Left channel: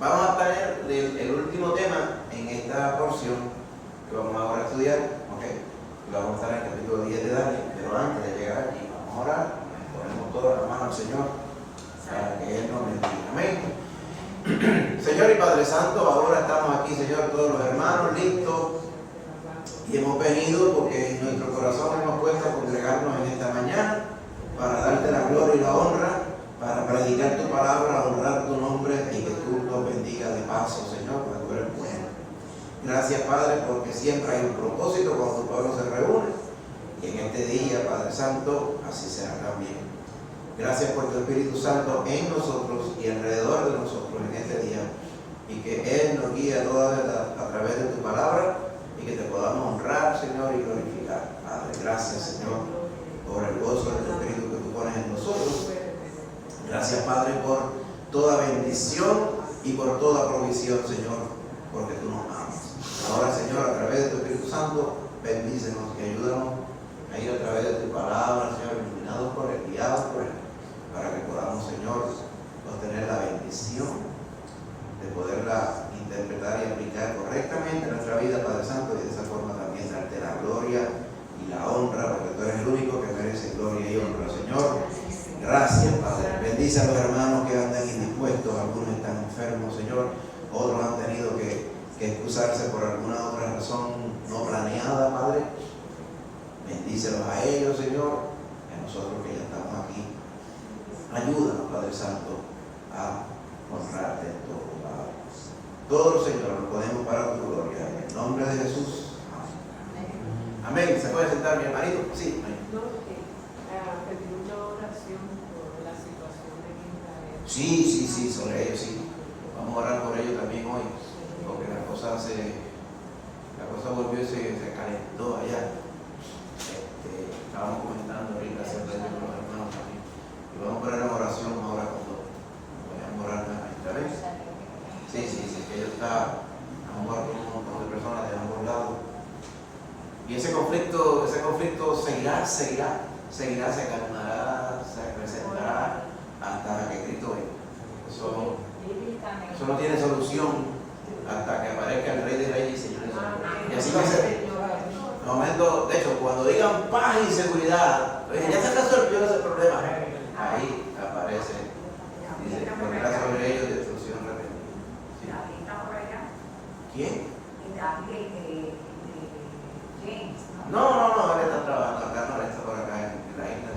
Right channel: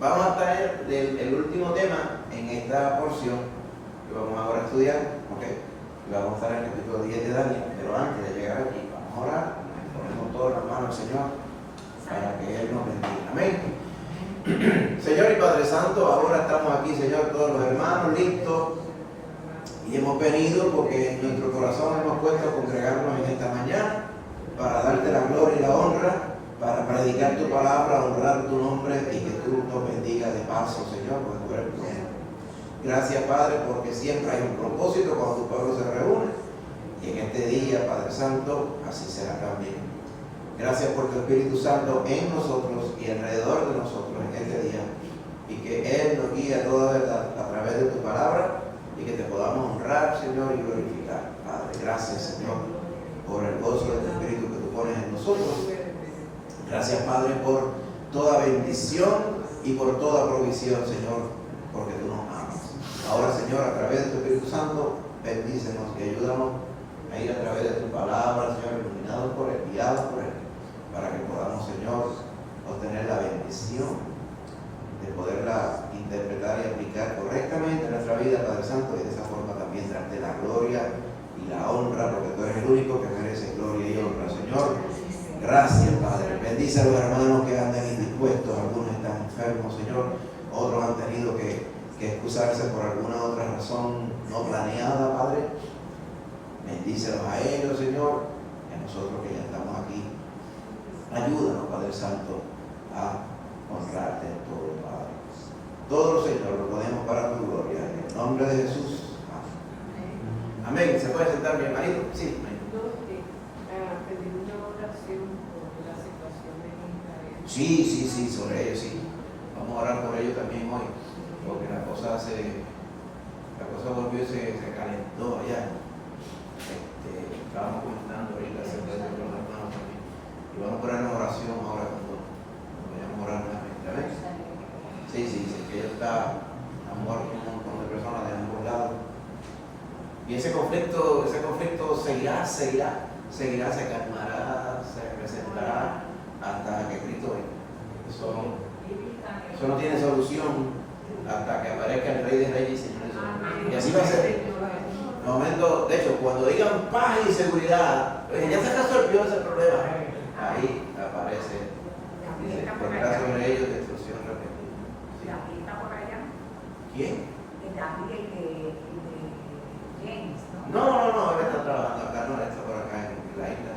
Vamos a tener el último tema en esta porción que vamos ahora a estudiar, ¿ok? Vamos a estar en el capítulo 10 de Daniel, pero antes de llegar allí, vamos a orar, ponemos todas las manos al Señor para que Él nos bendiga. Amén. Señor y Padre Santo, ahora estamos aquí, Señor, todos los hermanos listos y hemos venido porque en nuestro corazón hemos puesto a congregarnos en esta mañana para darte la gloria y la honra, para predicar tu palabra, honrar tu nombre y que tú nos bendigas de paso, Señor, porque tú eres bueno. Gracias, Padre, porque siempre hay un propósito cuando tu pueblo se reúne y en este día, Padre Santo, así será también. Gracias por tu Espíritu Santo en nosotros y alrededor de nosotros en este día y que Él nos guíe a través de tu palabra y que te podamos honrar, Señor, y glorificar. Padre, gracias, Señor, por el gozo de tu Espíritu que tú pones en nosotros. Gracias, Padre, por toda bendición y por toda provisión, Señor, porque tú nos amas. Ahora, Señor, a través de tu Espíritu Santo, bendícenos y ayúdanos a ir a través de tu palabra, Señor, iluminados por Él, guiados por Él, para que podamos, Señor, obtener la bendición de poderla interpretar y aplicar correctamente en nuestra vida, Padre Santo, y de esa forma también darte la gloria y la honra, porque tú eres el único que merece gloria y honra, Señor. Gracias, Padre. Bendice a los hermanos que andan indispuestos, algunos están enfermos, Señor, otros han tenido que excusarse por alguna otra razón no planeada, Padre. Bendícelos a ellos, Señor, y a nosotros que ya estamos aquí. Ayúdanos, Padre Santo, a honrarte en todo, Padre. Todo, Señor, lo ponemos para tu gloria. En el nombre de Jesús. Amén. ¿Se puede sentar, mi hermanito? Sí. Sí, sobre ellos, sí. Vamos a orar por ellos también hoy, porque la cosa volvió y se calentó allá. Estábamos comentando ahorita acerca de los hermanos también. Y vamos a poner una oración ahora cuando vayamos a orar nuevamente. ¿Amén? Sí, que ya está a muerto un montón de personas de ambos lados. Y ese conflicto seguirá, se calmará, se presentará hasta que Cristo venga. Eso no tiene solución hasta que aparezca el Rey de Reyes y Señor de Señores. Y así va a ser. En el momento, de hecho, cuando digan paz y seguridad, ya se resolvió ese problema. Ahí aparece desgracia sobre ellos y destrucción repentina. ¿David está por allá? ¿Quién? David de James, ¿no? No, él está trabajando acá, no está por acá en la isla.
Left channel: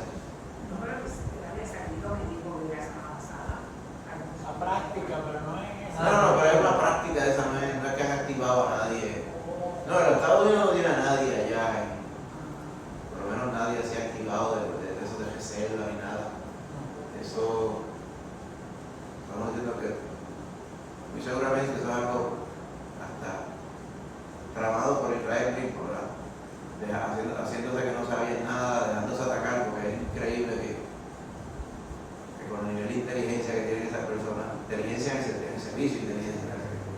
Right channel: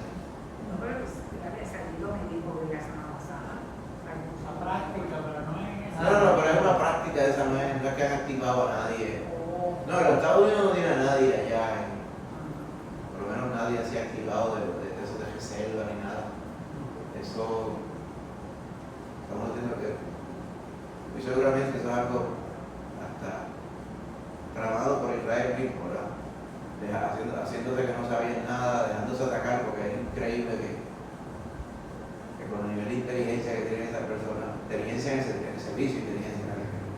No, pero David salió, me dijo que la semana pasada. La práctica, pero no es. No, pero es una práctica esa, no es la que han activado a nadie. No, en los Estados Unidos no tiene a nadie allá, por lo menos nadie se ha activado de eso de reserva ni nada. Eso, estamos diciendo que muy seguramente eso es algo hasta tramado por Israel mismo, ¿verdad? Haciéndose que no sabían nada, dejándose atacar, porque es increíble que con el nivel de inteligencia que tienen esas personas, inteligencia en el servicio, inteligencia en el servicio.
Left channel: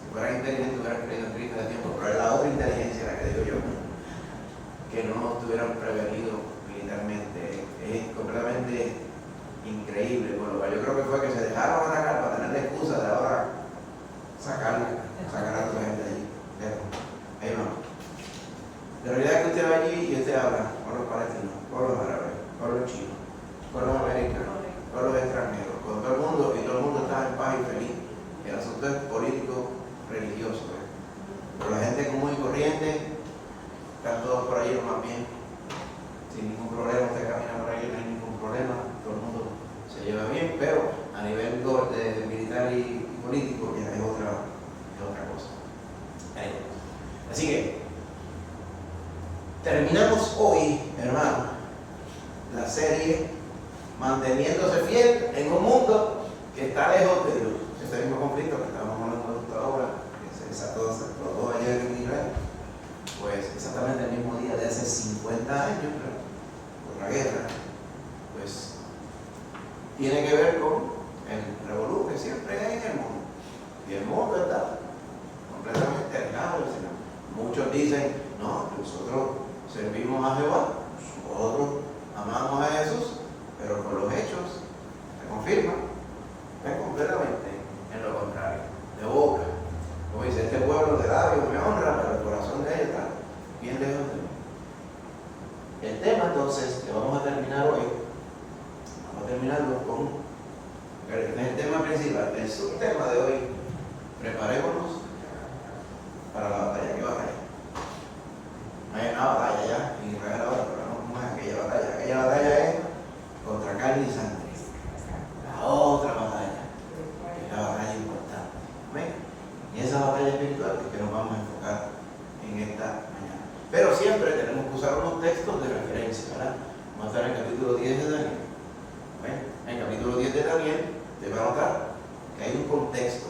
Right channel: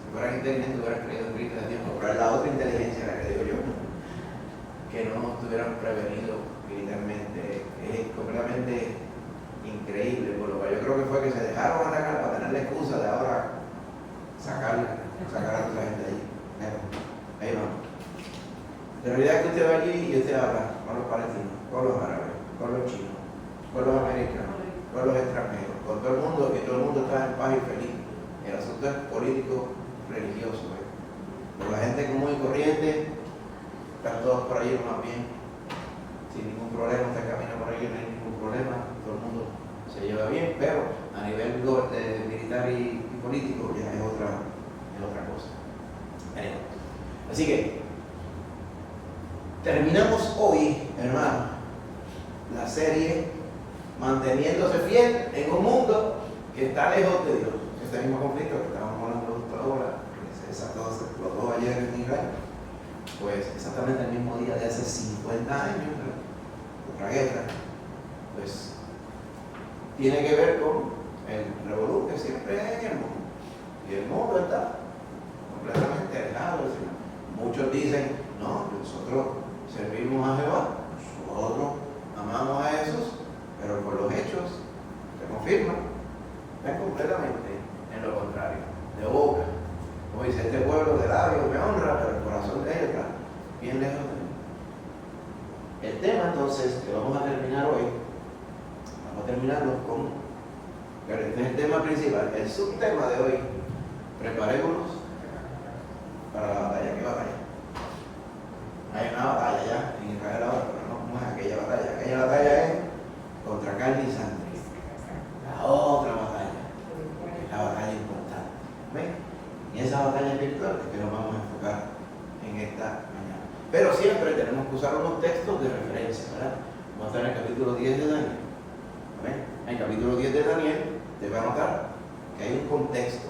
Si fueran inteligentes hubieran creído en Cristo de tiempo, pero es la otra inteligencia la que digo yo, que no nos tuvieran prevenido militarmente. Es completamente increíble. Bueno, yo creo que fue que se dejaron atacar para tener la excusa de ahora sacar a toda la gente de allí. Ahí vamos. La realidad es que usted va allí y usted habla con los palestinos, con los árabes, con los chinos, con los americanos, con los extranjeros, con todo el mundo, y todo el mundo está en paz y feliz. El asunto es político, religioso. Pero la gente común y corriente, están todos por ahí más bien, sin ningún problema, usted camina por ahí, no hay ningún problema, todo el mundo se lleva bien, pero a nivel militar y político ya es otra cosa. Así que terminamos hoy, hermano, la serie Manteniéndose Fiel en un mundo que está lejos de Dios. Este mismo conflicto que estábamos hablando de ahora, que se explotó ayer en Israel, pues exactamente el mismo día de hace 50 años, por la guerra, pues tiene que ver con el revolú que siempre hay en el mundo. Y el mundo está completamente alejado del Señor. Muchos dicen, no, nosotros servimos a Jehová, nosotros amamos a Jesús, pero con los hechos se confirma, es completamente en lo contrario. entonces, que vamos a terminar hoy, vamos a terminarlo con, este es el tema principal, el subtema de hoy, preparémonos para la batalla. ¿Qué batalla? Hay una batalla ya en Israel ahora, pero no como es aquella batalla. Aquella batalla es contra carne y sangre. La otra batalla, que es la batalla importante. ¿Ven? Y esa batalla espiritual es que nos vamos a enfocar en esta mañana. Pero siempre tenemos que usar unos textos de referencia, ¿verdad? Vamos a estar en el capítulo 10 de Daniel. ¿Ven? En el capítulo 10 de Daniel te va a notar que hay un contexto,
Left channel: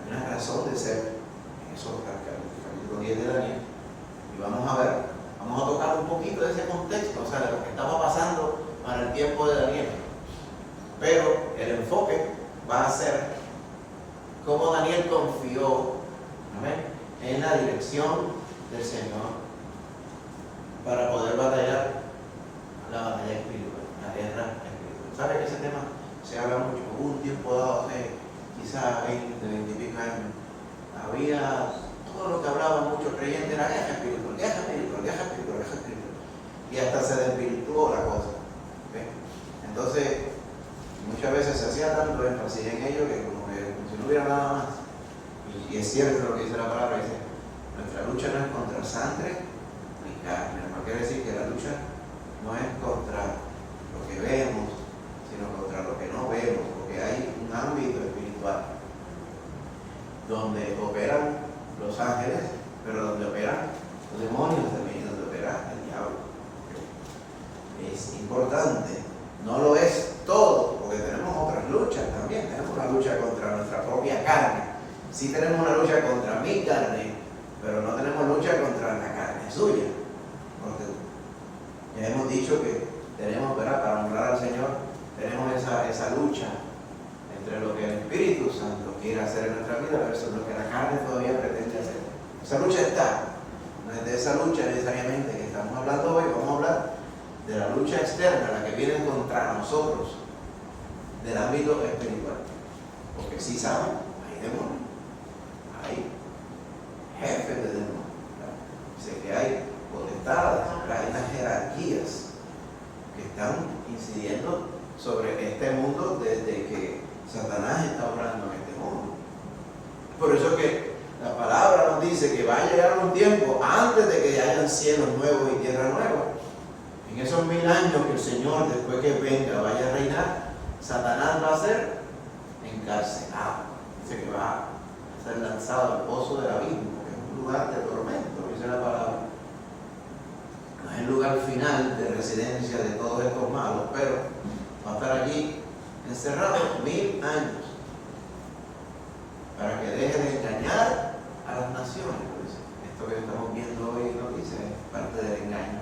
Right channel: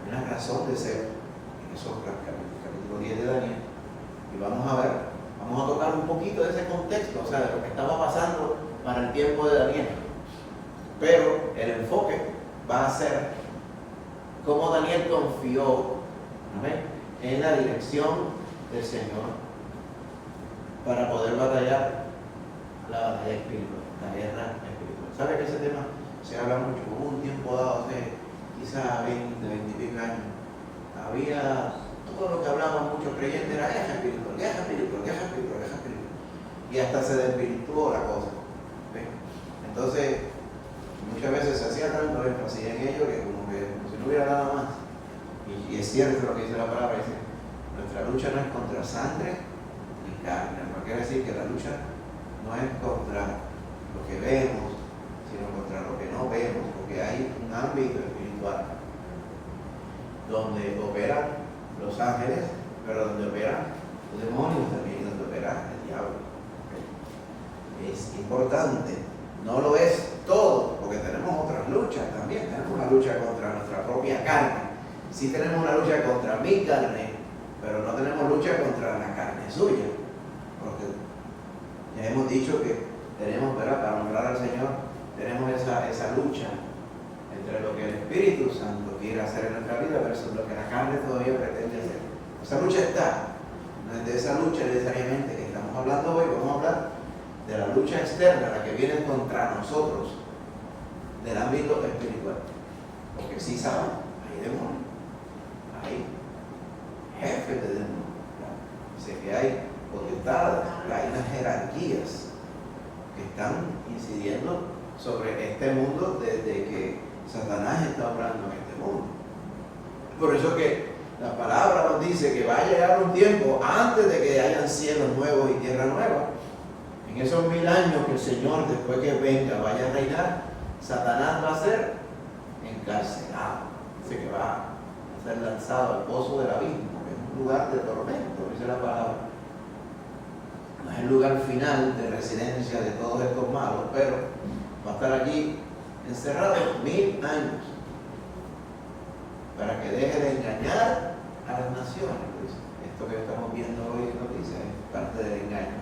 hay una razón de ser en esos capítulo 10 de Daniel. Y vamos a ver, vamos a tocar un poquito de ese contexto, o sea, de lo que estaba pasando para el tiempo de Daniel. Pero el enfoque va a ser cómo Daniel confió, ¿ven?, en la dirección del Señor para poder batallar la batalla espiritual, la guerra espiritual. ¿Sabe que ese tema se habla mucho? Hubo un tiempo dado, hace quizás 20, 20 y pico años, había todo lo que hablaban muchos creyentes era guerra espiritual, guerra espiritual, guerra espiritual, guerra espiritual. Y hasta se desvirtuó la cosa. ¿Okay? Entonces, muchas veces se hacía tanto énfasis en ello que como si no hubiera nada más. Y es cierto lo que dice la palabra, dice, nuestra lucha no es contra sangre ni carne. No quiere decir que la lucha no es contra lo que vemos, sino contra lo que no vemos, porque hay un ámbito espiritual donde operan los ángeles, pero donde operan los demonios también, y donde opera el diablo. Es importante, no lo es todo, porque tenemos otras luchas también. Tenemos una lucha contra nuestra propia carne. Sí tenemos una lucha contra mi carne, pero no tenemos lucha contra la carne suya. Porque ya hemos dicho que tenemos, ¿verdad?, para honrar al Señor, tenemos esa lucha entre lo que el Espíritu Santo quiere hacer en nuestra vida versus lo que la carne todavía pretende hacer. Esa lucha está. No es de esa lucha necesariamente que estamos hablando hoy, vamos a hablar de la lucha externa, la que viene contra nosotros, del ámbito espiritual. Porque sí saben, hay demonios, hay jefes de demonios, sé que hay potestades, hay unas jerarquías que están incidiendo sobre este mundo desde que Satanás está obrando en este mundo. Por eso que la palabra nos dice que va a llegar un tiempo antes de que hayan cielos nuevos y tierra nueva. En esos 1000 años que el Señor, después que venga, vaya a reinar, Satanás va a ser encarcelado. Dice que va a ser lanzado al pozo del abismo, que es un lugar de tormento, esa es la palabra. No es el lugar final de residencia de todos estos malos, pero va a estar allí encerrado 1000 años para que deje de engañar a las naciones. Pues esto que estamos viendo hoy en noticias es parte del engaño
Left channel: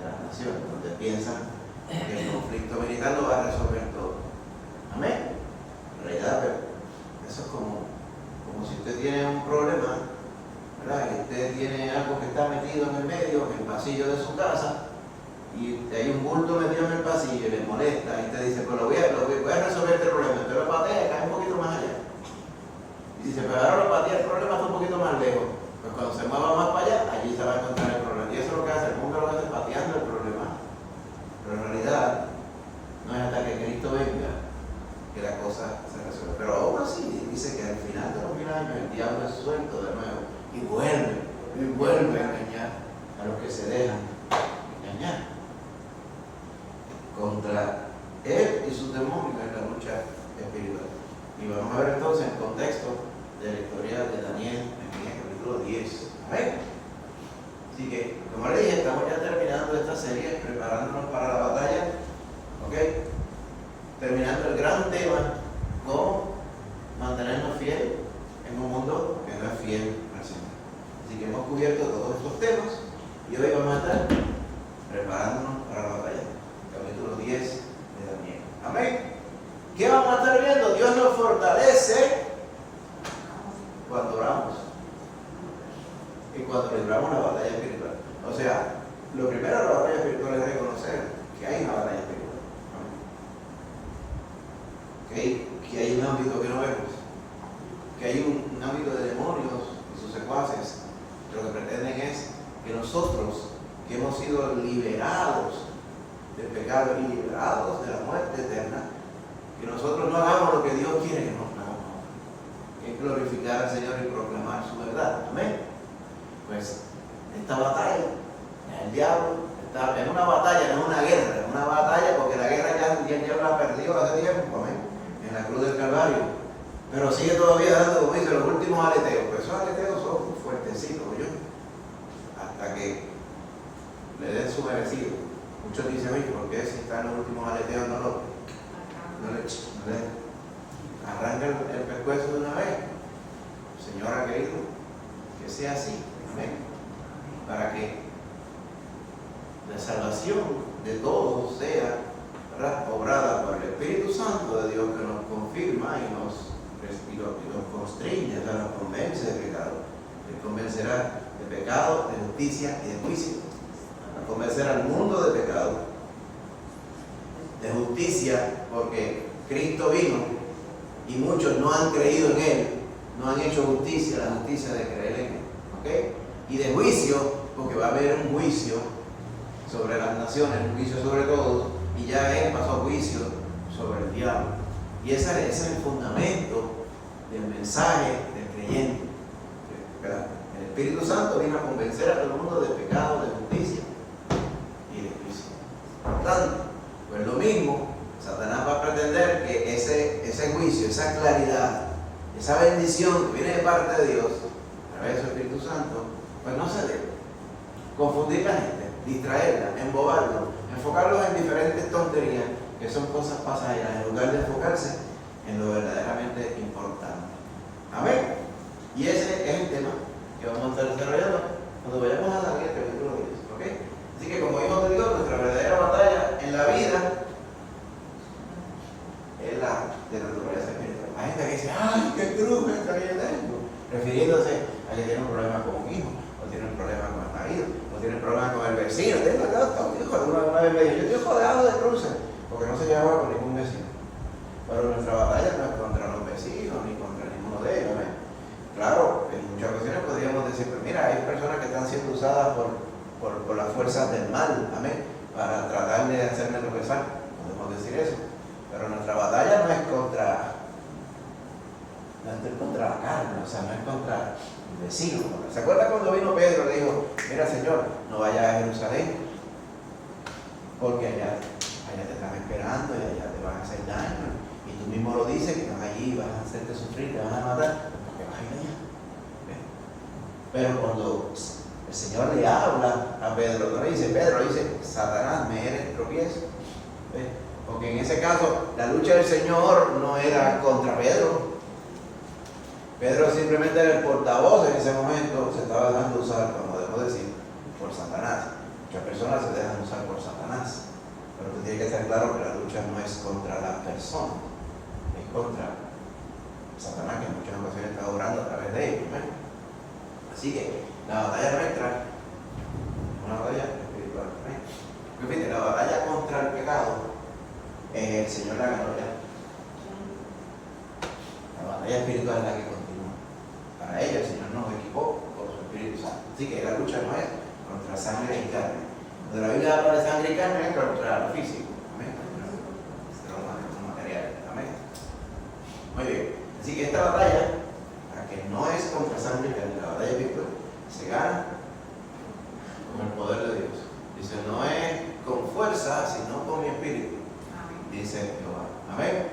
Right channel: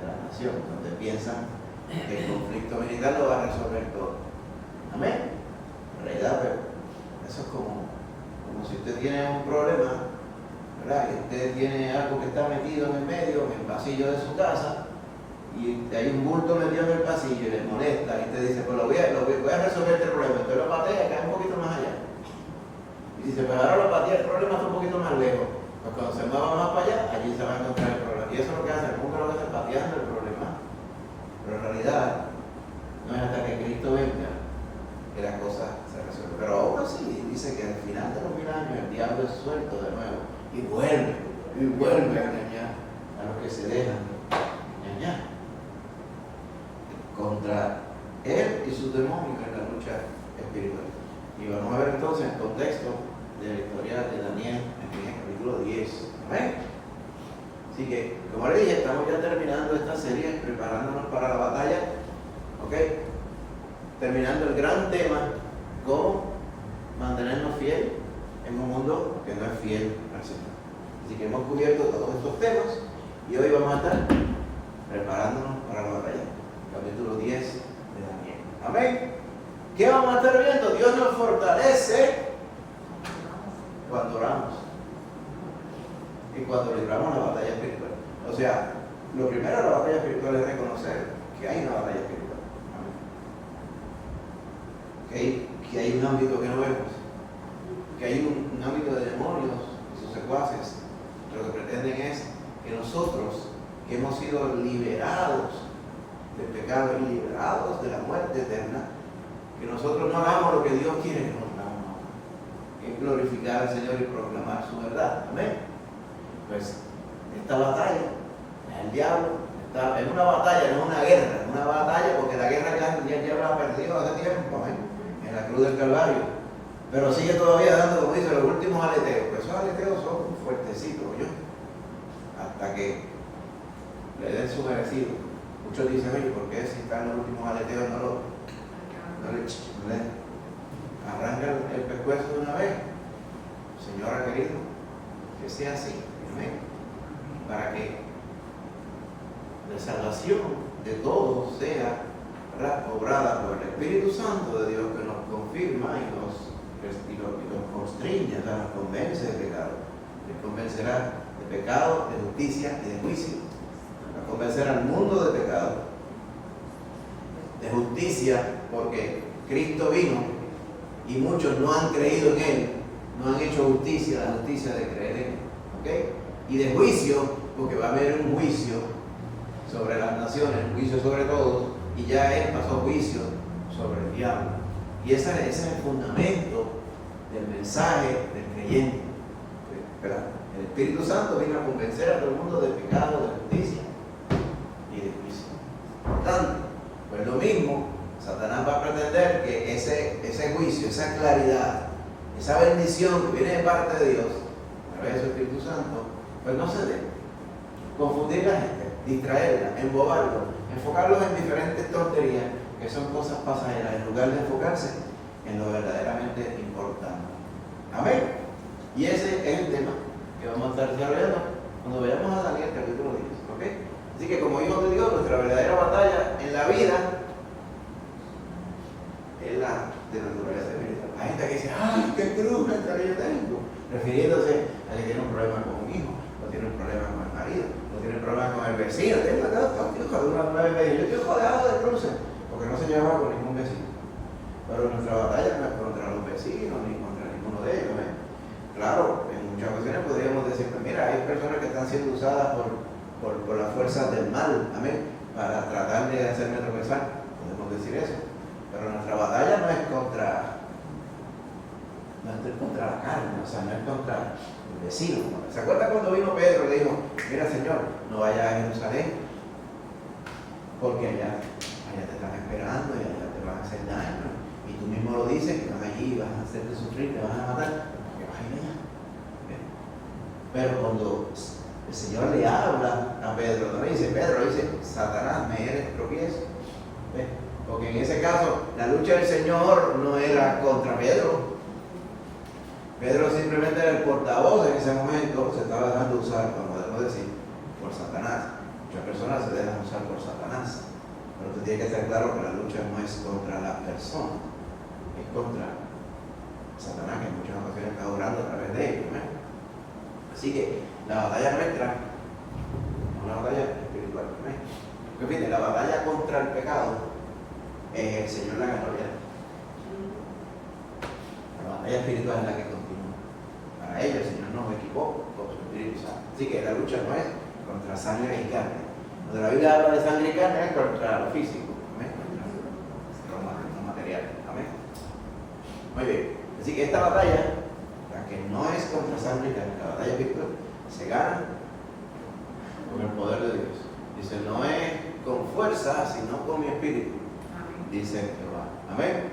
de las naciones, donde piensan que el conflicto militar lo va a resolver todo. Amén. En realidad, eso es como si usted tiene un problema, ¿verdad?, que usted tiene algo que está metido en el medio, en el pasillo de su casa, y hay un bulto metido en el pasillo y le molesta, y usted dice, pues voy a resolver este problema. Usted lo patea y cae un poquito más allá. Y dice, pues ahora lo patea, el problema está un poquito más lejos. Pues cuando se mueva más para allá, allí se va a encontrar el problema. Y eso es lo que hace el mundo, lo hace pateando el problema. Pero en realidad, no es hasta que Cristo venga que la cosa se resuelve. Pero aún así, dice que al final de los 1000 años el diablo es suelto de nuevo y vuelve a engañar a los que se dejan engañar. Contra él y sus demonios en la lucha espiritual. Y vamos a ver entonces el contexto de la historia de Daniel en el capítulo 10. Amén. Así que, como le dije, estamos ya terminando esta serie, preparándonos para la batalla. ¿Ok? Terminando el gran tema, cómo mantenernos fieles en un mundo que no es fiel al Señor. Así que hemos cubierto todos estos temas y hoy vamos a estar preparándonos para la batalla. Capítulo 10 de Daniel. Amén. ¿Qué vamos a estar viendo? Dios nos fortalece cuando oramos y cuando libramos la batalla espiritual. O sea, lo primero de la batalla espiritual es reconocer que hay una batalla espiritual. Que hay un ámbito que no vemos, que hay un ámbito de demonios y sus secuaces que lo que pretenden es que nosotros, que hemos sido liberados ser liberados de la muerte eterna, que nosotros no hagamos lo que Dios quiere que nos hagamos, que es glorificar al Señor y proclamar su verdad. Amén. Pues esta batalla, el diablo está en una batalla, no es una guerra, es una batalla porque la guerra ya el diablo la perdió hace tiempo, amén, en la cruz del Calvario. Pero sigue todavía dando, como dice, los últimos aleteos. Pero esos aleteos son fuertecitos, ¿yo? Hasta que le den su merecido. Muchos dicen, oye, ¿por qué si están los últimos aleteos no le arranca el pescuezo de una vez? Señor ha querido que sea así, amén, para que la salvación de todos sea, ¿verdad?, obrada por el Espíritu Santo de Dios, que nos confirma y nos constriñe, o sea, nos convence de pecado. Les convencerá de pecado, de justicia y de juicio. Nos convencerá al mundo de pecado, de justicia, porque Cristo vino y muchos no han creído en Él, no han hecho justicia, la justicia de creer en Él. ¿Okay? Y de juicio, porque va a haber un juicio sobre las naciones, un juicio sobre todos, y ya Él pasó juicio sobre el diablo. Y ese es el fundamento del mensaje del creyente. ¿Verdad? El Espíritu Santo vino a convencer a todo el mundo de pecado, de justicia y de juicio. Por tanto, pues lo mismo, Satanás va a pretender que ese juicio, esa claridad, esa bendición que viene de parte de Dios, a través de su Espíritu Santo, pues no se dé. Confundir a la gente, distraerla, embobarla, enfocarlos en diferentes tonterías que son cosas pasajeras, en lugar de enfocarse en lo verdaderamente importante. Amén. Y ese es el tema que vamos a estar desarrollando cuando veamos a Daniel capítulo 10. ¿Ok? Así que como hijos de Dios, nuestra verdadera batalla en la vida es la de la naturaleza espiritual. Hay gente que dice, ¡ay, qué cruz que yo tengo! Refiriéndose a que tienen problemas con un hijo, o tienen problemas con el marido, o tienen problemas con el vecino. Yo estoy rodeado de cruces, porque no se lleva con ningún vecino. Pero nuestra batalla no es contra los vecinos, ni contra ninguno de ellos. Claro, en muchas ocasiones podríamos decir, mira, hay personas que están siendo usadas por las fuerzas del mal, amén, para tratar de hacerme tropezar. Podemos decir eso. Pero nuestra batalla no es contra la carne, o sea, no es contra el vecino. ¿Se acuerda cuando vino Pedro y le dijo, mira, Señor, no vayas a Jerusalén, porque allá te están esperando y allá te van a hacer daño? Y tú mismo lo dices, que vas allí, vas a hacerte sufrir, te van a matar, porque vas allá. Pero cuando el Señor le habla a Pedro, no le dice Pedro, le dice, Satanás, me eres tropiezo. Porque en ese caso, la lucha del Señor no era contra Pedro. Pedro simplemente era el portavoz en ese momento, se estaba dejando usar, como podemos decir, por Satanás. Muchas personas se dejan usar por Satanás. Pero tú tienes que estar claro que la lucha no es contra la persona, es contra Satanás, que en muchas ocasiones está orando a través de ellos. Así que la batalla nuestra es una batalla espiritual. Repite, la batalla contra el pecado el Señor la ganó ya. La batalla espiritual es la que continúa. Para ella el Señor nos equipó con su Espíritu Santo. Así que la lucha no es contra sangre y carne. Cuando la Biblia habla de sangre y carne es contra lo físico, ¿amén? Contra lo material, ¿amén? Muy bien. Así que esta batalla, la que no es contra sangre y carne, la batalla espiritual, se gana con el poder de Dios. Dice, no es con fuerza, sino con mi espíritu, dice Jehová. Amén.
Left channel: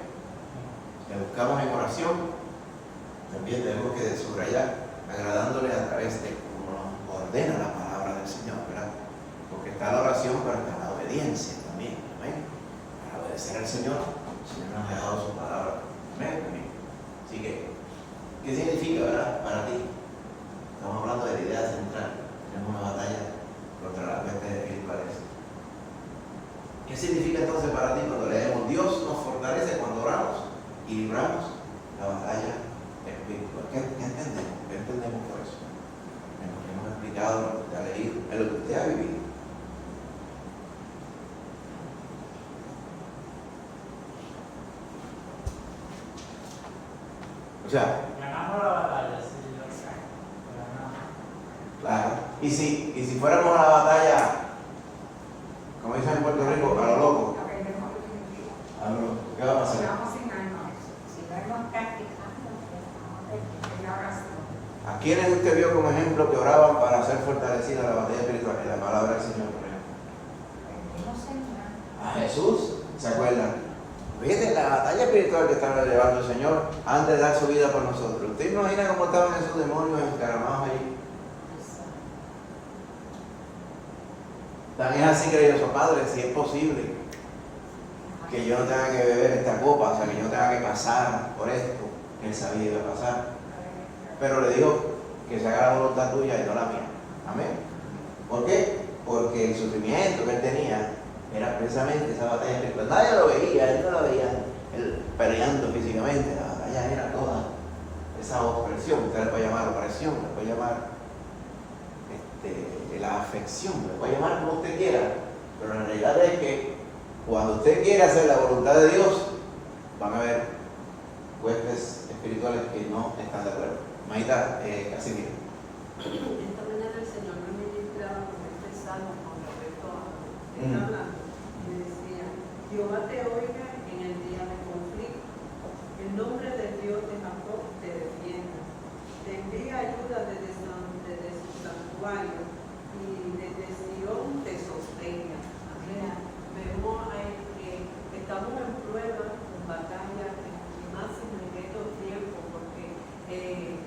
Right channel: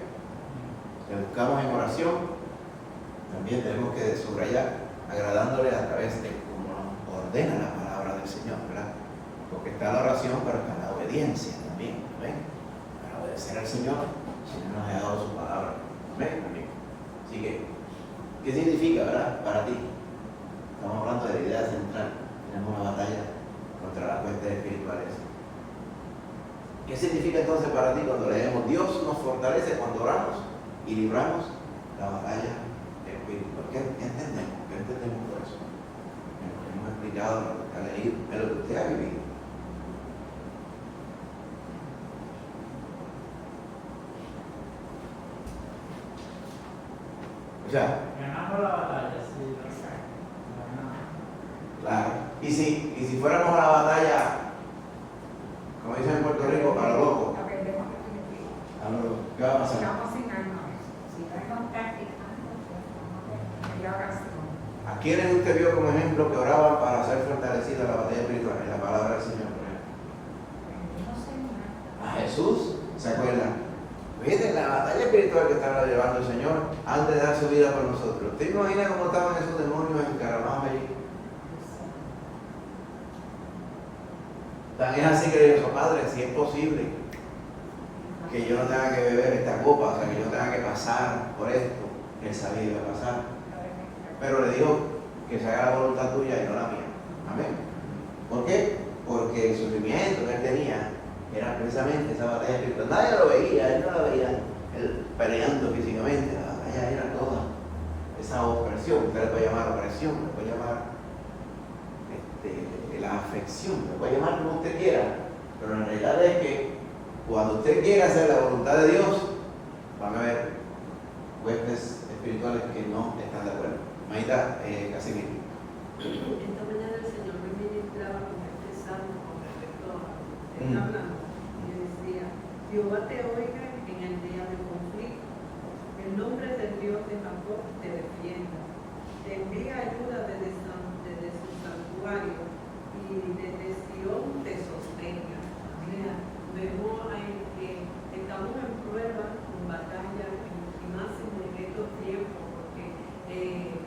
Le buscamos en oración. También tenemos que subrayar, agradándole a través de cómo nos ordena la palabra del Señor, ¿verdad? Porque está la oración, pero está la obediencia también. Amén. Para obedecer al Señor, el Señor nos ha dado su palabra. Amén. Amén. Así que, ¿qué significa, verdad, para ti? Estamos hablando de la idea central. Tenemos una batalla contra las huestes espirituales. ¿Qué significa entonces para ti cuando leemos? Dios nos fortalece cuando oramos y libramos la batalla espiritual. ¿Qué entendemos? ¿Qué entendemos por eso? Hemos explicado lo que usted ha leído, es lo que usted ha vivido. O sea, ganamos la batalla, sí. Exacto. Ganamos. claro. Y si fuéramos a la batalla, como dicen en Puerto Rico, a lo loco, oración. ¿A quiénes usted vio como ejemplo que oraban para ser fortalecida la batalla espiritual? En la palabra del Señor, por ejemplo. A Jesús, ¿se acuerdan? Fíjense la batalla espiritual que estaba llevando el Señor antes de dar su vida por nosotros. ¿Usted imagina cómo estaban esos demonios encaramados allí? También así creyó su padre, si es posible que yo no tenga que beber esta copa, o sea, que yo no tenga que pasar por esto, que él sabía que iba a pasar. Pero le dijo que se haga la voluntad tuya y no la mía. Amén. ¿Por qué? Porque el sufrimiento que él tenía era precisamente esa batalla espiritual. Nadie lo veía, él no la veía él peleando físicamente. La batalla era toda esa opresión. Usted le puede llamar opresión, le puede llamar la afección, le puede llamar como usted quiera. Pero la realidad es que cuando usted quiere hacer la voluntad de Dios, van a haber huestes espirituales que no están de acuerdo. Maita, así mismo. Esta mañana el Señor me ministraba con este salmo con respecto a lo que está hablando. Y me decía: Jehová te oiga en el día del conflicto. El nombre del Dios de Jacob te defienda. Te envía ayuda desde su santuario y desde Sion te sostenga. Amén. Vemos ahí que estamos en prueba, en batalla, y más en estos tiempos, porque en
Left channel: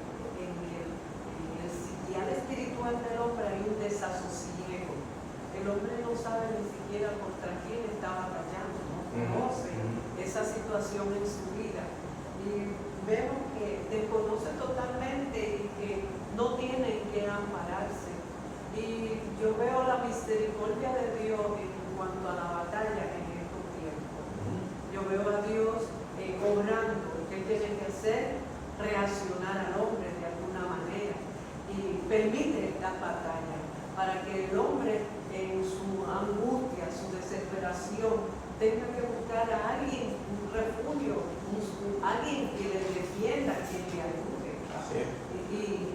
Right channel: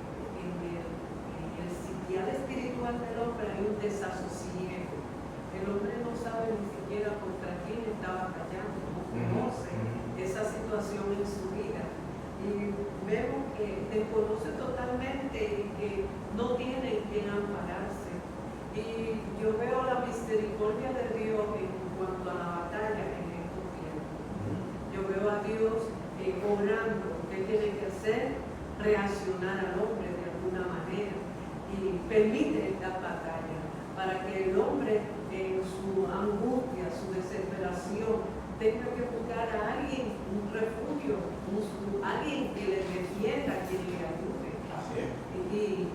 el sitial espiritual del hombre hay un desasosiego. El hombre no sabe ni siquiera contra quién está batallando, no conoce esa situación en su vida. Y vemos que desconoce totalmente y que no tiene en qué ampararse. Y yo veo la misericordia de Dios en cuanto a la batalla en estos tiempos. Yo veo a Dios obrando. ¿Qué tiene que hacer? Reaccionar al hombre de alguna manera y permite estas batallas para que el hombre en su angustia, su desesperación, tenga que buscar a alguien, un refugio, alguien que le defienda, que le ayude. Y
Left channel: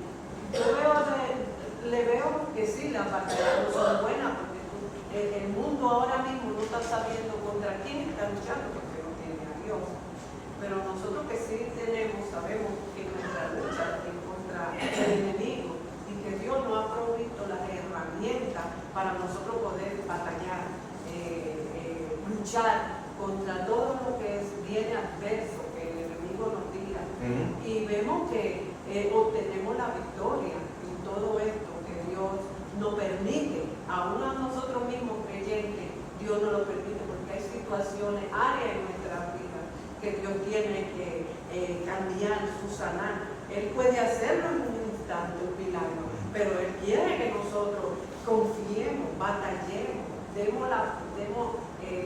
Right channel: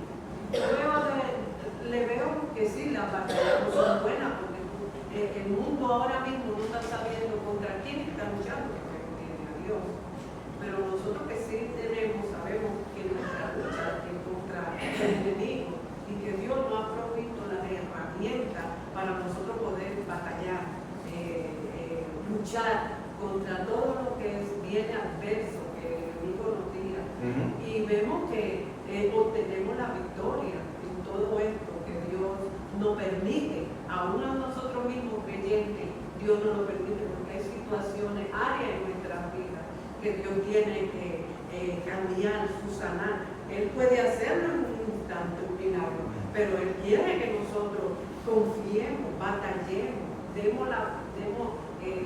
le veo que sí, las batallas no son buenas, porque el mundo ahora mismo no está sabiendo contra quién está luchando, porque no tiene a Dios. Pero nosotros que sí sabemos que nuestra lucha es contra el enemigo y que Dios nos ha provisto las herramientas para nosotros poder batallar, luchar contra todo lo que viene adverso, que el enemigo nos tira. Y vemos que obtenemos la victoria en todo esto que Dios nos permite, aún a nosotros mismos creyentes, Dios nos lo permite, porque hay situaciones, áreas en nuestras vidas que Dios tiene que cambiar, sanar. Él puede hacerlo en un instante, un milagro, pero Él quiere que nosotros confiemos, batallemos, demos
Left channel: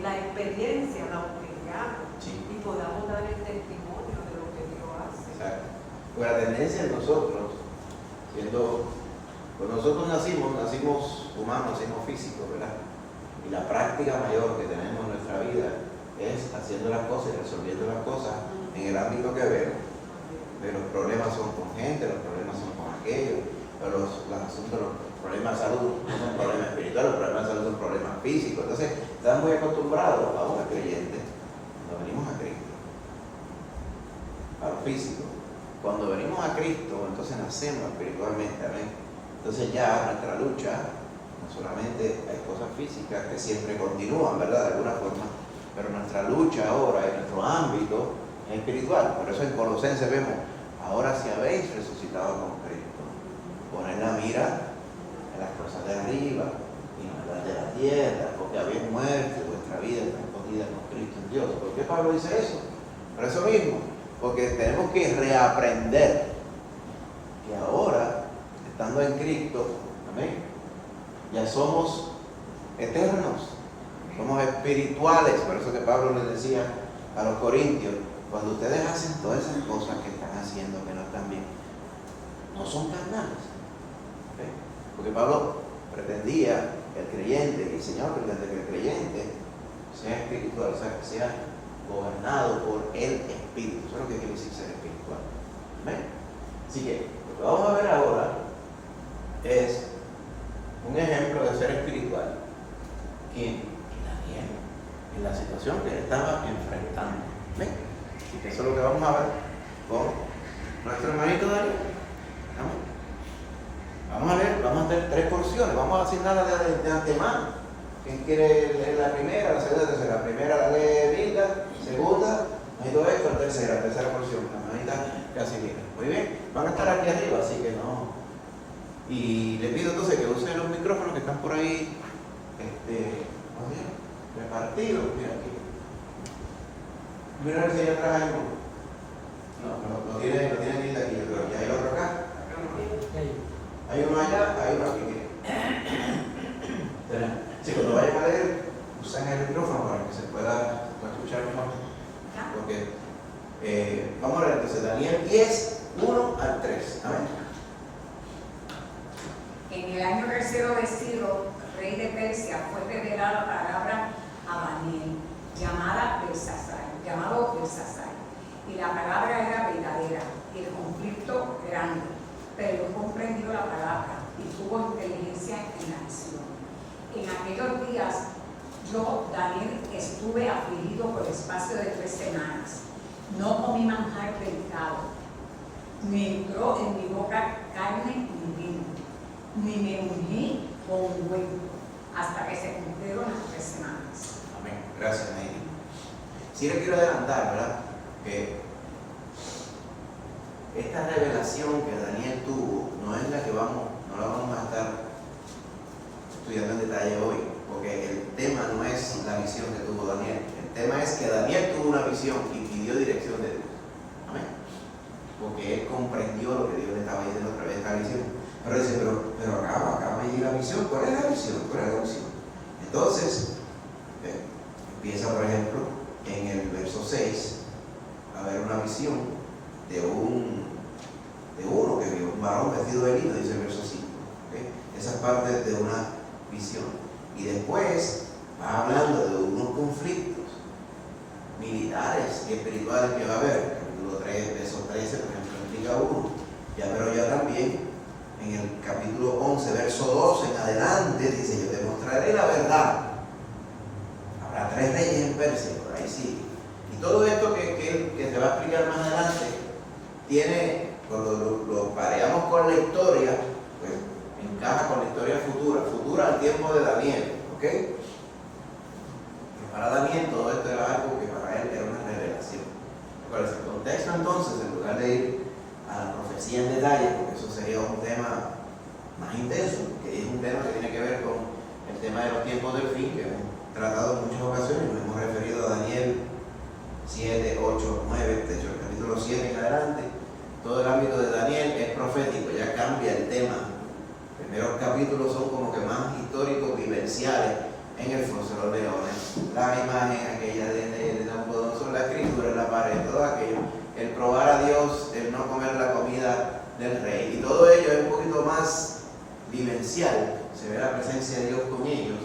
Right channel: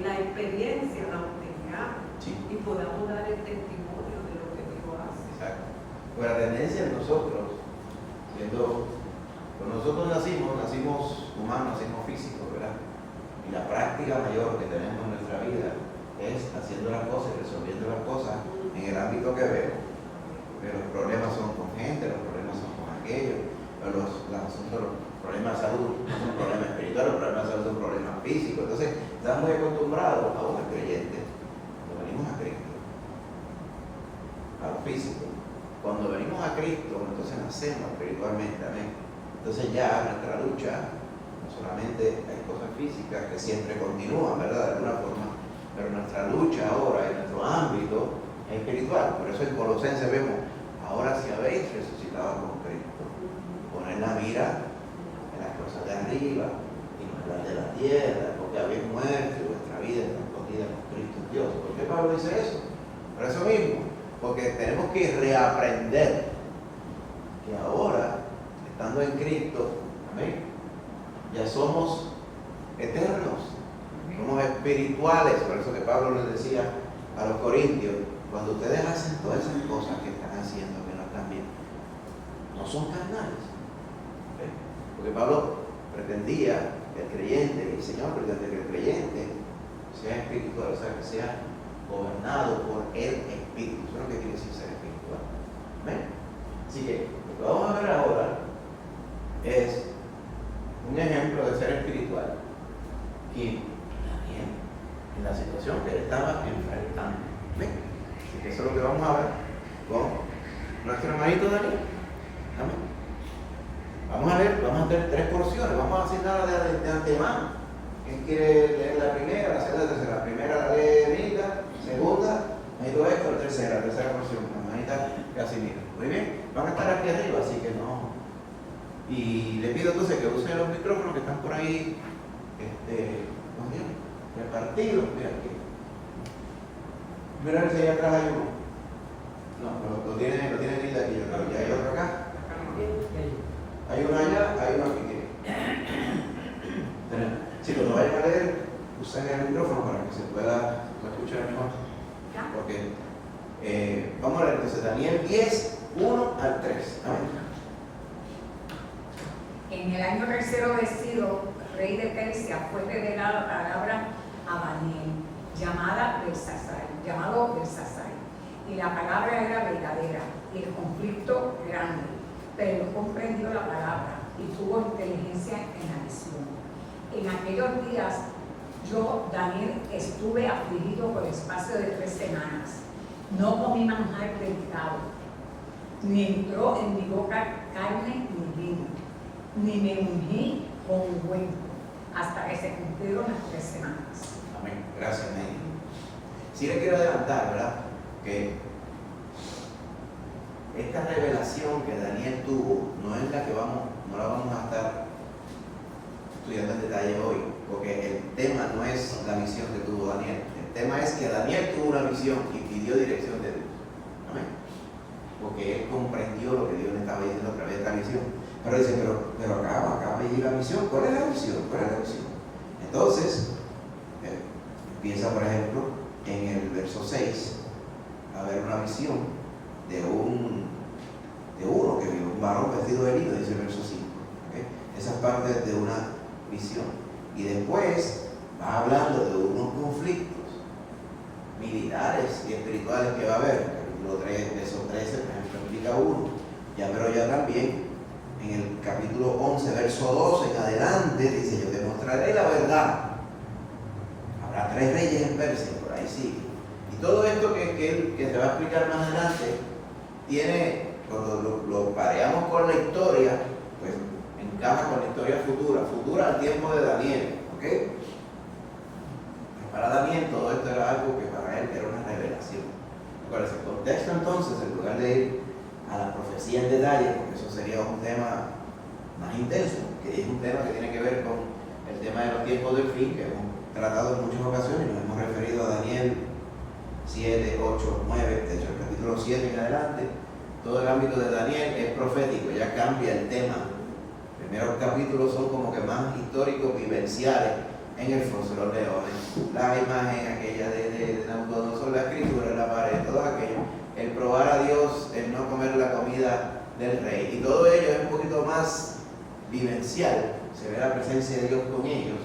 la experiencia, la obtengamos, y podamos dar el testimonio de lo que Dios hace. Exacto. Pues la tendencia en nosotros, pues nosotros nacimos humanos, nacimos físicos, ¿verdad? Y la práctica mayor que tenemos en nuestra vida es haciendo las cosas y resolviendo las cosas en el ámbito que vemos. Pero los problemas son con gente, los problemas son con aquello, los problemas de salud no son problemas espirituales, los problemas de salud son problemas físicos. Entonces, estamos muy acostumbrados a un creyente, cuando venimos a Cristo, a lo físico. Cuando venimos a Cristo, entonces nacemos espiritualmente, amén. Entonces ya nuestra lucha, no solamente hay cosas físicas que siempre continúan, ¿verdad? De alguna forma, pero nuestra lucha ahora en nuestro ámbito es espiritual. Por eso en Colosenses vemos: ahora si habéis resucitado con Cristo, poned la mira en las cosas de arriba y no en las de la tierra, porque habéis muerto y vuestra vida está escondida con Cristo en Dios. ¿Por qué Pablo dice eso? Por eso mismo, porque tenemos que reaprender que ahora, estando en Cristo, amén, ya somos eternos, somos espirituales. Por eso que Pablo les decía a los corintios: cuando ustedes hacen todas esas cosas que están haciendo, ¿verdad? También no son carnales. ¿Okay? Porque Pablo pretendía que el creyente, y el Señor pretende que el creyente sea espiritual, o sea, que sea gobernado por el Espíritu. Eso es lo que quiere decir ser espiritual. ¿Amén? Así que lo que vamos a ver ahora es un ejemplo de ser espiritual. ¿Quién? Daniel, en la situación que él estaba enfrentando. ¿Ven? Así que eso es lo que vamos a ver con nuestro hermanito Daniel. Amén. Vamos a leer 3 porciones, vamos a asignar de antemano. ¿Quién quiere leer la primera, la segunda, la tercera? La primera la lee Rita, segunda, Manito Héctor, tercera porción, la hermanita Casimiro. Muy bien, van a estar aquí arriba, así que no. Y le pido entonces que usen los micrófonos que están por ahí, ¿cómo se llama? Repartidos. Mira aquí. Mira si allá atrás hay uno. No, lo tiene Rita aquí, yo creo. ¿Y hay otro acá? Hay uno allá, hay uno aquí. Tenemos. Sí, cuando vayan a leer, usen el micrófono para que se pueda escuchar mejor. Porque, vamos a leer entonces Daniel 10, 1 al 3. Amén. En el año tercero de Ciro, rey de Persia, fue revelada palabra a Daniel, llamado Belsasar. Y la palabra era verdadera, y el conflicto grande, pero no comprendió la palabra y tuvo inteligencia en la visión. En aquellos días, yo, Daniel, estuve afligido por espacio de 3 semanas. No comí manjar delicado, ni entró en mi boca carne ni vino, ni me ungí con ungüento, hasta que se cumplieron las 3 semanas. Amén. Gracias, amén. Sí le quiero adelantar, ¿verdad? Que esta revelación que Daniel tuvo no es la que no la vamos a estar estudiando en detalle hoy, porque el tema no es la visión que tuvo Daniel. El tema es que Daniel tuvo una visión y pidió dirección de Dios. Amén. Porque él comprendió lo que Dios le estaba diciendo a través de esta visión. Pero dice, pero acaba de ir la visión. ¿Cuál es la visión? Entonces, empieza, por ejemplo, en el verso 6, a ver una visión de uno que vio un varón vestido de lino, dice el verso 5. ¿Okay? Esa es parte de una visión. Y después va hablando de unos conflictos militares y espirituales que va a haber. Capítulo 3, verso 13, por ejemplo, implica uno. Pero ya también en el capítulo 11, verso 12 en adelante, dice: yo te mostraré la verdad. Habrá 3 reyes en Persia, por ahí sí. Y todo esto que te va a explicar más adelante, tiene, cuando lo pareamos con la historia, pues encaja con la historia futura al tiempo de Daniel, ¿ok? Para Daniel todo esto era algo que para él era una revelación. ¿Cuál es el contexto entonces? En lugar de ir a la profecía en detalle, porque eso sería un tema más intenso, que es un tema que tiene que ver con el tema de los tiempos del fin, que hemos tratado en muchas ocasiones, nos hemos referido a Daniel 7, 8, 9, de hecho el capítulo 7 en adelante. Todo el ámbito de Daniel es profético, ya cambia el tema. Los primeros capítulos son como que más históricos, vivenciales, en el foso de los leones, las imágenes aquellas de Nabucodonosor, la escritura en la pared, todo aquello, el probar a Dios, el no comer la comida del rey, y todo ello es un poquito más vivencial, se ve la presencia de Dios con ellos.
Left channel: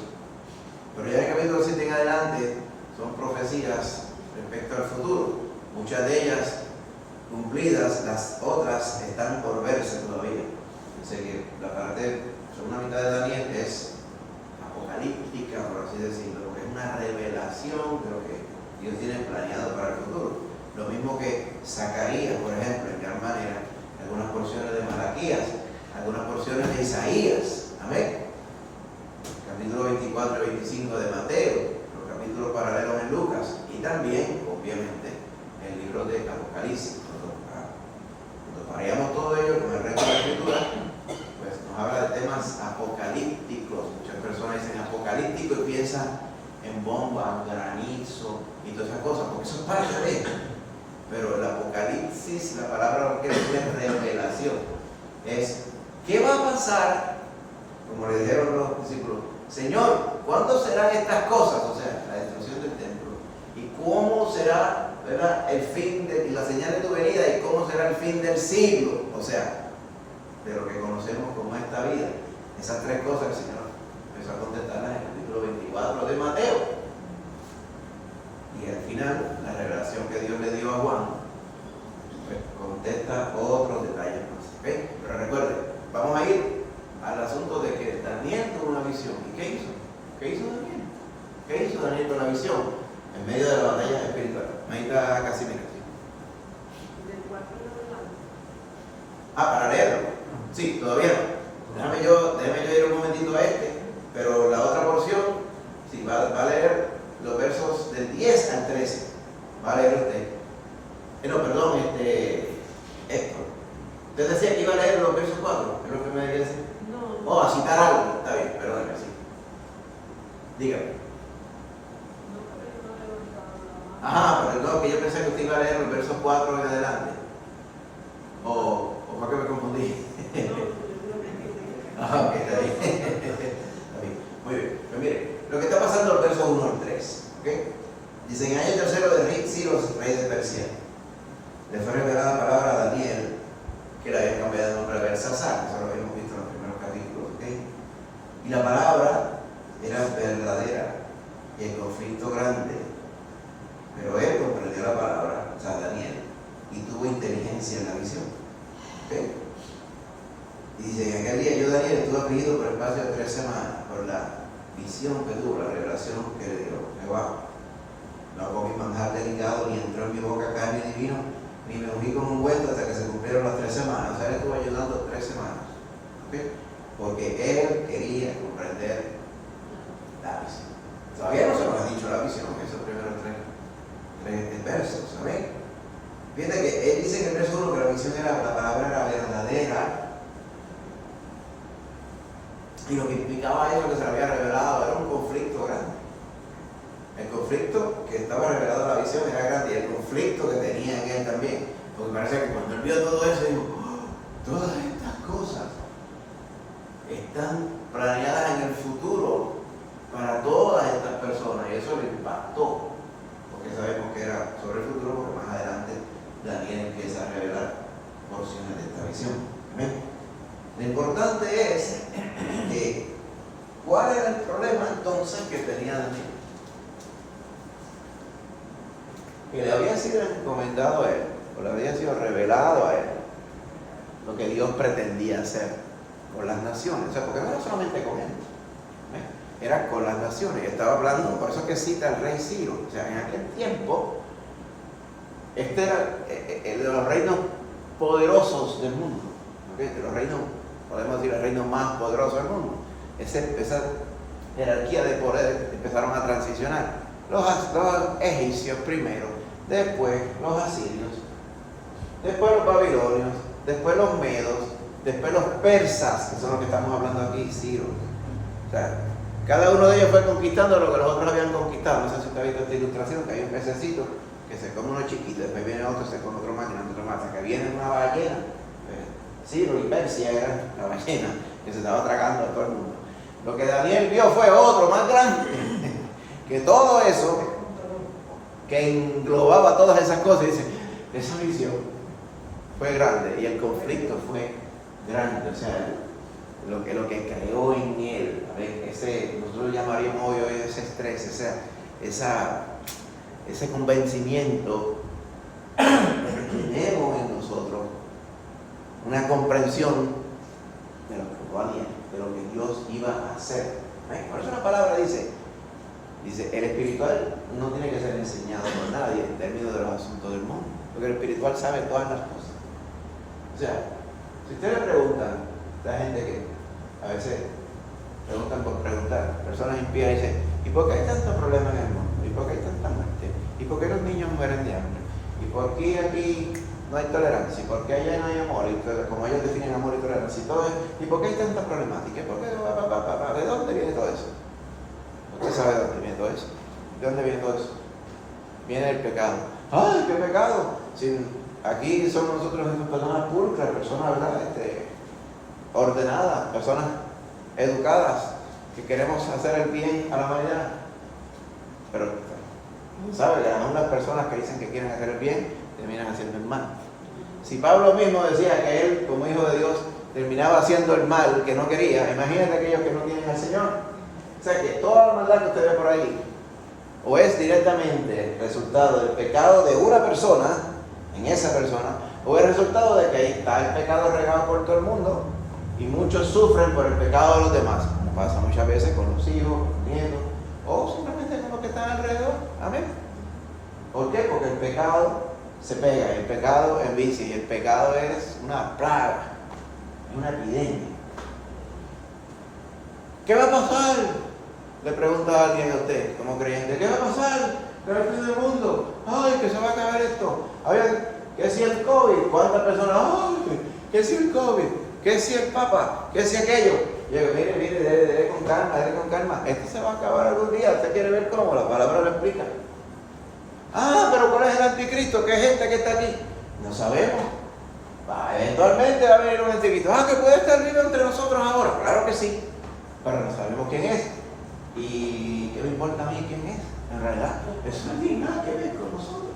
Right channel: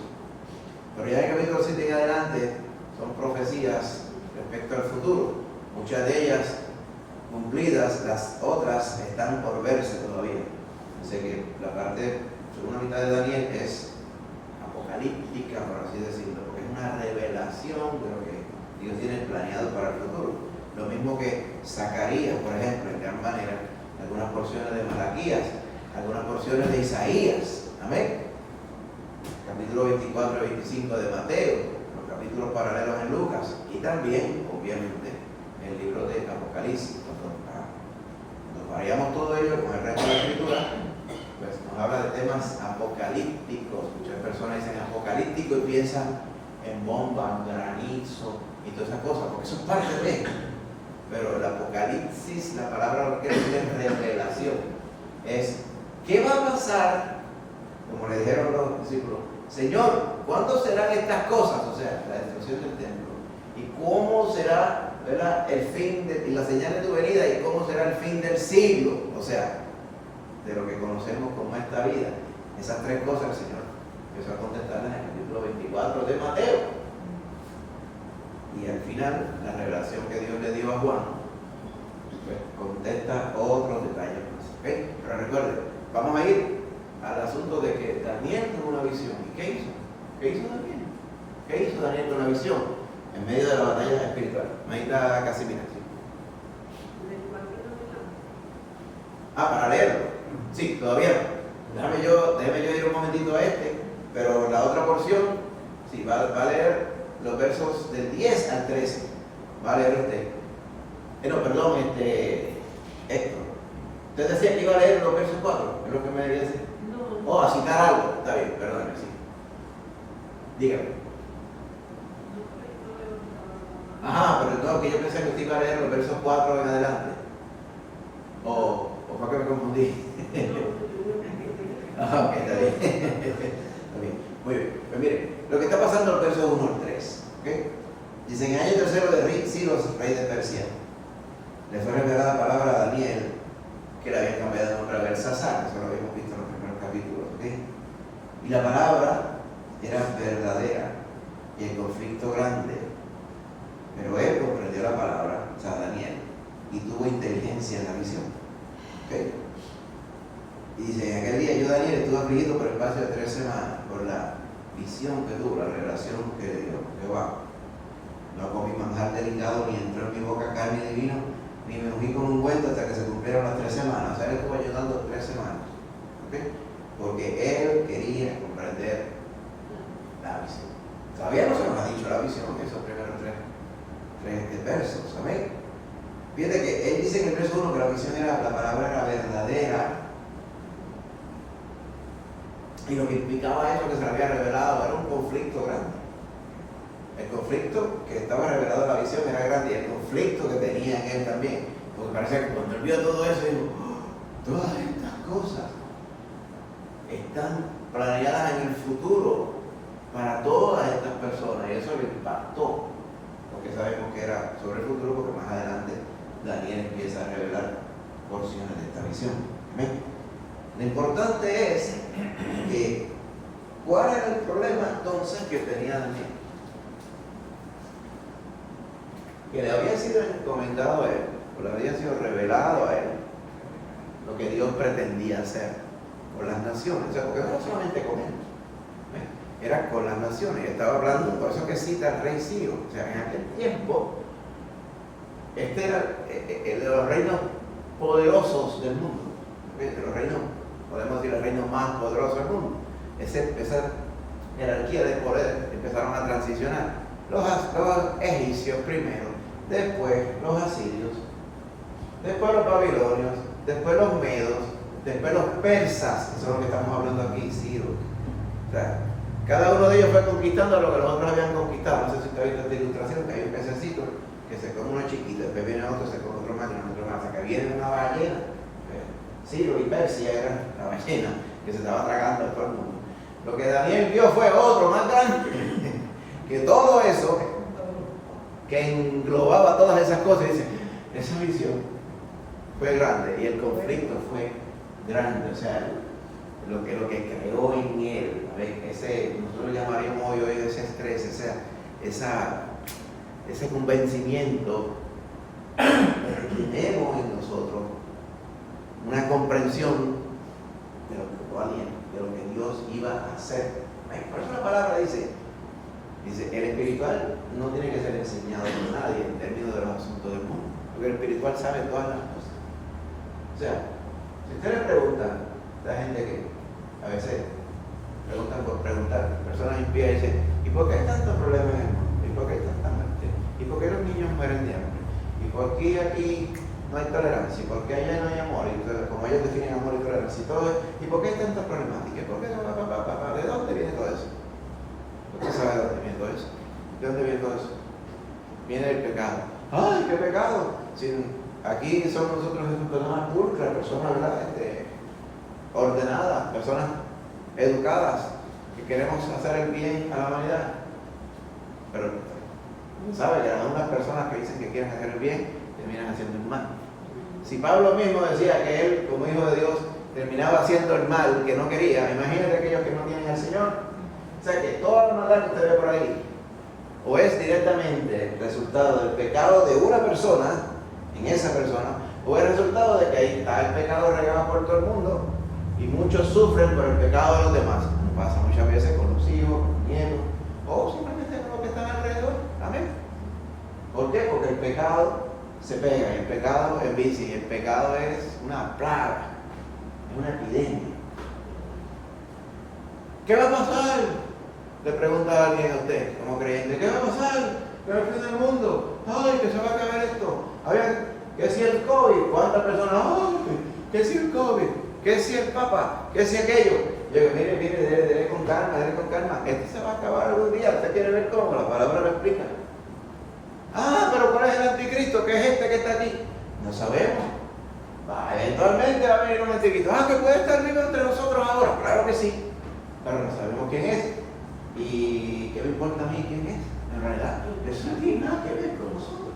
Pero ya en el capítulo 7 en adelante son profecías respecto al futuro, muchas de ellas cumplidas, las otras están por verse todavía. Así que la parte, segunda mitad de Daniel es apocalíptica, por así decirlo, porque es una revelación de lo que Dios tiene planeado para el futuro. Lo mismo que Zacarías, por ejemplo, en gran manera, algunas porciones de Malaquías, algunas porciones de Isaías, amén. Capítulo 24 y 25 de Mateo, los capítulos paralelos en Lucas, y también, obviamente, el libro de Apocalipsis. Cuando paramos todo ello con el resto de la escritura, pues nos habla de temas apocalípticos. Muchas personas dicen apocalíptico y piensan en bombas, granizo y todas esas cosas, porque eso es parte de ello. Pero el apocalipsis, la palabra que es revelación, es ¿qué va a pasar? Como le dijeron los discípulos: Señor, ¿cuándo serán estas cosas? O sea, la destrucción del templo. ¿Y cómo será, ¿verdad?, el fin y la señal de tu venida? ¿Y cómo será el fin del siglo? O sea, de lo que conocemos como esta vida. Esas 3 cosas el Señor empezó a contestarlas en el capítulo 24 de Mateo. Y al final, la revelación que Dios le dio a Juan, pues contesta otros detalles más. ¿Okay? Pero recuerden, vamos a ir al asunto de que Daniel tuvo una visión. ¿Y qué hizo? ¿Qué hizo Daniel? ¿Qué hizo Daniel con la visión? En medio de la batalla espiritual. Ahí está Casimiro. Ah, para leerlo. Sí, todavía no. Déjame yo ir un momentito a pero la otra porción, sí, va a leer los versos del 10 al 13. Va a leer usted. No, perdón, Héctor. Usted decía que iba a leer los versos 4, es lo que me debía decir. No. Oh, a citar algo. Está bien, perdóneme, sí. Dígame. No, porque yo no levantaba la mano. Ajá, pero no, que yo pensé que usted iba a leer los versos 4 en adelante. O fue que me confundí. Ajá, ok, está bien. Está bien. Muy bien. Pero mire, lo que está pasando en el verso 1 al 3. ¿Ok? Dice, en el año tercero de Ciro, rey de Persia, le fue revelada la palabra a Daniel, que le había cambiado de nombre a Belsasar, eso lo habíamos visto en los primeros capítulos. ¿Ok? Y la palabra era verdadera y el conflicto grande. Pero él comprendió la palabra, o sea, Daniel, y tuvo inteligencia en la visión. ¿Okay? Y dice, en aquel día yo, Daniel, estuve afligido por el espacio de 3 semanas por la visión que tuvo, la revelación que le dio Jehová. No comí manjar delicado, ni entró en mi boca carne ni vino, ni me ungí con un ungüento hasta que se cumplieron las 3 semanas. O sea, él estuvo ayudando 3 semanas. ¿Okay? Porque él quería comprender la visión. Todavía no se nos ha dicho la visión, esos primeros tres versos, ¿sabéis? Fíjate que él dice en el verso 1 que la visión era, la palabra era verdadera, y lo que implicaba eso que se le había revelado era un conflicto grande. El conflicto que estaba revelado en la visión era grande, y el conflicto que tenía en él también, porque parece que cuando él vio todo eso, dijo, oh, todas estas cosas están planeadas en el futuro para todas estas personas, y eso le impactó, porque sabemos que era sobre el futuro, porque más adelante Daniel empieza a revelar porciones de esta visión. ¿Amén? Lo importante es que, ¿cuál era el problema entonces que tenía Daniel? Que le había sido encomendado a él, o le había sido revelado a él, lo que Dios pretendía hacer con las naciones. O sea, porque no era solamente con él, era con las naciones. Y estaba hablando, por eso que cita al rey Ciro. O sea, en aquel tiempo, este era de los reinos poderosos del mundo. ¿Okay? De los reinos, podemos decir, el reino más poderoso del mundo. Esa jerarquía de poder empezaron a transicionar. Los egipcios primero, después los asirios, después los babilonios, después los medos, después los persas, que son los que estamos hablando aquí, Ciro. O sea, cada uno de ellos fue conquistando lo que los otros habían conquistado. No sé si usted ha visto esta ilustración, que hay un pececito que se come uno chiquito, después viene otro, se come otro más y otro más. O sea, que viene una ballena. Ciro y Persia era la ballena que se estaba tragando a todo el mundo. Lo que Daniel vio fue otro más grande, que todo eso, que englobaba todas esas cosas, dice, esa visión fue grande y el conflicto fue grande. O sea, lo que creó en él, nosotros llamaríamos hoy ese estrés, ese convencimiento que tenemos en nosotros, una comprensión de lo que Dios iba a hacer. Por eso la palabra dice, el espiritual no tiene que ser enseñado por nadie en términos de los asuntos del mundo, porque el espiritual sabe todas las cosas. O sea, si usted le pregunta a la gente que a veces preguntan por preguntar, personas impías dicen, ¿y por qué hay tantos problemas en el mundo? ¿Y por qué hay tanta muerte? ¿Y por qué los niños mueren de hambre? ¿Y por qué aquí no hay tolerancia? ¿Y por qué allá no hay amor? Y como ellos definen amor y tolerancia y todo eso, ¿y por qué hay tantas problemáticas? ¿Por qué? ¿De dónde viene todo eso? ¿Usted sabe de dónde viene todo eso? ¿De dónde viene todo eso? Viene el pecado. ¡Ay, qué pecado! Si aquí somos nosotros personas pulcras, personas ordenadas, personas educadas, que queremos hacer el bien a la humanidad. Pero, ¿sabe? Que aún las personas que dicen que quieren hacer el bien, terminan haciendo el mal. Si Pablo mismo decía que él, como hijo de Dios, terminaba haciendo el mal que no quería, imagínate aquellos que no tienen al Señor. O sea que toda la maldad que usted ve por ahí, o es directamente el resultado del pecado de una persona, en esa persona, o es el resultado de que ahí está el pecado regado por todo el mundo, y muchos sufren por el pecado de los demás. Pasa muchas veces con los hijos, con los nietos, o simplemente con los que están alrededor. Amén. ¿Por qué? Porque el pecado se pega. El pecado envicia y el pecado es una plaga, es una epidemia. ¿Qué va a pasar? Le pregunta alguien a usted como creyente, ¿qué va a pasar? ¿Qué va a fin del mundo? ¡Ay, que se va a acabar esto! A ver, ¿qué si el COVID? ¿Cuántas personas? ¡Ay! ¿Qué si el COVID? ¿Qué si el Papa? ¿Qué si aquello? Yo digo, mire, debe con calma, esto se va a acabar algún día. ¿Usted quiere ver cómo? La palabra lo explica. Ah, pero ¿cuál es el anticristo? ¿Qué gente que está aquí? No sabemos. Eventualmente va a venir un anticristo. Ah, que puede estar vivo entre nosotros ahora. Claro que sí. Pero no sabemos quién es. ¿Y qué me importa a mí quién es? En realidad, eso no tiene nada que ver con nosotros.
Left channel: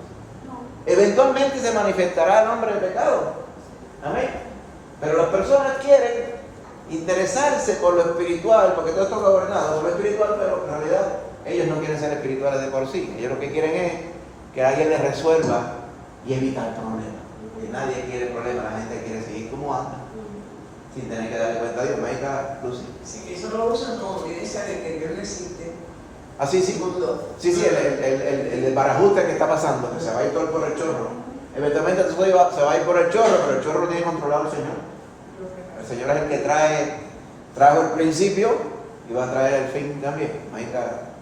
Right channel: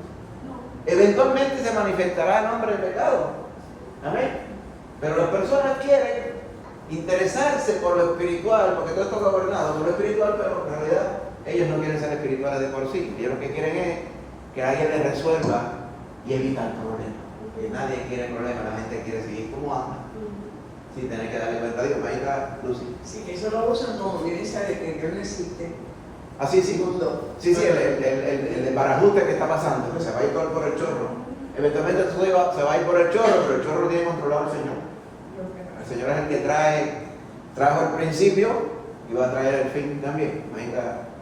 Eventualmente se manifestará el hombre de pecado. Amén. Pero las personas quieren interesarse por lo espiritual, porque todo está gobernado por lo espiritual, pero en realidad ellos no quieren ser espirituales de por sí. Ellos lo que quieren es que alguien les resuelva y evitar problemas. Que nadie quiere problemas, la gente quiere seguir como anda, sin tener que darle cuenta a Dios. Venga, Lucy. Sí, eso lo usan como evidencia de que Dios no existe. Así, sí. Sí, el desbarajuste que está pasando, que se va a ir por el chorro. Eventualmente se va a ir por el chorro, pero el chorro lo tiene controlado el Señor. El Señor es el que trajo el principio y va a traer el fin también.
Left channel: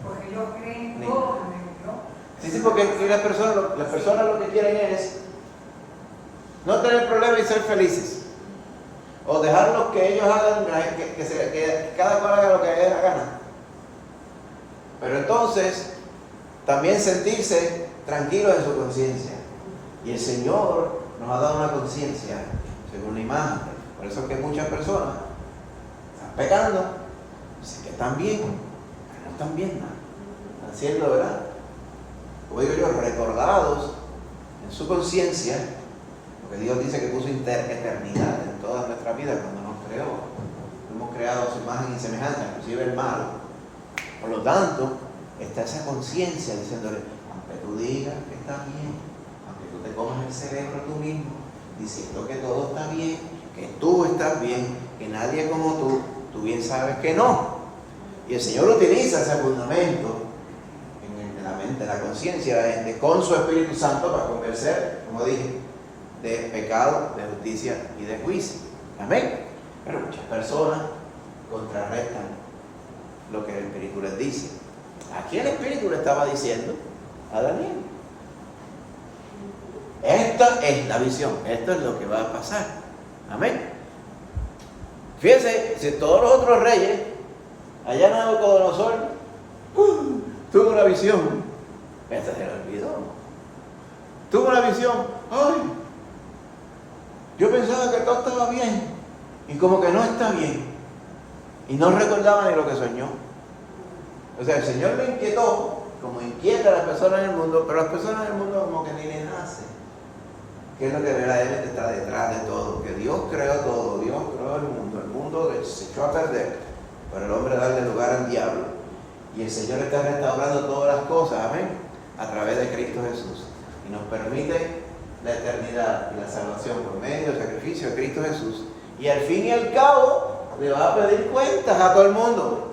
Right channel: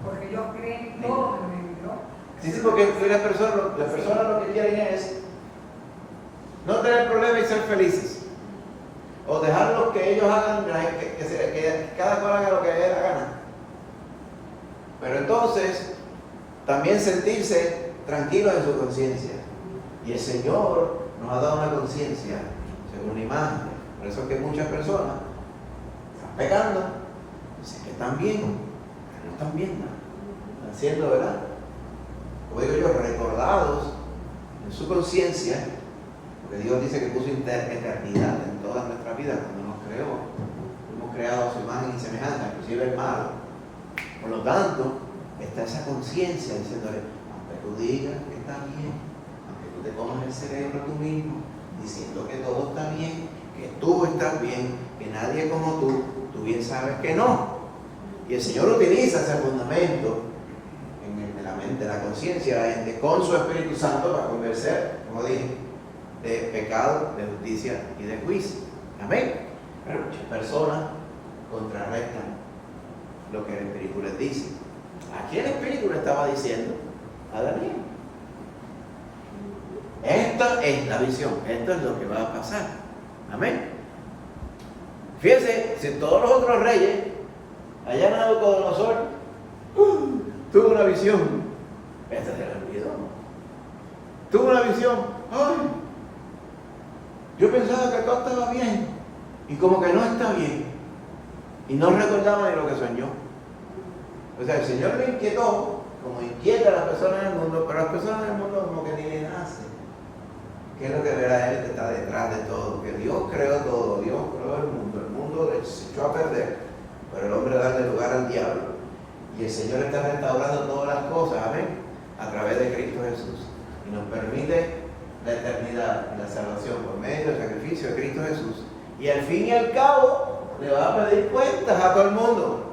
Porque ellos creen todo en Dios. Sí, porque las personas lo que quieren es no tener problemas y ser felices. O dejarlos que ellos hagan, que cada cual haga lo que le dé la gana. Pero entonces, también sentirse tranquilos en su conciencia. Y el Señor nos ha dado una conciencia según la imagen. Por eso es que muchas personas están pecando, dicen que están bien, pero no están bien, ¿no? Están siendo, ¿verdad? Como digo yo, recordados en su conciencia, porque Dios dice que puso eternidad en toda nuestra vida cuando nos creó. Hemos creado a su imagen y semejanza, inclusive el malo. Por lo tanto, está esa conciencia diciéndole, aunque tú digas que está bien, aunque tú te comas el cerebro tú mismo, diciendo que todo está bien, que tú estás bien, que nadie como tú bien sabes que no. Y el Señor utiliza ese fundamento en la mente, en la conciencia de la gente, con su Espíritu Santo para convencer, como dije, de pecado, de justicia y de juicio. Amén. Pero muchas personas contrarrestan lo que el Espíritu les dice. Aquí el Espíritu le estaba diciendo a Daniel: esta es la visión, esto es lo que va a pasar. Amén. Fíjense, si todos los otros reyes, allá Nabucodonosor, tuvo una visión, esta se le olvidó. Tuvo una visión, ay, yo pensaba que todo estaba bien, y como que no está bien, y no recordaba ni lo que soñó. O sea, el Señor me inquietó, como inquieta a las personas en el mundo, pero las personas en el mundo como que ni les hace. ¿Qué es lo que verdaderamente está detrás de todo? Que Dios creó todo, Dios creó el mundo se echó a perder, pero el hombre da lugar al diablo. Y el Señor está restaurando todas las cosas, amén, a través de Cristo Jesús. Y nos permite la eternidad y la salvación por medio del sacrificio de Cristo Jesús. Y al fin y al cabo, le va a pedir cuentas a todo el mundo.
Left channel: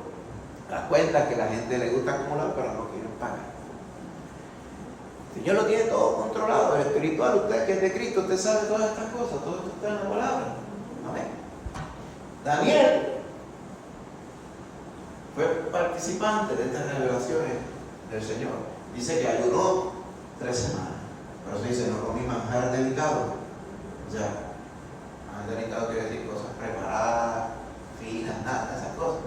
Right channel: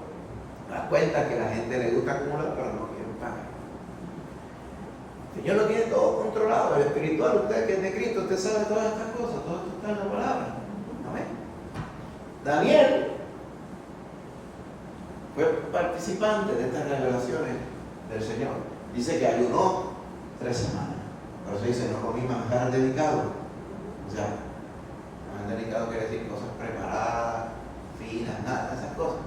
Las cuentas que la gente le gusta acumular para no quieren pagar. El Señor lo tiene todo controlado, el espiritual, usted que es de Cristo, usted sabe todas estas cosas, todo esto está en la palabra. Amén. Daniel fue participante de estas revelaciones del Señor. Dice que ayunó 3 semanas. Por eso dice, no comí manjar delicado. O sea, manjar delicado quiere decir cosas preparadas, finas, nada de esas cosas.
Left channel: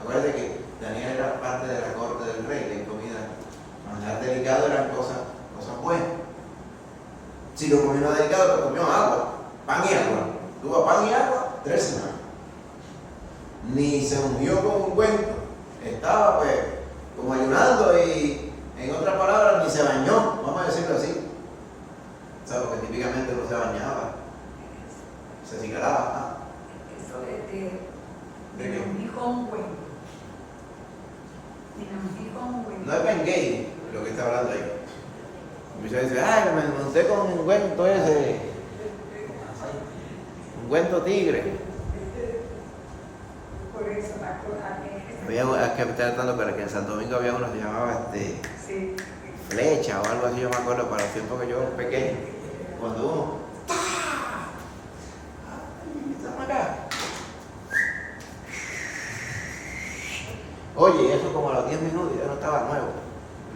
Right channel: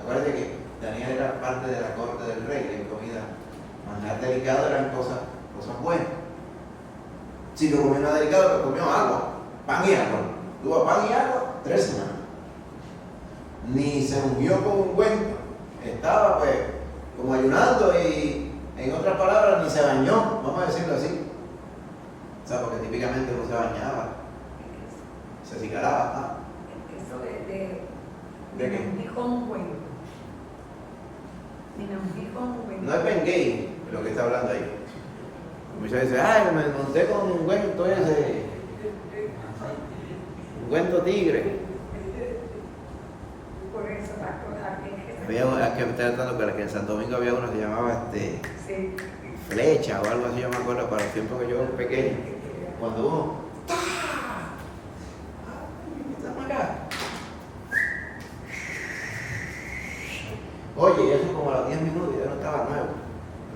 Acuérdate que Daniel era parte de la corte del rey, de comida. Manjar delicado eran cosas buenas. Si lo comió no delicado, pues comió agua, pan y agua. Tuvo pan y agua 3 semanas. Ni se unió con un cuento. Estaba pues como ayunando y en otras palabras ni se bañó, vamos a decirlo así. O sea, porque típicamente no se bañaba, se cigaraba. Eso de qué? Namgí con cuento. No es Ben Gay lo que está hablando ahí. Muchas veces, ay, me monté con un cuento ese, un cuento tigre. Por eso, aquí Es que me está tratando que en Santo Domingo había uno que se llamaba sí. Flecha o algo así, yo me acuerdo, para los tiempos que yo era pequeño. cuando uno, ¡ay, estamos acá! Oye, y eso como a los 10 minutos ya no estaba nuevo.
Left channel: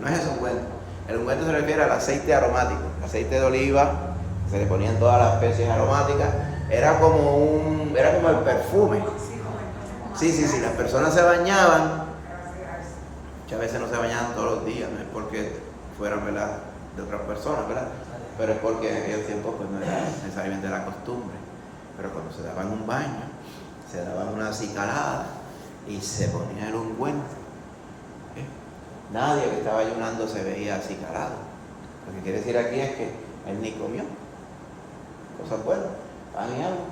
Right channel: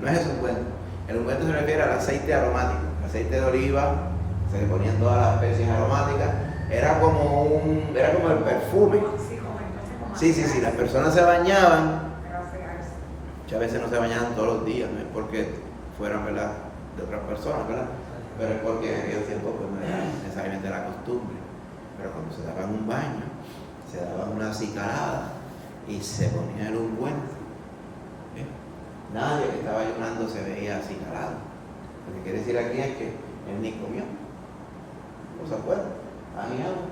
No es eso ungüento. El ungüento se refiere al aceite aromático, el aceite de oliva, se le ponían todas las especies aromáticas, era como el perfume. Sí, como entonces como Sí, las personas se bañaban, Pero asearse. muchas veces no se bañaban todos los días, no es porque fueran, ¿verdad?, de otras personas, ¿verdad? Pero es porque en aquel tiempo pues, no era necesariamente la costumbre. Pero cuando se daban un baño, se daban una acicalada y se ponía el ungüento. Nadie que estaba ayunando se veía acicalado. Lo que quiere decir aquí es que él ni comió. Cosas buenas, pan y agua,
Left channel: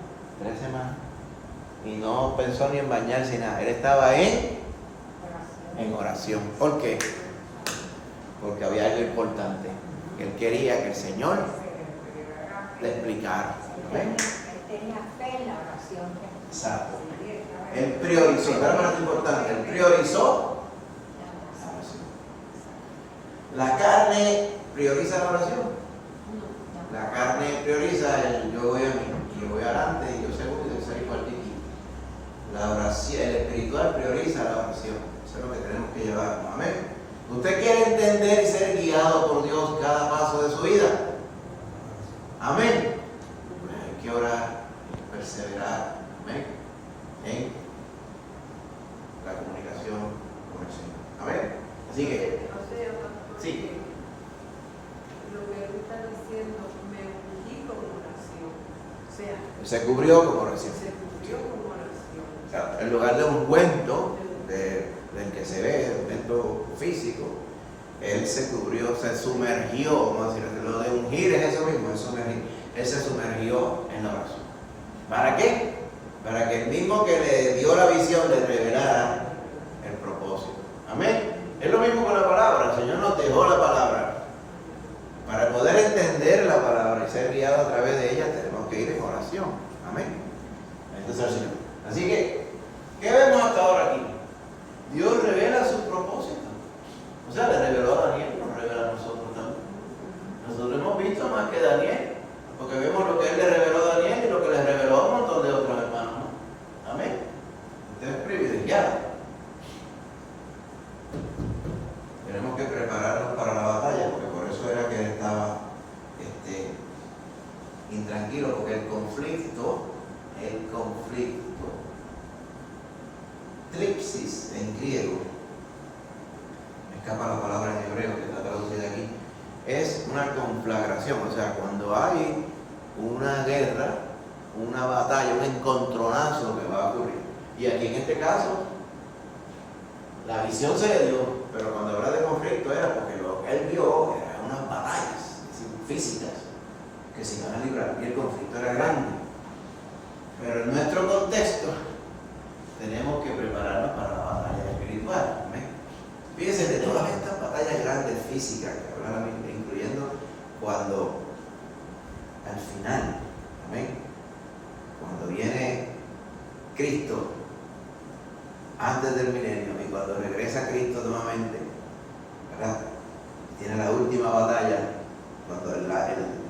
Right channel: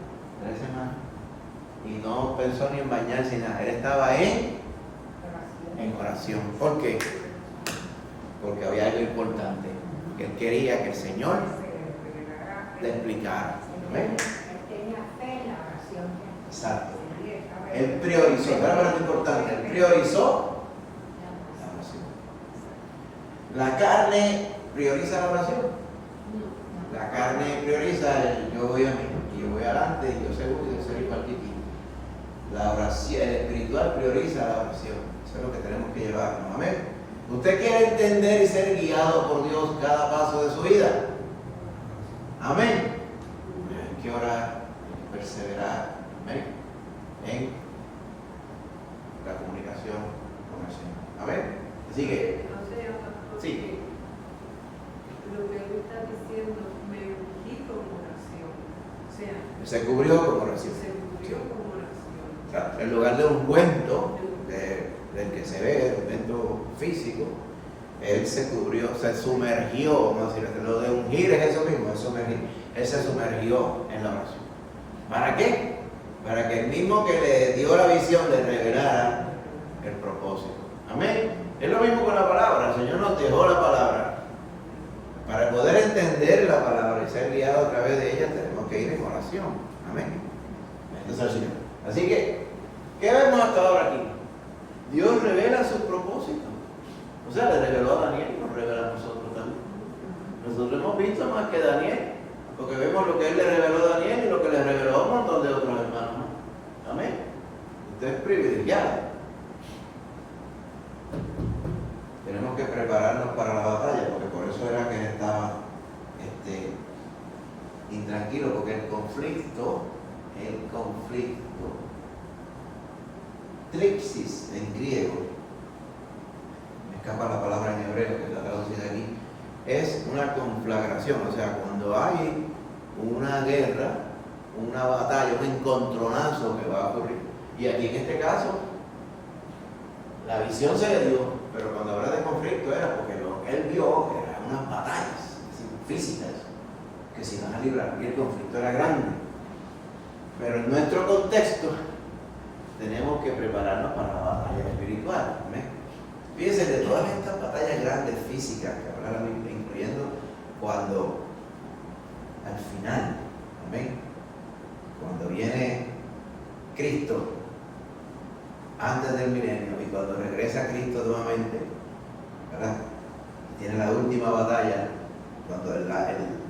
3 semanas. Y no pensó ni en bañarse ni nada. Él estaba en oración. ¿Por qué? Porque había algo importante. Que él quería que el Señor le explicara. ¿Amén? Tenía fe en la oración. Exacto. Él priorizó, era lo importante, él priorizó la oración. La carne prioriza la oración. La carne prioriza el yo voy a mí, y yo voy adelante y yo seguro de ser igual que ti. La oración, el espiritual prioriza la oración. Eso es lo que tenemos que llevar. Amén. ¿Usted quiere entender y ser guiado por Dios cada paso de su vida? Amén. Hay que orar, hay que perseverar. Amén. En la comunicación con el Señor. Amén. Así que, sí. Lo que él está diciendo, me ungí con oración. O sea, Se cubrió como oración. se cubrió con oración. O sea, en lugar de un ungüento del que se ve, el ungüento físico, él se cubrió, se sumergió, vamos a decir, lo de ungir es eso mismo, es sumergir. Él se sumergió en la oración. ¿Para qué? Para que el mismo que le dio la visión le revelara el propósito. Amén. Es lo mismo con la palabra. El Señor nos dejó la palabra. Para poder entender la palabra y ser guiado a través de ella, tenemos que ir en oración. Amén. Bendito sea el Señor. Así que, ¿qué vemos hasta ahora aquí? Dios revela sus propósitos. O sea, le reveló a Daniel, nos revela a nosotros también. Nosotros hemos visto más que Daniel, porque vemos lo que él le reveló a Daniel y lo que le reveló a un montón de otros hermanos más. Amén. Usted es privilegiado. Tenemos que prepararnos para la batalla, porque por eso era que él estaba intranquilo, porque el conflicto, tripsis en griego, me escapa la palabra en hebreo que está traducida aquí, es una conflagración, o sea, cuando hay una guerra, una batalla, un encontronazo que va a ocurrir. Y aquí en este caso, la visión se le dio, pero cuando habla de conflicto era porque lo que él vio eran unas batallas físicas que se iban a librar y el conflicto era grande. Pero en nuestro contexto tenemos que prepararnos para la batalla espiritual. ¿Amén? Fíjense, de todas estas batallas grandes físicas que habla la Biblia, incluyendo cuando al final, amén, cuando viene Cristo antes del milenio y cuando regresa Cristo nuevamente, ¿verdad? Tiene la última batalla, cuando el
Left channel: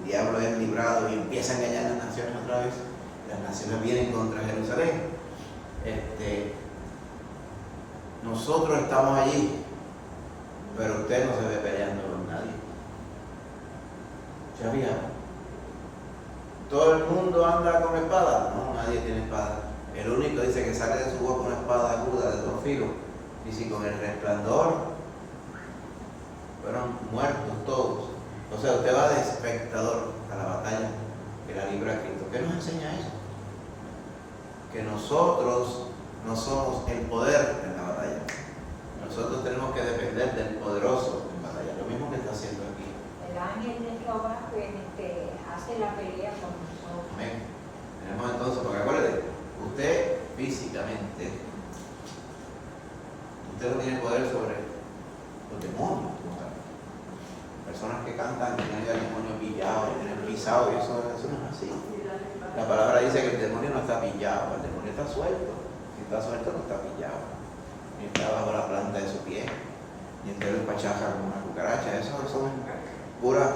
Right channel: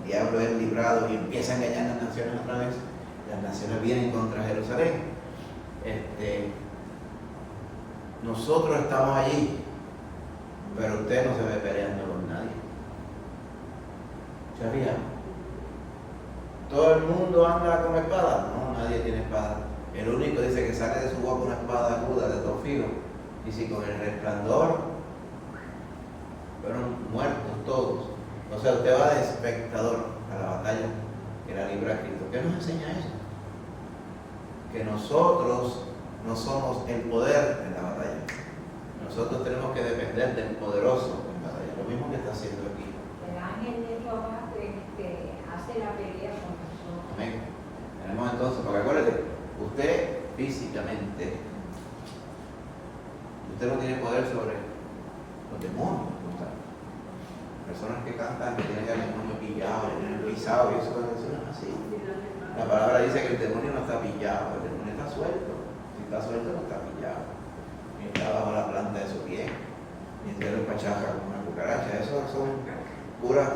diablo es librado y empieza a engañar a las naciones otra vez, las naciones vienen contra Jerusalén. Nosotros estamos allí, pero usted no se ve peleando con nadie. ¿Sabía? ¿Todo el mundo anda con espada? No, nadie tiene espada. El único dice que sale de su boca una espada aguda de 2 filos. Y si con el resplandor fueron muertos todos. O sea, usted va de espectador a la batalla que la libra Cristo. ¿Qué nos enseña eso? Que nosotros no somos el poder en la batalla. Nosotros tenemos que depender del poderoso en batalla. Lo mismo que está haciendo aquí. El ángel de Jehová hace la pelea con nosotros. Amén. Tenemos entonces, porque acuérdate, usted físicamente, usted no tiene poder sobre los demonios. Personas que cantan, que tienen el demonio pillado, que tienen pisado, y eso no es así. La palabra dice que el demonio no está pillado, el demonio está suelto. Si está suelto, no está pillado. Ni está bajo la planta de su pie, ni tiene el pachaja como una cucaracha. Eso son puras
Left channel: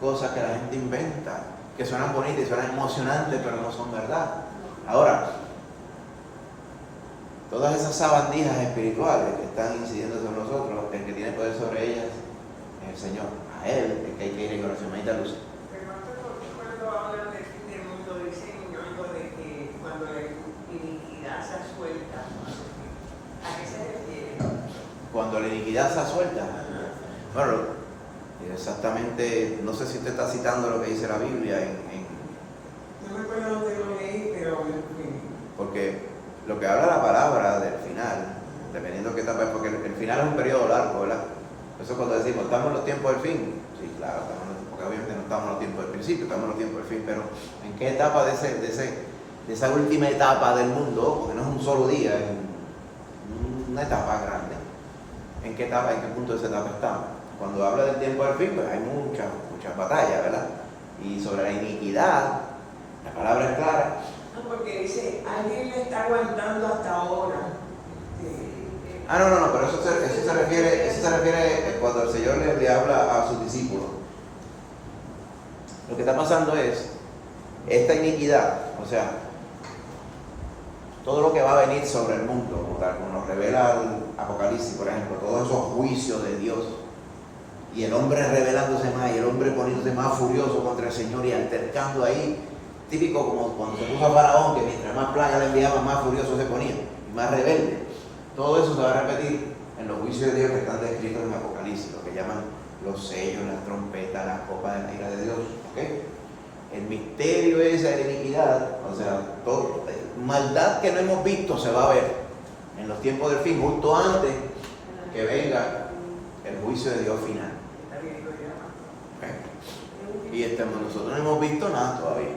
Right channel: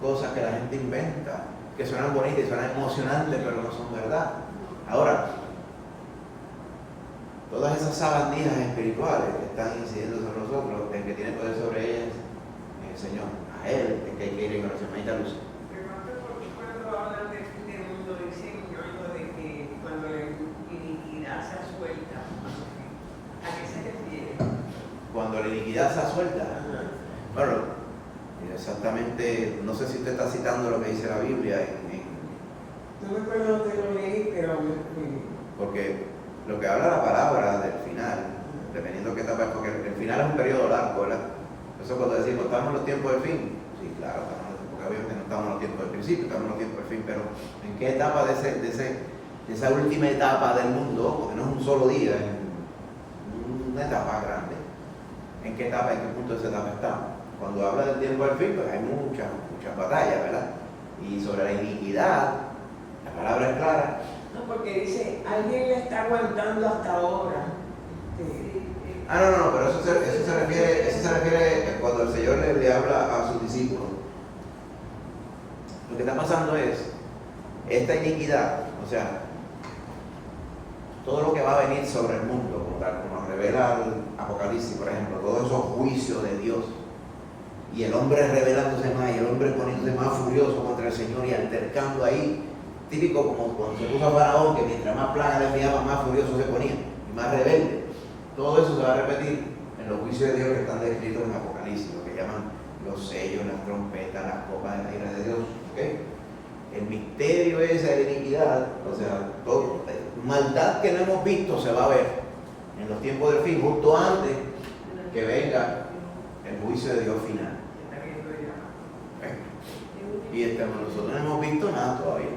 cosas que la gente inventa que suenan bonitas y suenan emocionantes, pero no son verdad. Ahora, todas esas sabandijas espirituales que están incidiendo sobre nosotros, el que tiene poder sobre ellas es el Señor. A Él es que hay que ir en oración. Ahí está Luz. Pero pastor, ¿por qué cuando hablan del fin del mundo dicen algo de que cuando la iniquidad se suelta? ¿A qué se refiere? Cuando la iniquidad se suelta. Bueno, exactamente, no sé si usted está citando lo que dice la Biblia No me acuerdo dónde lo leí, pero porque lo que habla la palabra del final, dependiendo de qué etapa, porque el final es un periodo largo, ¿verdad? Eso cuando decimos, ¿estamos en los tiempos del fin? Sí, claro, porque obviamente no estamos en los tiempos del principio, estamos en los tiempos del fin, pero ¿en qué etapa de esa última etapa del mundo? Porque no es un solo día, es una etapa grande. ¿En qué etapa, en qué punto de esa etapa estamos? Cuando habla del tiempo del fin, pues hay muchas batallas, ¿verdad? Y sobre la iniquidad, la palabra es clara. no, porque dice, alguien le está aguantando hasta ahora. No, pero eso se refiere cuando el Señor le habla a sus discípulos. Lo que está pasando es, esta iniquidad, o sea, todo lo que va a venir sobre el mundo, como nos revela el Apocalipsis, por ejemplo, todos esos juicios de Dios, y el hombre rebelándose más, y el hombre poniéndose más furioso contra el Señor y altercando ahí, típico como cuando se puso a Faraón, que mientras más plagas le enviaban, más furioso se ponía, y más rebelde. Todo eso se va a repetir en los juicios de Dios que están descritos en Apocalipsis, lo que llaman los sellos, las trompetas, las copas de la ira de Dios. ¿Okay? El misterio ese de la iniquidad, o sea, todo, maldad que no hemos visto se va a ver en los tiempos del fin, justo antes que venga el juicio de Dios final. Y nosotros no hemos visto nada todavía,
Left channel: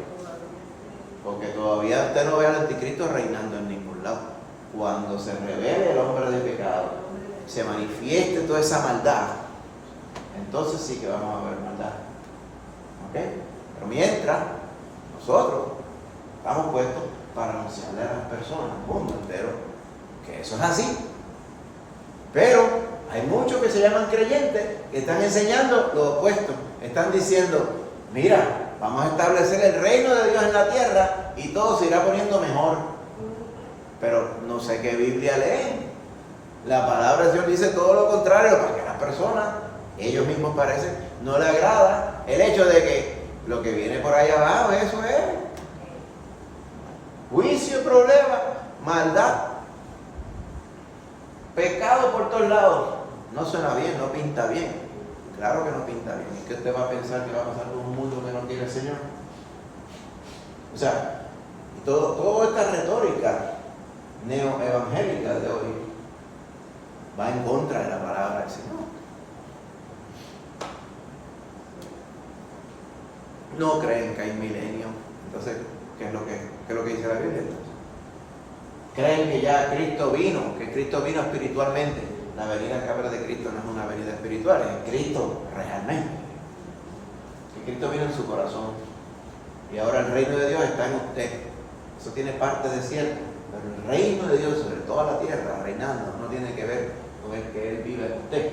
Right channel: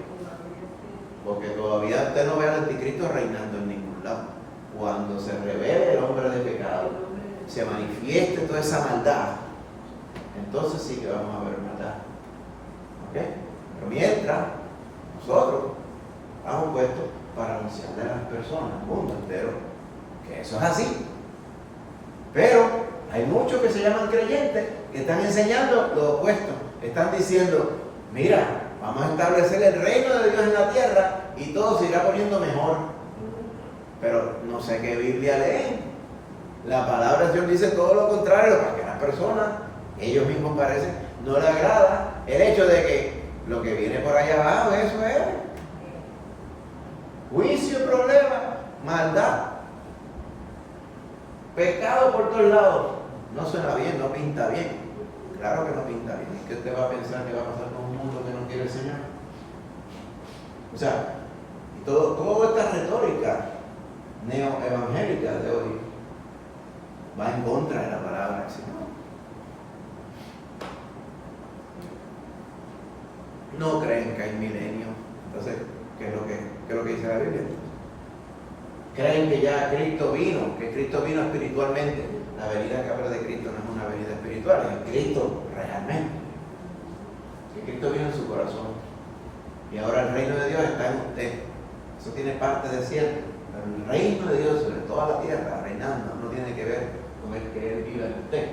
porque todavía usted no ve al anticristo reinando en ningún lado. Cuando se revele el hombre de pecado, se manifieste toda esa maldad, entonces sí que vamos a ver maldad. ¿Okay? Pero mientras, nosotros estamos puestos para anunciarle a las personas, al mundo entero, que eso es así. Pero hay muchos que se llaman creyentes que están enseñando lo opuesto. Están diciendo, mira, vamos a establecer el reino de Dios en la tierra y todo se irá poniendo mejor. Pero no sé qué Biblia leen. La palabra del Señor dice todo lo contrario, para que a las personas, ellos mismos parecen, no le agrada el hecho de que lo que viene por allá abajo, eso es juicio, problema, maldad, pecado por todos lados. No suena bien, no pinta bien. Claro que no pinta bien. ¿Es que usted va a pensar que va a pasar con un mundo que no quiere el Señor? O sea, y toda esta retórica neoevangélica de hoy va en contra de la palabra del Señor. No creen que hay milenio. Entonces, ¿qué es lo que dice la Biblia? Creen que ya Cristo vino, que Cristo vino espiritualmente. La venida que habla de Cristo no es una venida espiritual, es Cristo realmente. Que Cristo viene en su corazón. Y ahora el reino de Dios está en usted. Eso tiene parte de cierto. Pero el reino de Dios sobre toda la tierra, reinando, no tiene que ver con el que Él vive en usted.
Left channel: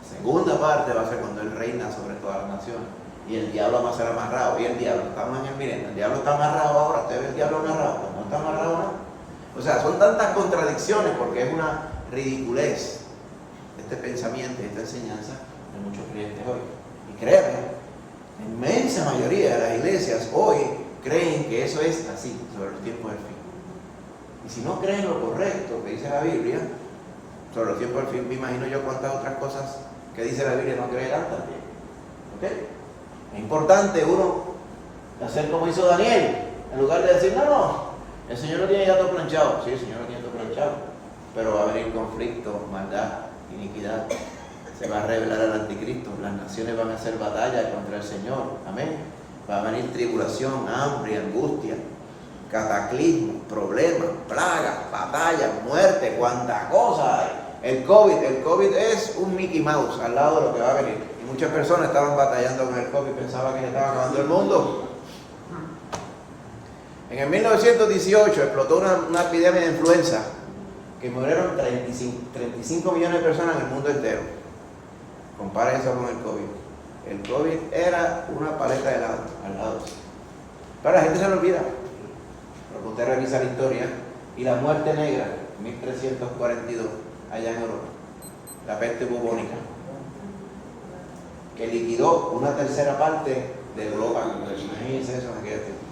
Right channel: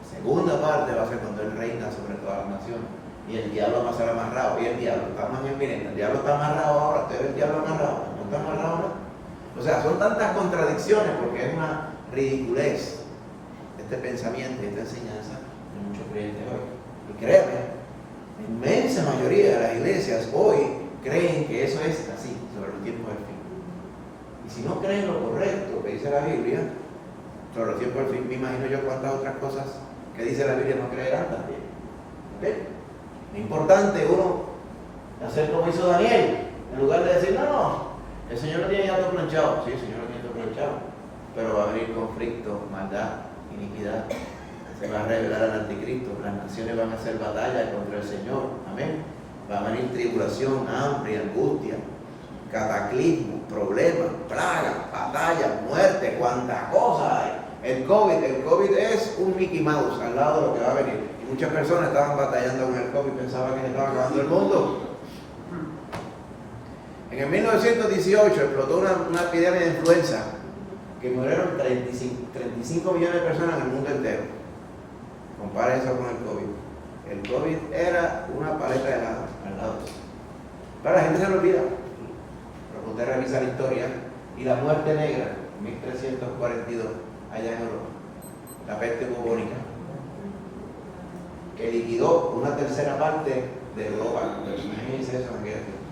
La segunda parte va a ser cuando Él reina sobre todas las naciones. Y el diablo va a ser amarrado. Y el diablo está más miren, el diablo está amarrado ahora. ¿Usted ve el diablo amarrado? ¿No está amarrado ahora? O sea, son tantas contradicciones porque es una ridiculez este pensamiento y esta enseñanza de muchos creyentes hoy. Y créanme, la inmensa mayoría de las iglesias hoy creen que eso es así, sobre los tiempos del fin. Y si no creen lo correcto que dice la Biblia, sobre los tiempos del fin, me imagino yo cuántas otras cosas que dice la Biblia no creerán también. ¿Okay? Es importante uno hacer como hizo Daniel, en lugar de decir, no, el Señor no tiene ya todo planchado. Sí, el Señor no tiene todo planchado, pero va a venir conflicto, maldad, iniquidad. Se va a revelar al anticristo, las naciones van a hacer batalla contra el Señor. Amén. Va a venir tribulación, hambre, angustia, cataclismo, problemas, plagas, batallas, muerte, cuánta cosa hay. El COVID es un Mickey Mouse al lado de lo que va a venir. Y muchas personas estaban batallando con el COVID, pensaban que le estaba acabando el mundo. En el 1918 explotó una epidemia de influenza que murieron 35 millones de personas en el mundo entero. Compara eso con el COVID. El COVID era una paleta de helado. al lado. Pero la gente se lo olvida. Pero usted revisa la historia y la muerte negra, 1342, allá en Europa, la peste bubónica, que liquidó una tercera parte de Europa. Imagínense eso en aquella tiempo.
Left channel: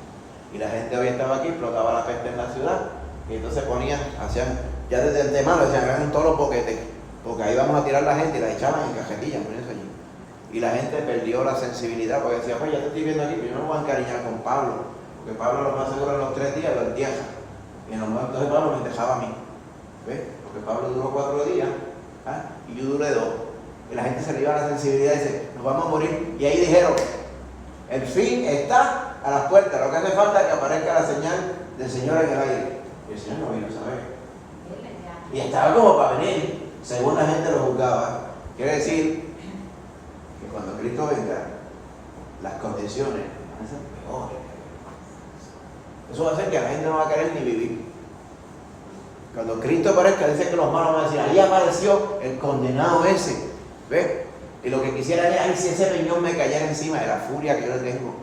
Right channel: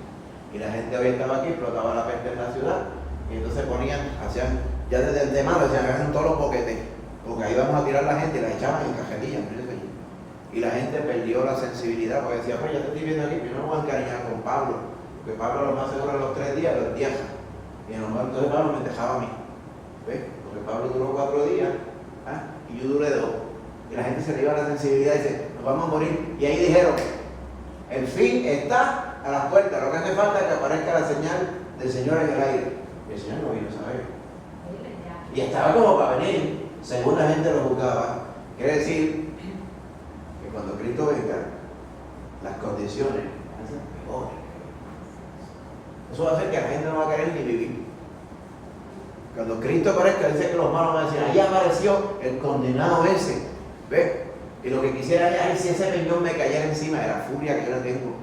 Y la gente hoy estaba aquí, explotaba la peste en la ciudad, y entonces hacían, ya desde antemano decían, hagan todos los boquetes, porque ahí vamos a tirar a la gente y la echaban en cajetillas, y la gente perdió la sensibilidad, porque decía, pues ya te estoy viendo aquí, pero yo no me voy a encariñar con Pablo, porque Pablo lo más seguro en los 3 días lo entierra, y en los muertos de Pablo me dejaba a mí, ¿ves? Porque Pablo duró 4 días, y yo duré 2, y la gente se le iba la sensibilidad y dice, nos vamos a morir, y ahí dijeron, el fin está a las puertas, lo que hace falta es que aparezca la señal del Señor en el aire. Y el Señor no vino, ¿sabes? Y estaba como para venir, según la gente lo juzgaba. Quiere decir que cuando Cristo venga, las condiciones van a ser mejores. Eso va a hacer que la gente no va a querer ni vivir. Cuando Cristo aparezca, dice que los malos van a decir, ahí apareció el condenado ese. ¿Ves? Y lo que quisiera es, ay, si ese peñón me cayera encima de la furia que yo le tengo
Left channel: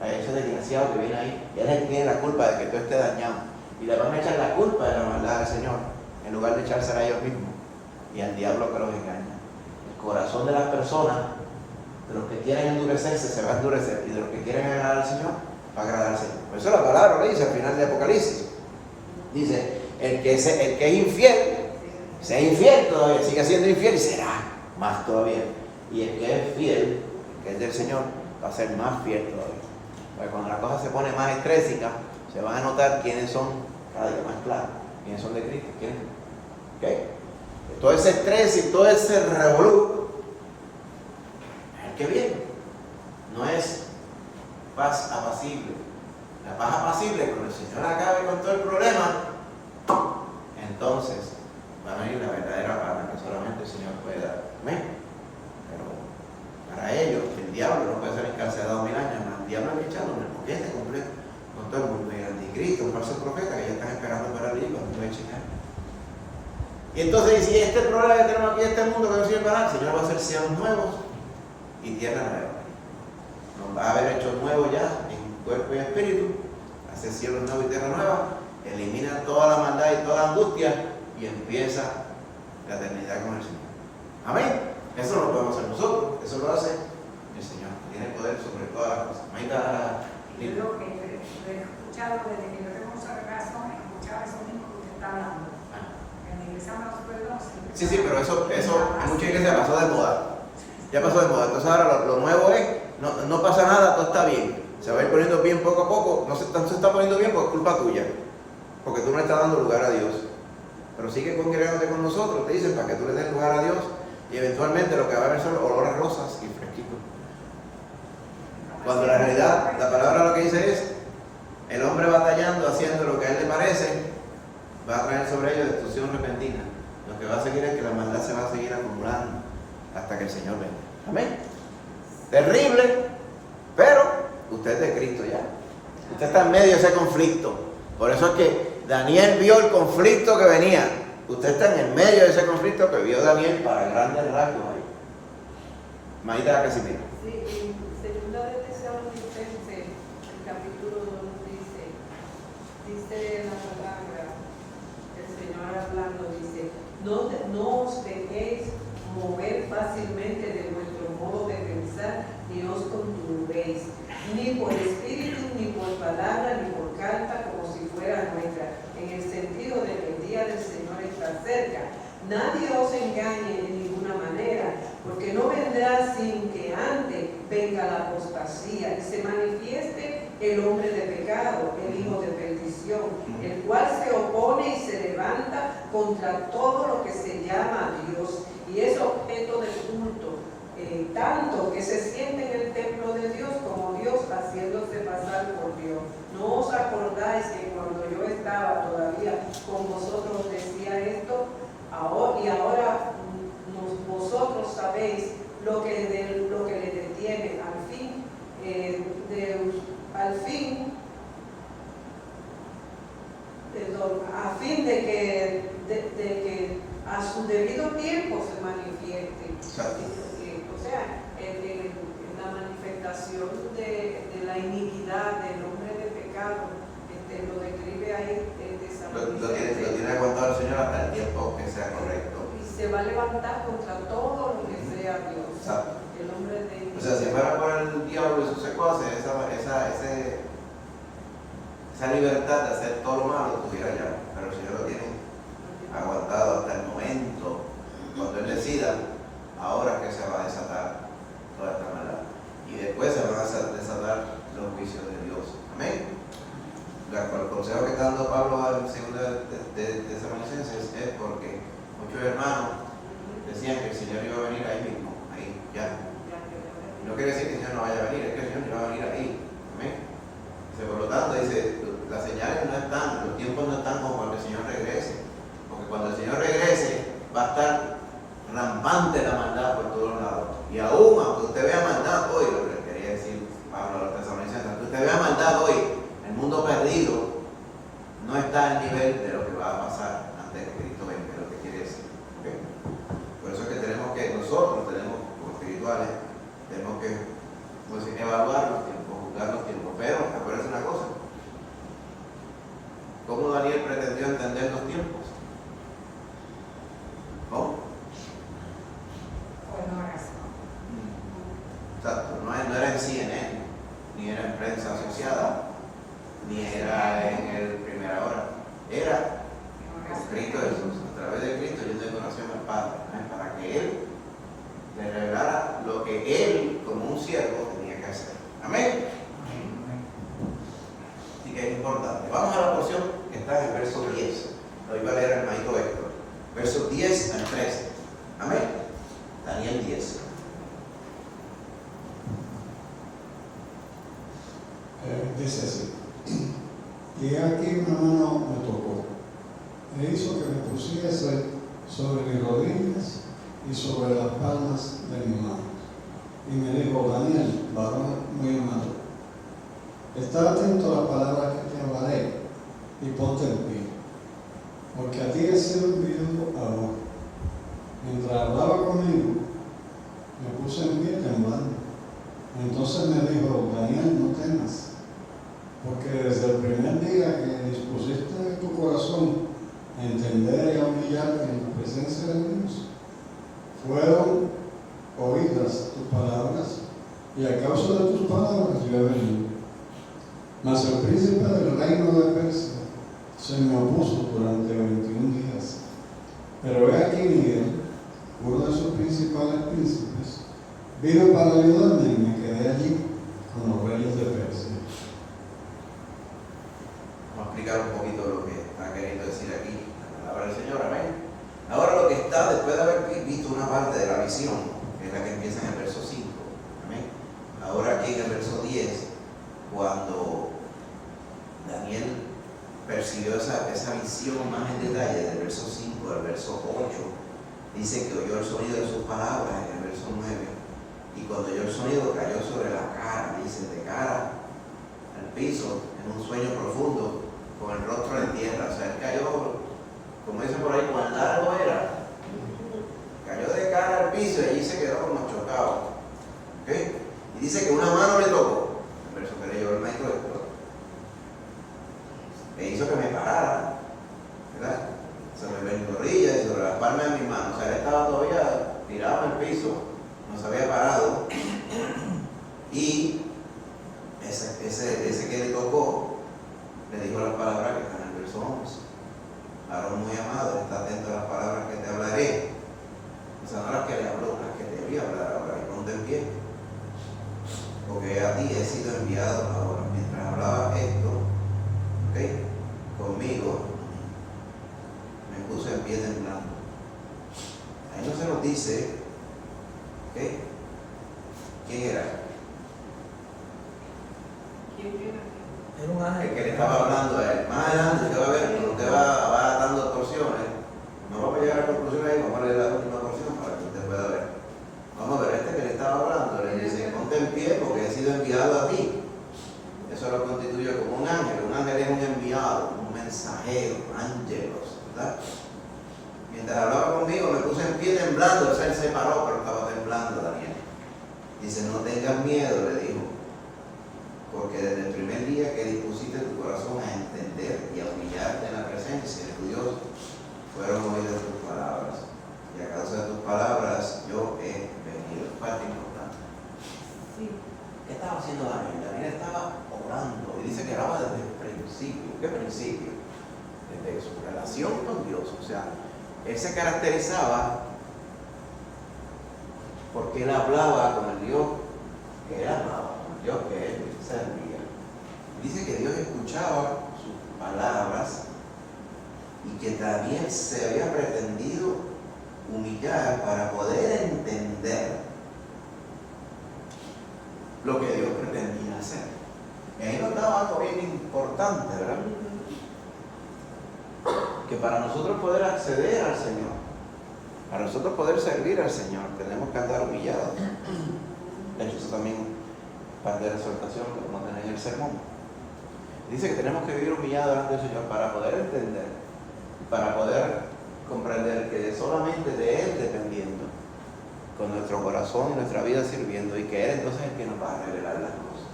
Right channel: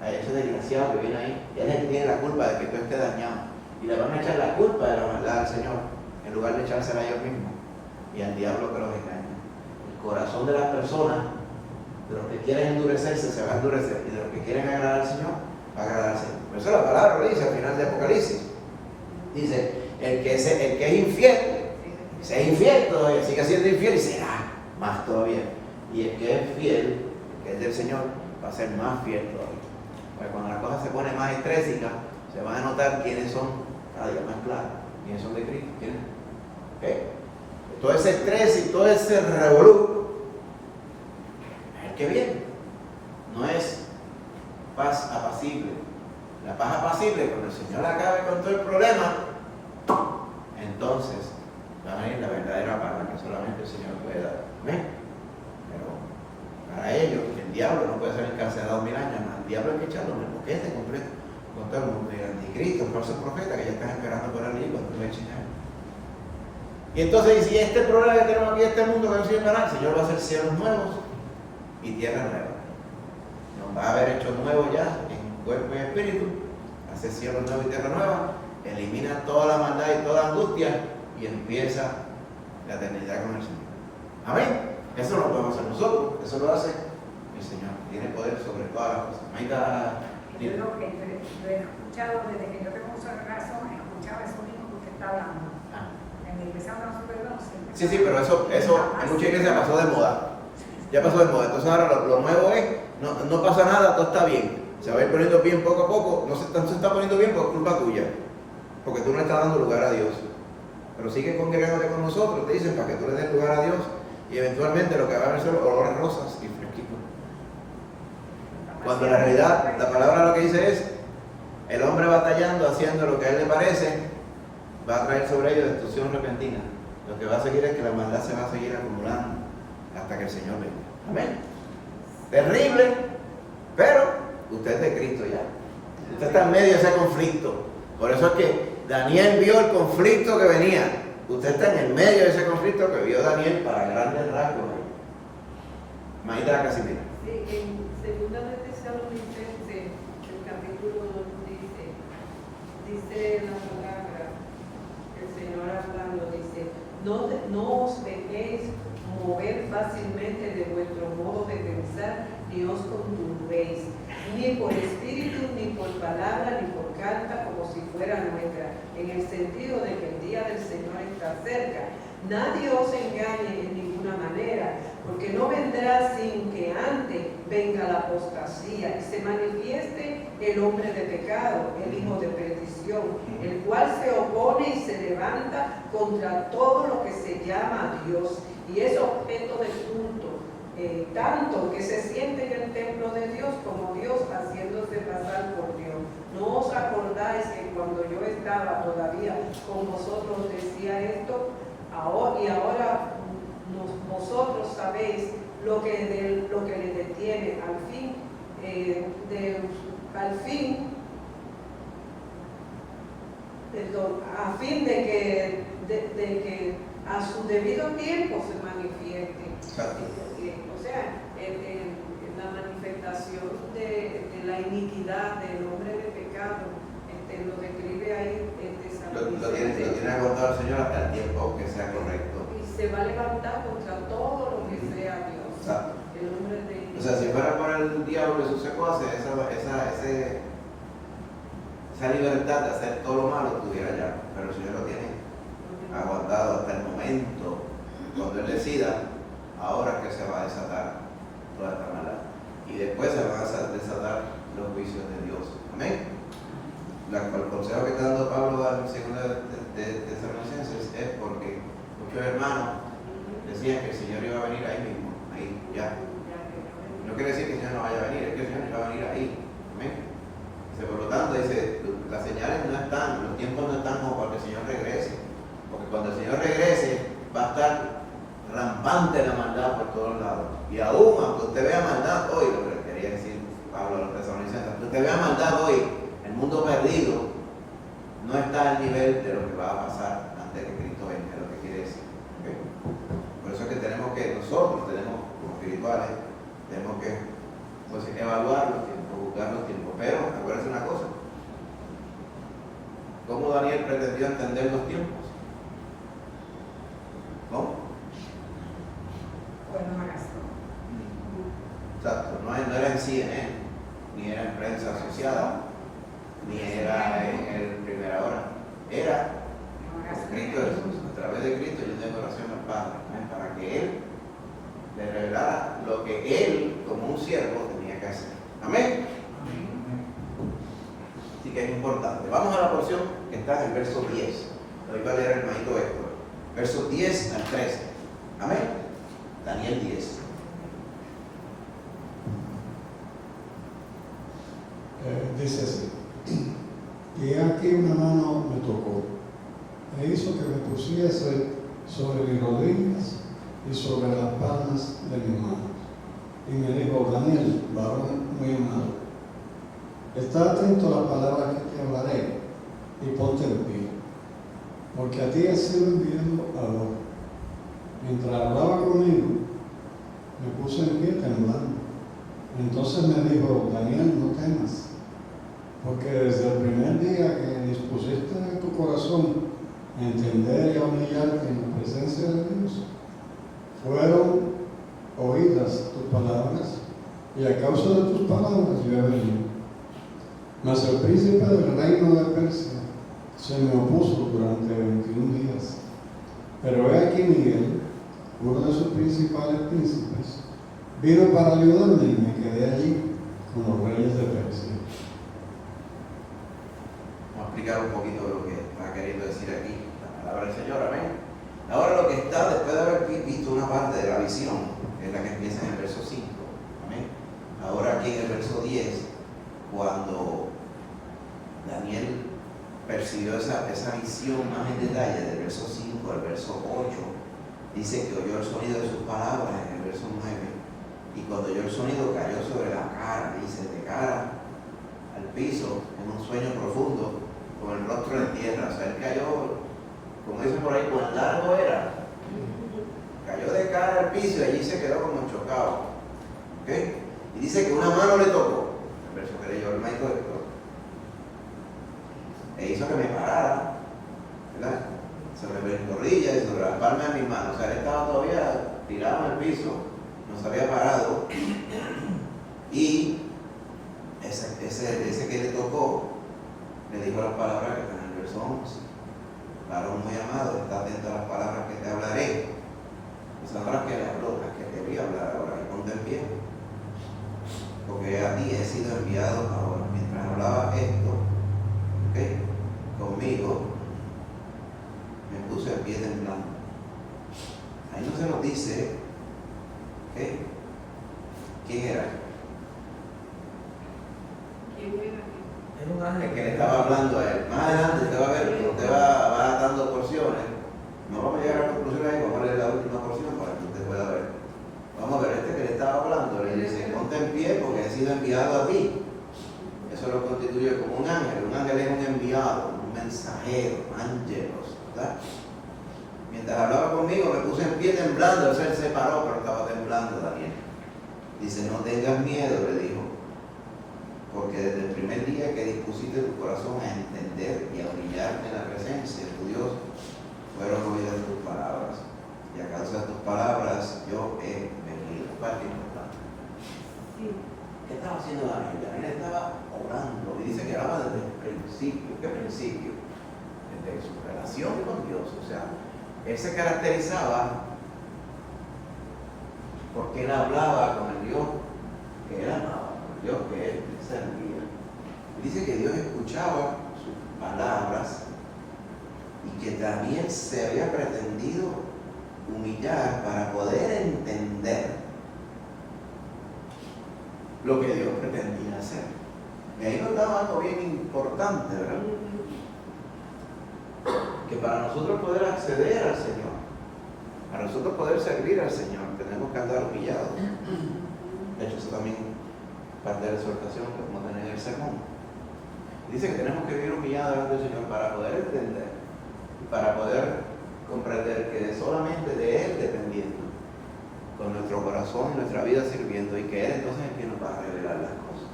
a ese desgraciado que viene ahí, y él es el que tiene la culpa de que tú estés dañado. Y le van a echar la culpa de la maldad al Señor, en lugar de echársela a ellos mismos y al diablo que los engaña. El corazón de las personas, de los que quieren endurecerse, se va a endurecer, y de los que quieren agradar al Señor, va a agradar al Señor. Por eso la palabra lo dice al final de Apocalipsis. Dice, el que es infiel, sea infiel todavía, sigue siendo infiel y será más todavía. Y el que es fiel, el que es del Señor, va a ser más fiel todavía. Porque cuando la cosa se pone más estrésica, se van a notar quiénes son cada día más claros, quiénes son de Cristo, quiénes. ¿Okay? Todo ese estrés y todo ese revolú es el que viene. No es paz apacible. La paz apacible, cuando el Señor acabe con todo el problema, entonces va a venir la verdadera paz, la que solamente el Señor puede dar. Pero para ellos, el diablo no puede ser encarcelado 1000 años, hermano. El diablo hay que echarlo en el boquete completo con todo el mundo. Y el anticristo, un falso profeta que ya están esperando por allí cuando lo echen ahí. Y entonces, si este problema que tenemos aquí, este mundo que no sirve para nada, el Señor va a hacer cielos nuevos y tierra nueva. Nos va a haber hecho nuevo ya en cuerpo y espíritu, hace cielos nuevos y tierra nueva, elimina toda la maldad y toda la angustia y empieza la eternidad con el Señor. Amén. Eso no lo podemos hacer nosotros, eso lo hace el Señor. Tiene poder sobre todas las cosas. Ahí está. Yo lo que yo he escuchado desde que yo tengo uso de razón, he escuchado eso mismo que usted está hablando. En mi iglesia no se puede conocer. Sí, pero eso en muchas iglesias pasó de moda. Ya pasó de moda. Entonces ahora lo nuevo es, no pasa nada, todo está bien. Se va a ir poniendo bien poco a poco. No se está poniendo bien por culpa tuya. Porque tú no le estás dando lugar a Dios. Pero sigue congregándote con nosotros, te dicen, para que tú le des lugar a Dios. Y eventualmente lo que va a haber son olores rosas y fresquitos. Cuando en realidad la palabra lo que dice es, el hombre batallando, haciendo lo que a él le parece, va a traer sobre ellos destrucción repentina. Lo que va a seguir es que la maldad se va a seguir acumulando hasta que el Señor venga. Amén. Terrible, pero usted es de Cristo ya. Usted está en medio de ese conflicto. Por eso es que Daniel vio el conflicto que venía. Usted está en el medio de ese conflicto que vio Daniel para grandes rasgos. Maíta recibir. Sí, en segunda de Tesalonicenses, el capítulo 2 dice la palabra, el Señor hablando, dice, no os dejéis mover fácilmente de vuestro modo de pensar, ni os conturbéis, ni por espíritu, ni por palabra, ni por carta, como si fuera nuestra, en el sentido de que el día del Señor está cerca. Nadie os engañe en ninguna manera, porque no vendrá sin que antes venga la apostasía y se manifieste el hombre de pecado, el hijo de perdición, el cual se opone y se levanta contra todo lo que se llama Dios y es objeto de culto, tanto que se siente en el templo de Dios como Dios haciéndose pasar por Dios. ¿No os acordáis que cuando yo estaba todavía con vosotros decía esto? Ahora vosotros sabéis lo que le detiene a fin de que a su debido tiempo se manifieste. Exacto. O sea, la manifestación de la iniquidad del hombre de pecado, lo describe ahí Lo tiene aguantado el Señor hasta el tiempo que sea correcto. y se va a levantar contra todo lo que sea Dios. Exacto. El hombre de O sea, si fuera por el diablo y sus secuaces, esa libertad de hacer todo lo malo tuviera ya. Pero el Señor lo tiene aguantado hasta el momento cuando Él decida, ahora que se va a desatar toda esta maldad. Y después se van a desatar los juicios de Dios. Amén. El consejo que está dando Pablo en 2 de Tesalonicenses es porque muchos hermanos decían que el Señor iba a venir ahí mismo, ahí, ya. No quiere decir que el Señor no vaya a venir, es que el Señor iba a venir ahí. Amén. Dice, por lo tanto, dice, las señales no están, los tiempos no están como para que el Señor regrese. Porque cuando el Señor regrese, va a estar rampante la maldad por todos lados. Y aún, aunque usted vea maldad hoy, lo que quería decir Pablo a los tesalonicenses, aunque usted vea maldad hoy, el mundo perdido no está al nivel de lo que va a pasar antes de que Cristo venga, es lo que quiere decir. ¿Okay? Por eso es que nosotros tenemos, como espirituales, tenemos que pues, evaluar los tiempos, juzgar los tiempos. Pero, acuérdense una cosa, ¿cómo Daniel pretendió entender los tiempos? ¿Cómo? Pues no razón. Exacto, no era en CNN, ni era en prensa asociada, ni era en el Primera Hora, era en Cristo Jesús, a través de Cristo, yendo en oración al Padre, para que Él le revelara lo que Él, como un siervo, tenía que hacer. Amén. Así que es importante. Vamos a la porción que está en el verso 10. Lo iba a leer el hermanito Héctor. Versos 10 al 13. Amén. Daniel 10. Dice así: y aquí una mano me tocó, e hizo que me pusiese sobre mis rodillas y sobre las palmas de mis manos. Y me dijo: Daniel, varón muy amado, está atento a la palabra que te hablaré y ponte en pie, porque a ti he sido enviado ahora. Mientras hablaba conmigo, me puse en pie temblando. Entonces me dijo: Daniel, no temas, porque desde el primer día que dispusiste tu corazón a entender y a humillarte en la presencia de Dios, fueron oídas tus palabras, y a causa de tus palabras yo he venido. Mas el príncipe del reino de Persia se me opuso durante 21 días. Pero he aquí Miguel, uno de sus principales príncipes, vino para ayudarme y me quedé allí con los reyes de Persia. Vamos a explicar un poquito lo que está queriendo decir aquí la palabra del Señor. Amén. Ahora lo que está, después de haber visto una parte de la visión, que es la que empieza en el verso 5. Amén. Ahora aquí en el verso 10, cuando Daniel percibió esa visión más en detalle, del verso 5 al verso 8, dice que oyó el sonido de sus palabras en el verso 9, y cuando oyó el sonido cayó sobre la cara, dice, de cara al piso, en un sueño profundo, con el rostro en tierra. O sea, él cayó, como dicen por ahí, cuán largo era, cayó de cara al piso y allí se quedó como chocado. ¿Okay? Y dice que una mano le tocó, el verso que leyó el maestro después, e hizo que me parara, ¿verdad? Sobre mis rodillas y sobre las palmas de mis manos. O sea, él estaba todavía tirado en el piso, no se había parado, y ese que le tocó le dijo las palabras que están en el verso 11. Varón muy amado, está atento a las palabras que te hablaré. O sea, no las que le habló, las que te voy a hablar ahora, y ponte en pie, porque a ti he sido enviado ahora. Mientras hablaba esto, ¿okay?, conmigo, me puse en pie temblando. Ahí no se nos dice, ¿okay?, quién era. ¿Quién era? Es un ángel. El que le estaba hablando a él. Más adelante usted va a ver, cuando usted va dando porciones, no vamos a llegar a conclusiones ahí, vamos a leer la última porción para que usted pueda ver. Vamos a ver, este que le estaba hablando, le dice, ponte en pie porque he sido enviado a ti. Eso lo constituye como un ángel. Un ángel es un enviado, un mensajero, ángelos, ¿verdad? Mientras hablaba conmigo me puse en pie temblando. El ser se paró, pero estaba temblando Daniel. Dice, no tengas miedo, le dijo. porque desde el primer día que dispusiste tu corazón a entender y a humillarte en la presencia de tu Dios, fueron oídas tus palabras. Y a causa de tus palabras yo he venido. Parte importante. Sí. ¿Qué estaba haciendo Daniel? Daniel estaba orando y dice que oraba desde el principio. ¿Qué principio? Desde su relación con Dios. O sea, él se caracterizaba porque él hablaba con el Dios que él amaba, con el Dios que él servía. Dice que Dios escuchaba sus palabras y que también se había pretendido humillar para poder entender lo que Dios pretendía hacer. Y ahí nos daba algo bien importante, ¿verdad? Que para nosotros poder acceder al Señor, para nosotros poder servir al Señor, tenemos que andar humillados. De hecho, eso también parte de la exhortación que vamos a tener en el sermón. Dice que tenemos que vivir humillados delante del Señor para poder entender, para poder comprender que solamente de Él dependiendo, con nuestro corazón y nuestra vida sirviendo, y que Él entonces es quien nos va a revelar las cosas.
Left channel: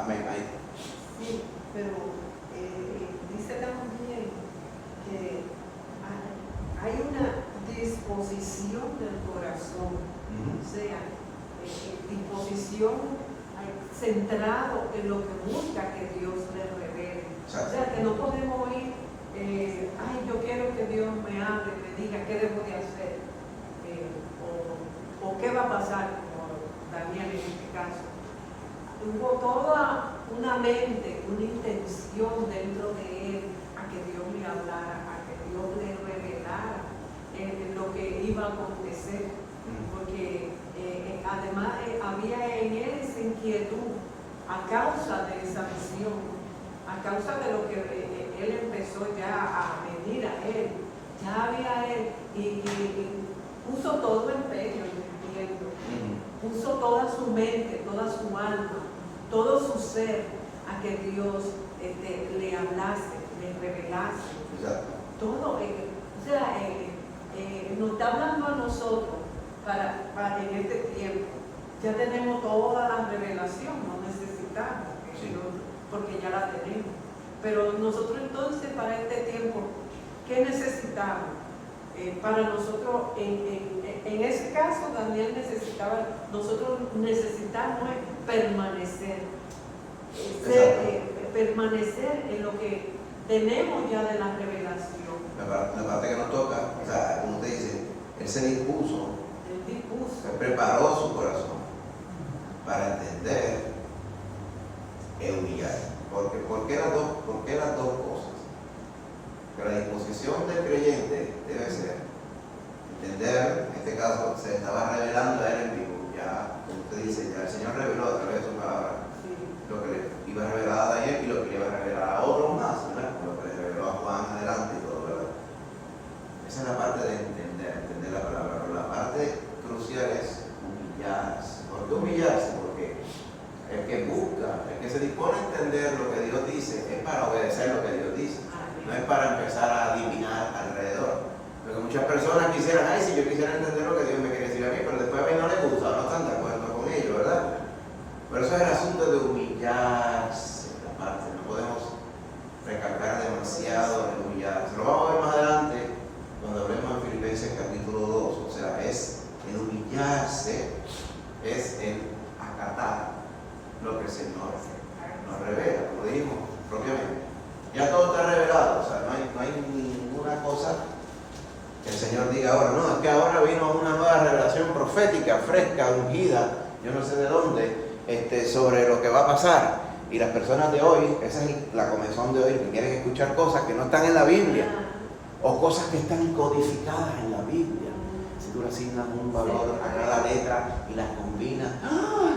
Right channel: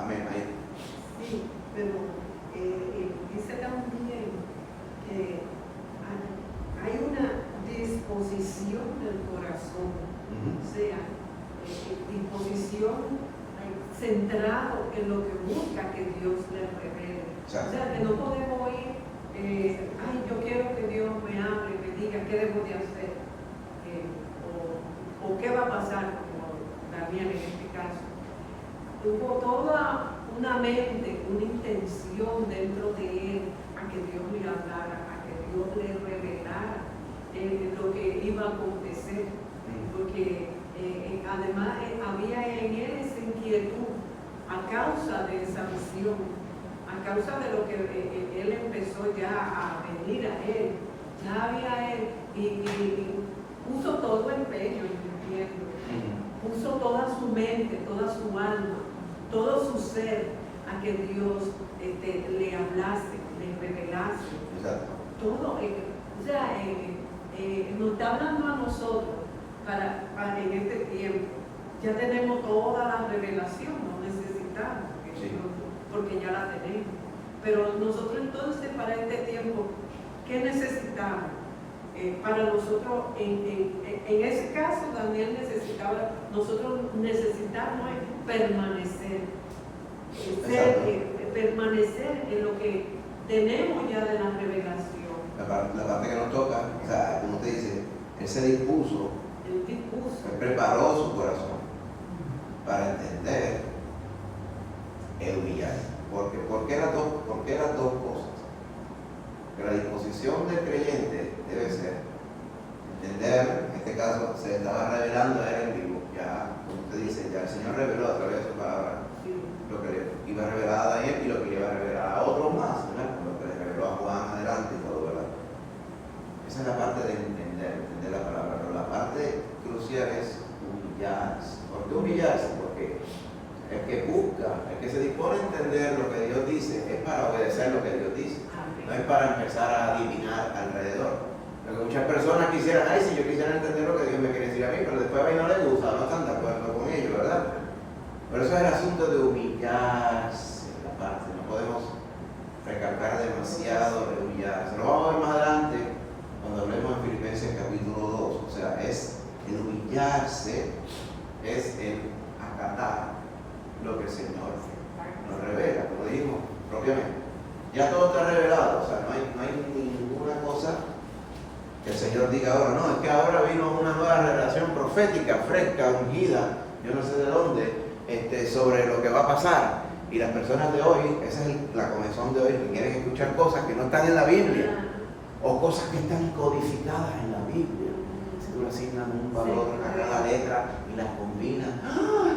Amén. Ahí. Sí, pero dice también que hay una disposición del corazón, o sea, disposición centrado en lo que busca que Dios le revele. Exacto. O sea, que no podemos ir, ay, yo quiero que Dios me hable, me diga qué debo de hacer, o qué va a pasar, como Daniel en este caso. Hubo toda una mente, una intención dentro de él a que Dios le hablara, a que Dios le revelara lo que iba a acontecer, porque además había en él esa inquietud a causa de esa visión, a causa de lo que él empezó ya a venir a él, ya había él y puso todo el empeño, entiendo, puso toda su mente, toda su alma, todo su ser a que Dios le hablase, le revelase. Exacto. Todo, o sea, nos está hablando a nosotros para en este tiempo. Ya tenemos toda la revelación, no necesitamos, Sí. porque ya la tenemos. Pero nosotros entonces para este tiempo, ¿qué necesitamos? Para nosotros, en ese caso, Daniel necesitaba, nosotros necesitamos permanecer, permanecer en lo que tenemos ya de la revelación. La parte que nos toca, o sea, como usted dice, él se dispuso, El discurso. él preparó su corazón para entender e humillar. ¿Por qué las dos cosas? Que la disposición del creyente debe ser entender, en este caso se estaba revelando a él en vivo, ya, como usted dice, ya el Señor reveló a través de su palabra lo que le iba a revelar a Daniel y lo que le iba a revelar a otros más, ¿verdad? Lo que le reveló a Juan adelante y todo, ¿verdad? Esa es la parte de entender la palabra, pero la parte crucial es humillarse. ¿Por qué humillarse? Porque el que busca, el que se dispone a entender lo que Dios dice, es para obedecer lo que Dios dice, no es para empezar a adivinar alrededor. Porque muchas personas quisieran, ay, si yo quisiera entender lo que Dios me quiere decir a mí, pero después a mí no le gusta, no están de acuerdo con ello, ¿verdad? Pero eso es el asunto de humillarse, la parte, no podemos recalcar demasiado en humillarse. Lo vamos a ver más adelante cuando hablemos en Filipenses capítulo 2, o sea, es el humillarse, es el acatar lo que el Señor nos revela, como dijimos propiamente. Ya todo está revelado, o sea, no hay ninguna cosa que el Señor diga ahora, no, es que ahora vino una nueva revelación profética, fresca, ungida, yo no sé de dónde, sobre lo que va a pasar. Y las personas de hoy, esa es la comezón de hoy, que quieren escuchar cosas que no están en la Biblia, o cosas que están codificadas en la Biblia. Si tú le asignas un valor a cada letra y las combinas,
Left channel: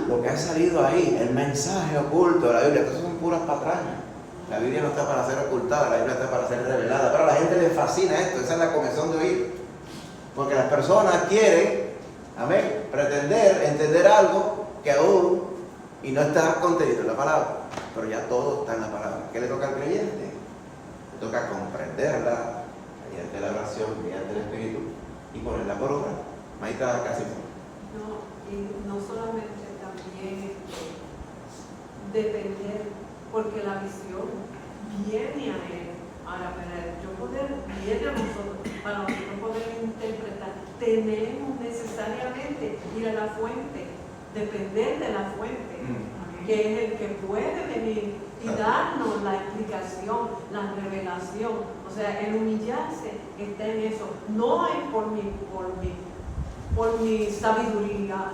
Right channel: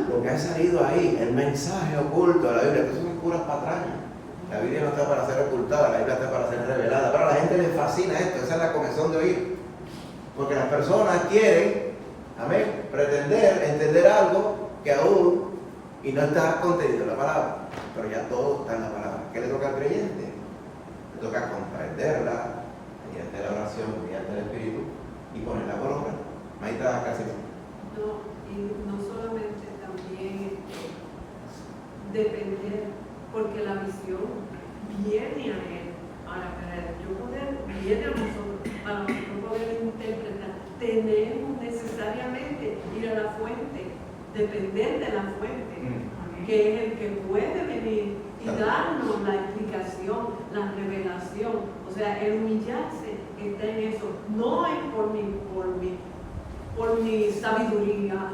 lo que ha salido ahí, el mensaje oculto de la Biblia, que eso son puras patrañas. La Biblia no está para ser ocultada, la Biblia está para ser revelada. Pero a la gente le fascina esto, esa es la comezón de oír. Porque las personas quieren, amén, pretender entender algo que aún y no está contenido en la palabra. Pero ya todo está en la palabra. ¿Qué le toca al creyente? Le toca comprenderla mediante la oración, mediante el Espíritu y ponerla por obra. Ahí está casi. No, y no solamente también depender, porque la visión viene a él. Ahora, para yo poder, viene a nosotros, para nosotros poder interpretar, tenemos necesariamente ir a la fuente, depender de la fuente, que es el que puede venir y darnos la explicación, la revelación. O sea, el humillarse está en eso, no es por mi sabiduría,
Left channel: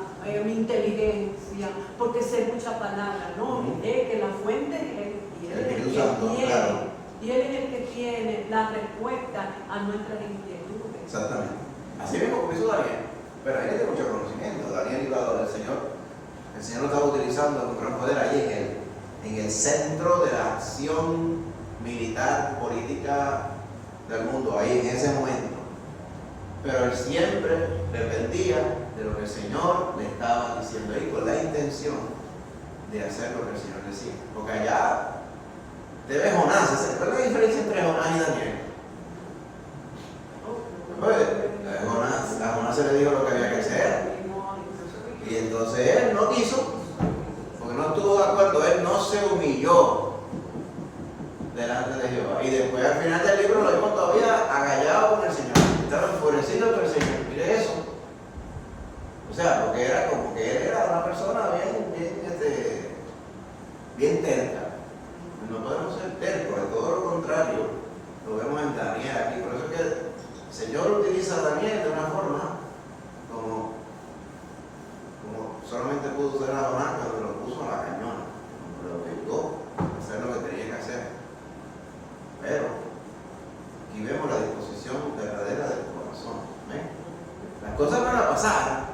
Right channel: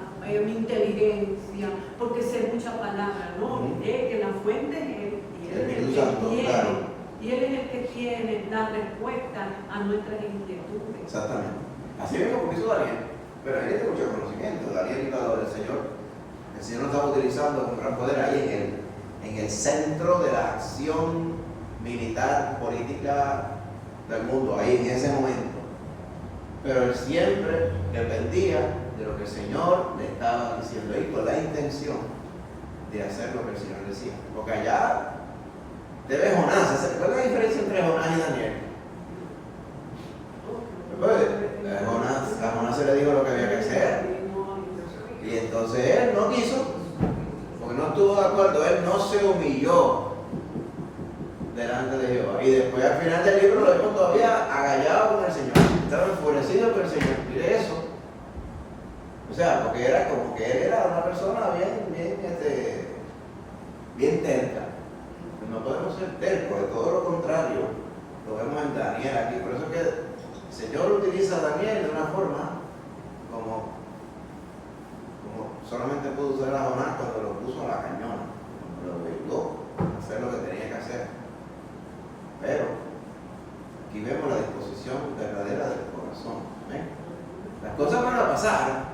mi inteligencia, porque sé muchas palabras, no, es que la fuente es él, y él es el que tiene. Y Él es el que tiene la respuesta a nuestras inquietudes. Exactamente. Así mismo como hizo Daniel. Pero Daniel tiene mucho conocimiento. Daniel iba del Señor. El Señor lo estaba utilizando con gran poder ahí en el centro de la acción militar, política del mundo, ahí en ese momento. Pero él siempre dependía de lo que el Señor le estaba diciendo ahí, con la intención de hacer lo que el Señor decía. Porque allá te ve Jonás. ¿Cuál es la diferencia entre Jonás y Daniel? A Jonás se le dijo lo que había que hacer. Y entonces él no quiso, porque no estuvo de acuerdo, él no se humilló delante de Jehová. Y después al final del libro lo vemos todavía agallado con el Señor. Estaba enfurecido con el Señor. Mire eso. O sea, porque era como que él era una persona bien terca. No podemos ser tercos, de todo lo contrario, lo vemos en Daniel aquí. Por eso es que el Señor utiliza a Daniel de una forma como solamente pudo usar a Jonás cuando lo puso a la cañona, lo obligó a hacer lo que tenía que hacer. Pero aquí vemos la disposición verdadera del corazón. Las cosas van a pasar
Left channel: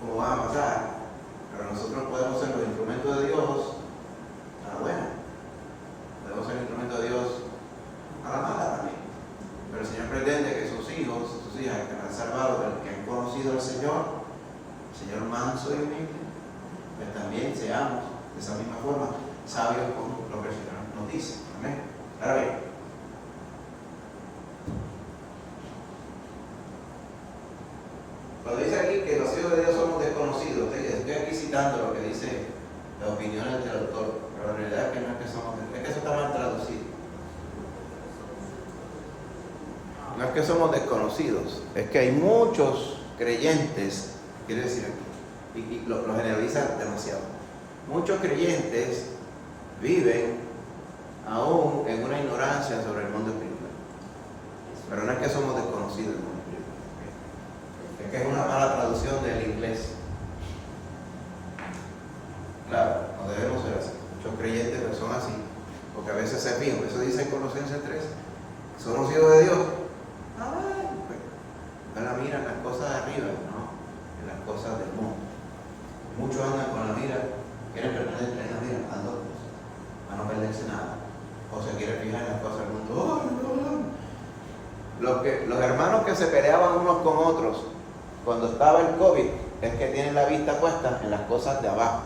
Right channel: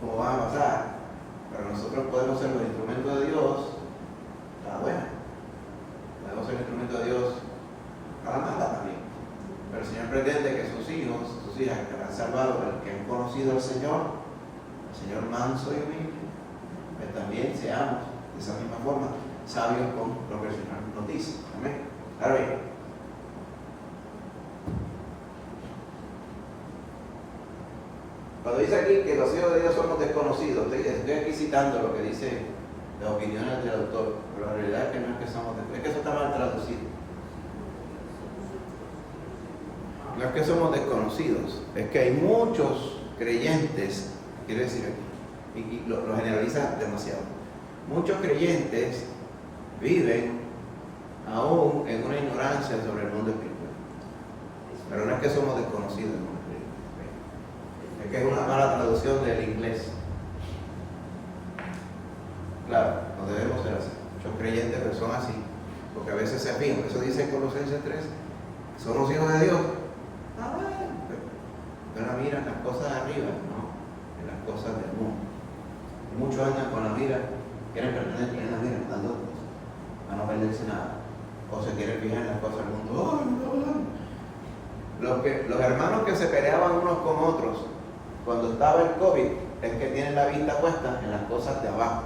como van a pasar, pero nosotros podemos ser los instrumentos de Dios a la buena. Podemos ser instrumentos de Dios a la mala también. Pero el Señor pretende que sus hijos, sus hijas que han salvado, que han conocido al Señor manso y humilde, que también seamos de esa misma forma sabios con lo que el Señor nos dice. Amén. Ahora bien, cuando dice aquí que los hijos de Dios somos desconocidos, estoy aquí citando lo que dice las opiniones del autor, pero la realidad es que no es que somos, es que eso está mal traducido. No es que somos desconocidos, es que hay muchos creyentes, quiere decir, y lo generaliza demasiado. Muchos creyentes viven aún en una ignorancia sobre el mundo espiritual. Pero no es que somos desconocidos del mundo espiritual. Es que es una mala traducción del inglés. Claro, no debemos ser así. Muchos creyentes pero son así, porque a veces se fijan. Eso dice en Colosenses 3. Somos hijos de Dios. Pero miran las cosas de arriba, no en las cosas del mundo. Y muchos andan con la mira, quieren pertenecer en la mira, dando cosas, para no perderse nada. O se quieren fijar en las cosas del mundo. Los hermanos que se peleaban unos con otros cuando estaba el COVID, es que tienen la vista puesta en las cosas de abajo.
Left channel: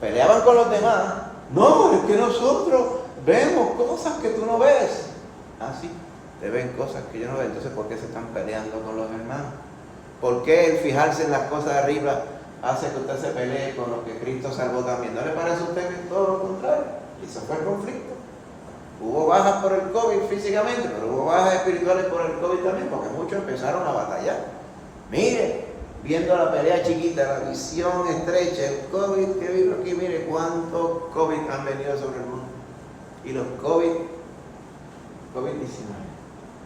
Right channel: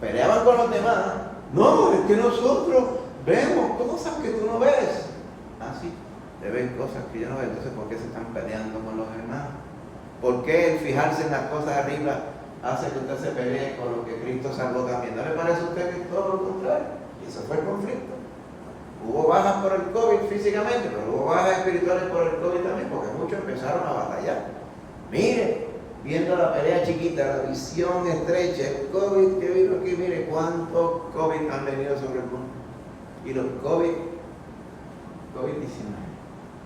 Peleaban con los demás. No, es que nosotros vemos cosas que tú no ves. Ah, sí. Te ven cosas que yo no veo, entonces ¿por qué se están peleando con los hermanos? ¿Por qué el fijarse en las cosas de arriba hace que usted se pelee con lo que Cristo salvó también? ¿No le parece a usted que es todo lo contrario? Y se fue el conflicto. Hubo bajas por el COVID físicamente, pero hubo bajas espirituales por el COVID también, porque muchos empezaron a batallar. Mire, viendo la pelea chiquita, la visión estrecha, el COVID que vino aquí, mire cuántos COVID han venido sobre el mundo. Y los COVID-19.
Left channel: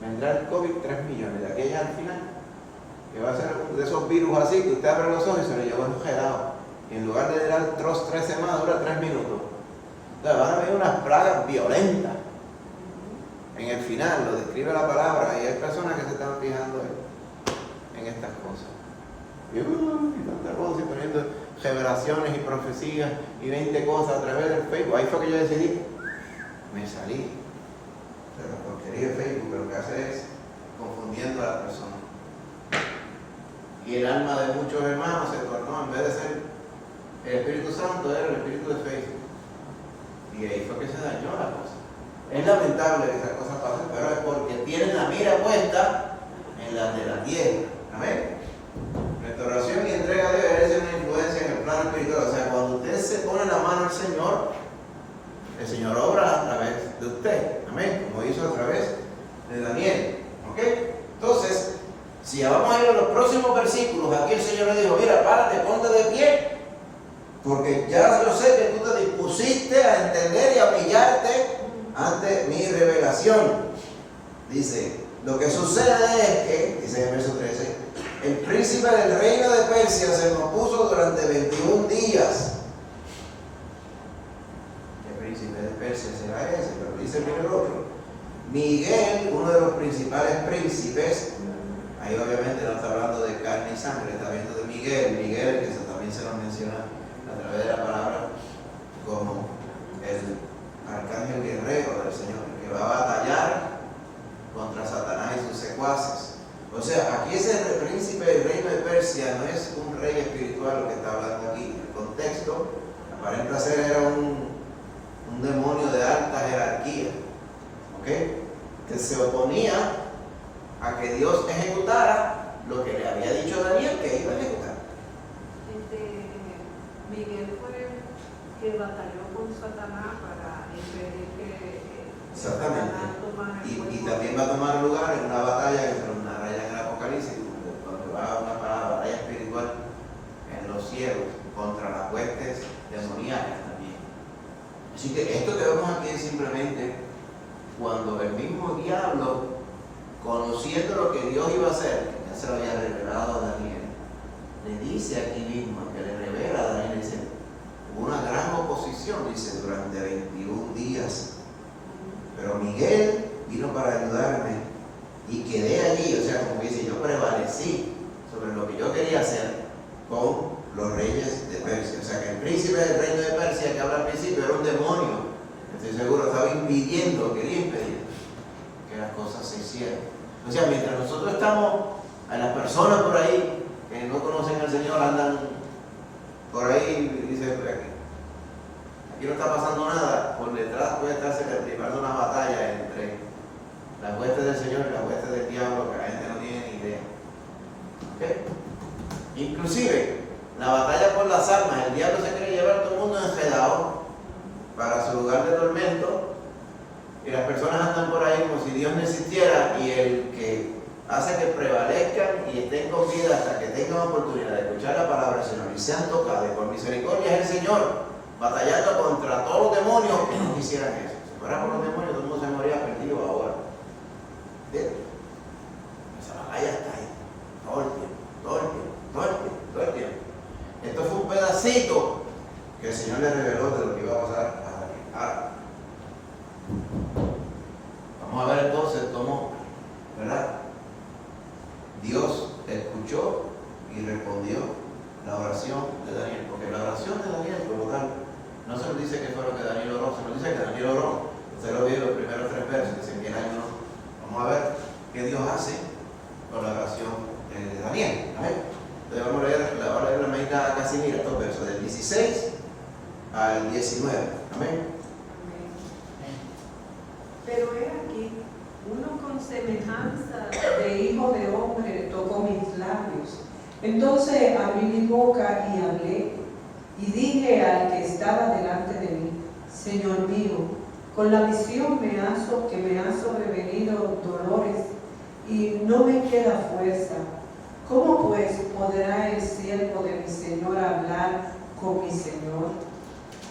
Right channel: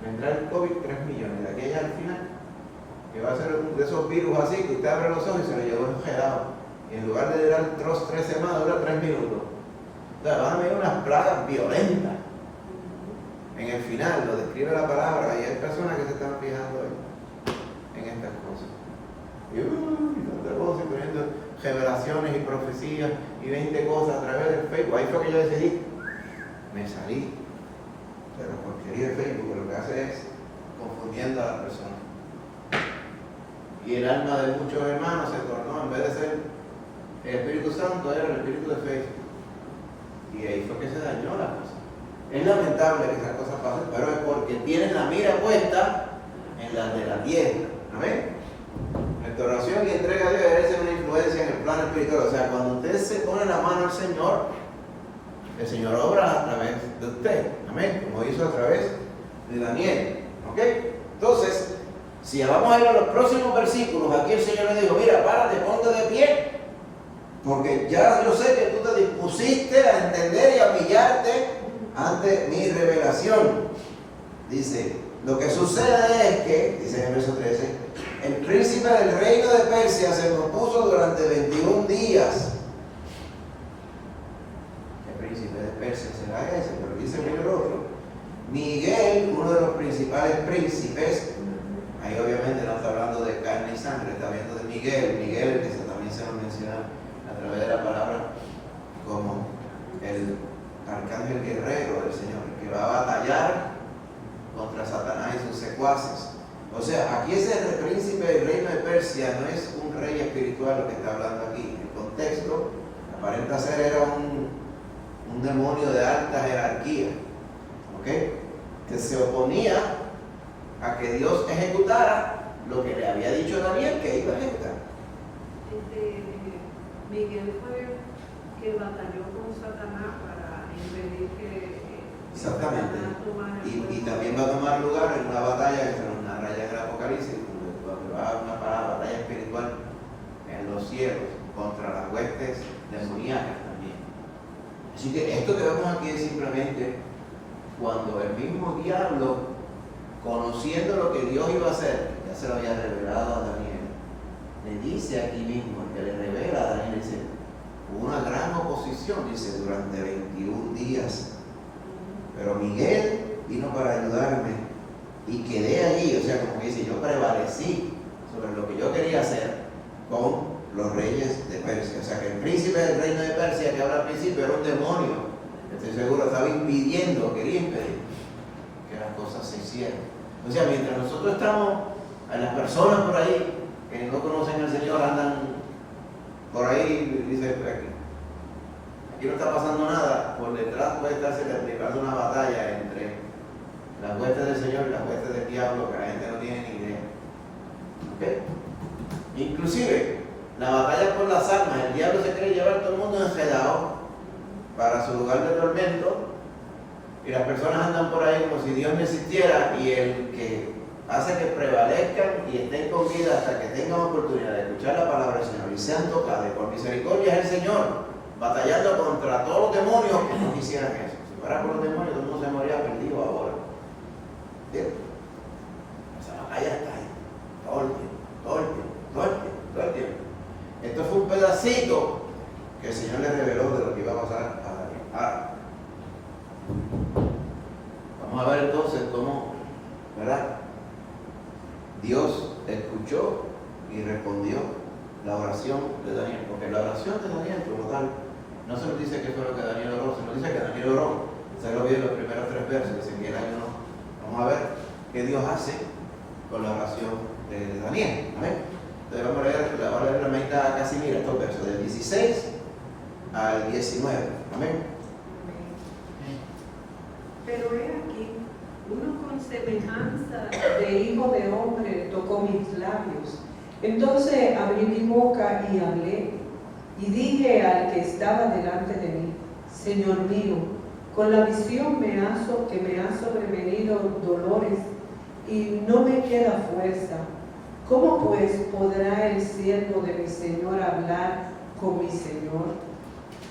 Vendrá el COVID 3 millones, de aquella al final, que va a ser uno de esos virus así, que usted abre los ojos y se le lleva un gelado. Y en lugar de durar 3 semanas, dura 3 minutos. Ya van a haber unas plagas violentas. En el final, lo describe la palabra, y hay personas que se están fijando en estas cosas. Y estamos poniendo revelaciones y profecías y 20 cosas a través del Facebook. Ahí fue que yo decidí, me salí. Pero porquería de Facebook lo que hace es confundiendo a la persona. Y el alma de muchos hermanos se tornó, en vez de ser el Espíritu Santo, era el Espíritu de Facebook. Y ahí fue que se dañó la cosa. Es lamentable que esas cosas pasen, pero es porque tienen la mira puesta en las de la tierra. Amén. Restauración y entrega de deber es una influencia en el plano espiritual. O sea, cuando usted se se pone la mano al Señor, el Señor obra a través de usted. Amén. Como hizo a través de Daniel. ¿Ok? Entonces, si vamos a ir a los próximos versículos, aquí el Señor le dijo, mira, párate, ponte de pie, porque ya yo sé que tú te dispusiste a entender y a humillarte ante mi revelación. Dice, lo que sucede es que, dice en el verso 13, el príncipe del reino de Persia se me opuso durante 21 días. El príncipe de Persia será ese, pero dice el otro. Miguel, uno de los principales príncipes, ahí obviamente no está hablando de carne y sangre, está hablando de Miguel, que también se nos menciona a través de la palabra como el arcángel guerrero del Señor, que va a batallar contra Satanás y sus secuaces. O sea, aquí ese príncipe del reino de Persia no es un rey espiritual lo que está hablando aquí. El contexto aparenta ser era un demonio de alta jerarquía, ¿ok? Que se oponía a que Dios ejecutara lo que le había dicho Daniel que iba a ejecutar. Miguel fue el que batalló con Satanás para impedir que Exactamente. Satanás tomara el Y cuerpo. también va a tomar lugar en una batalla que se narra ya en el Apocalipsis, cuando va a una batalla espiritual en los cielos contra las huestes demoníacas también. Así que esto que vemos aquí es simplemente cuando el mismo diablo, conociendo lo que Dios iba a hacer, ya se lo había revelado a Daniel, le dice aquí mismo, que le revela a Daniel, dice, hubo una gran oposición, dice, durante 21 días. Pero Miguel vino para ayudarme y quedé allí, o sea, como dice, yo prevalecí sobre lo que yo quería hacer con los reyes de Persia. O sea, que el príncipe del reino de Persia que habla al principio era un demonio. Estoy seguro, estaba impidiendo, quería impedir que las cosas se hicieran. O sea, mientras nosotros estamos, a las personas por ahí que no conocen al Señor andan por ahí y dicen, aquí no está pasando nada, por detrás puede estarse practicando una batalla entre las huestes del Señor y las huestes del diablo que la gente no tiene ni idea. ¿Ok? Inclusive, la batalla por las almas, el diablo se quiere llevar a todo el mundo enredado para su lugar de tormento y las personas andan por ahí como si Dios no existiera y el que hace que prevalezcan y estén con vida hasta que tengan oportunidad de escuchar la palabra del Señor y sean tocados y por misericordia es el Señor, batallando contra todos los demonios que no quisieran eso. Si fuera por los demonios, todo el mundo se moría perdido ahora. ¿Entiendes? Esa batalla está ahí, todo el tiempo, todo el tiempo, todo el tiempo, todo el tiempo. Esto fue un pedacito que el Señor le reveló de lo que iba a pasar a Daniel. Ahora, vamos a ver entonces cómo, ¿verdad? Dios escuchó y respondió la oración de Daniel, porque la oración de Daniel, por lo tanto, no se nos dice que fue lo que Daniel oró, se nos dice que Daniel oró. Usted lo vio en los primeros 3 versos, dicen que el año no. Vamos a ver qué Dios hace con la oración de Daniel. Amén. Entonces vamos a leer la mitad casi, mira, estos versos, del 16 al 19. Amén. Pero he aquí, uno con semejanza de hijo de hombre tocó mis labios. Entonces abrí mi boca y hablé, y dije al que estaba delante de mí, Señor mío, con la visión que me ha sobrevenido dolores, y no me queda fuerza. ¿Cómo pues podrá el siervo de mi Señor hablar con mi Señor?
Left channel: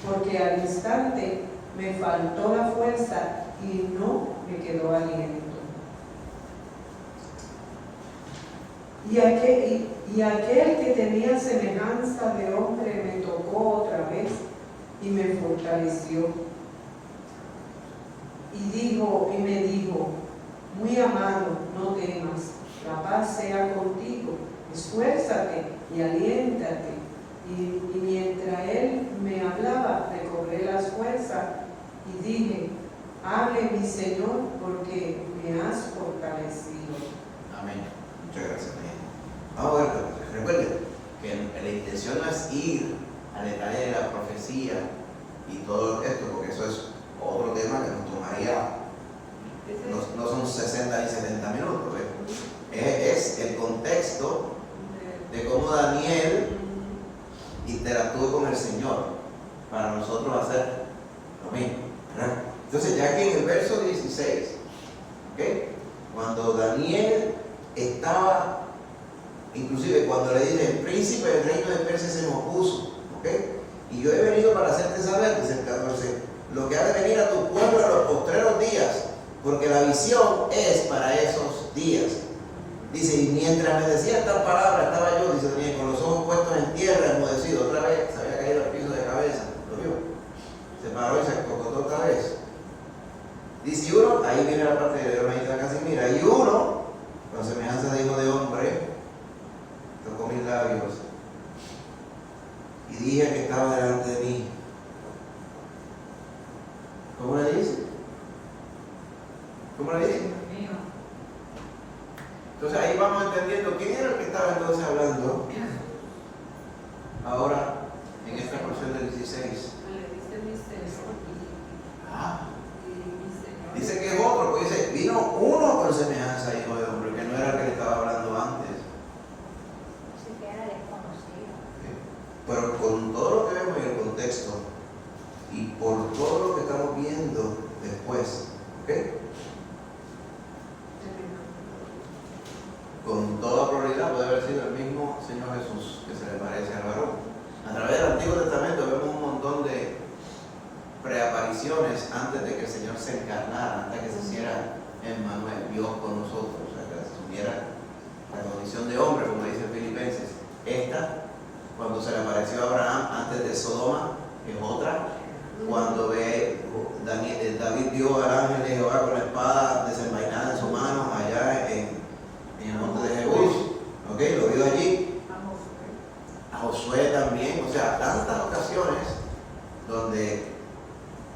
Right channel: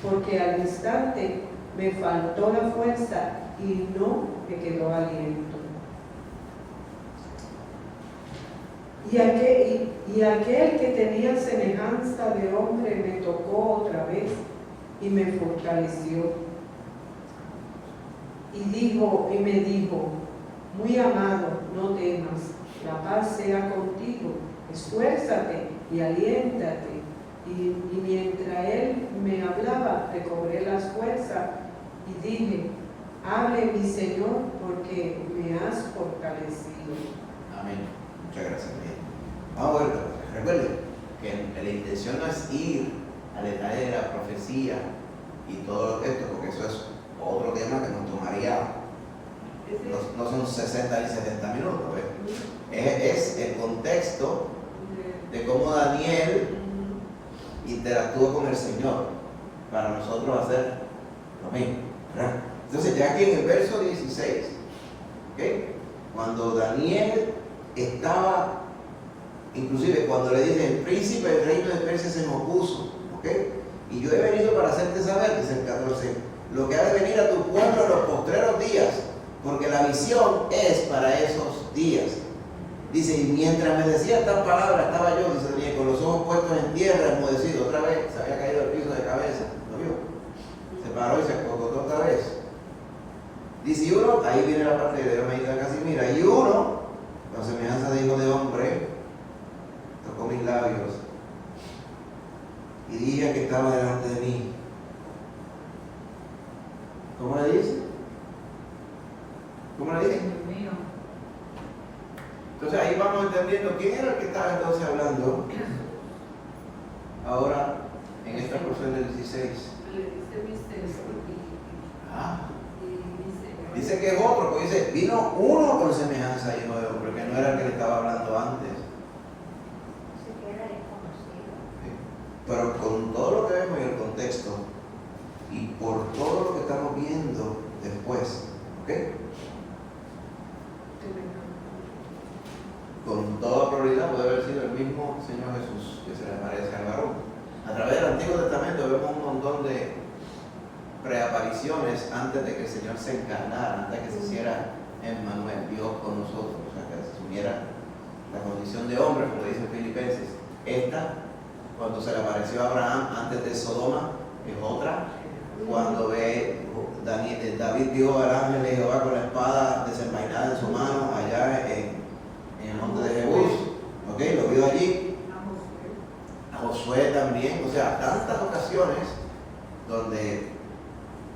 Porque al instante me faltó la fuerza y no me quedó aliento. Y aquel que tenía semejanza de hombre me tocó otra vez y me fortaleció. Y me dijo, muy amado, no temas, la paz sea contigo, esfuérzate y aliéntate. Y mientras él me hablaba, recobré las fuerzas y dije, hable mi Señor, porque me has fortalecido. Amén. Muchas gracias, mi hijo. Vamos a ver, recuerden que la intención no es ir al detalle de la profecía y todo esto, porque eso es otro tema que nos tomaría, no son 60 ni 70 minutos. ¿Ves? Es el contexto de cómo Daniel interactuó con el Señor. para nosotros hacer lo mismo, ¿verdad? Entonces, ya que en el verso 16, ¿ok? Cuando Daniel estaba, inclusive cuando le dice, el príncipe del reino de Persia se me opuso, ¿ok? Y yo he venido para hacerte saber, dice el 14, lo que ha de venir a tu pueblo en los postreros días, porque la visión es para esos días. Dice, y mientras me decía estas palabras, estaba yo, dice Daniel, con los ojos puestos en tierra, enmudecido, otra vez, se había caído al piso de cabeza, ¿lo vio? Se paró y se acocotó otra vez. Dice, y uno, ahí viene la parte de hermanita Casimira, y uno, con semejanza de hijo de hombre, tocó mis labios, y dije que estaba delante de mí. ¿Cómo le dice? ¿Cómo le dice? Dios mío. Entonces ahí vamos entendiendo quién era el que estaba entonces hablando ahora en esta porción del 16. Le dice misterio Ah, y dice que es otro, porque dice, vino uno con semejanza de hijo de hombre, que no era el que le estaba hablando antes. Sí que era desconocido. Sí. Pero con todo lo que vemos en el contexto y por todo lo que estamos viendo después, ¿ok? Con toda probabilidad puede haber sido el mismo Señor Jesús que se le aparece al varón. A través del Antiguo Testamento vemos un montón de preapariciones antes de que el Señor se encarnara, antes de que se hiciera Emmanuel, Dios con nosotros, o sea, que asumiera la condición de hombre, como dice Filipenses. Esta, cuando se le apareció a Abraham antes de Sodoma, es otra. Cuando David vio al ángel de Jehová con la espada desenvainada en su mano allá en el monte de Jebús, ¿ok? Lo vio allí. A Josué también, o sea, tantas ocasiones donde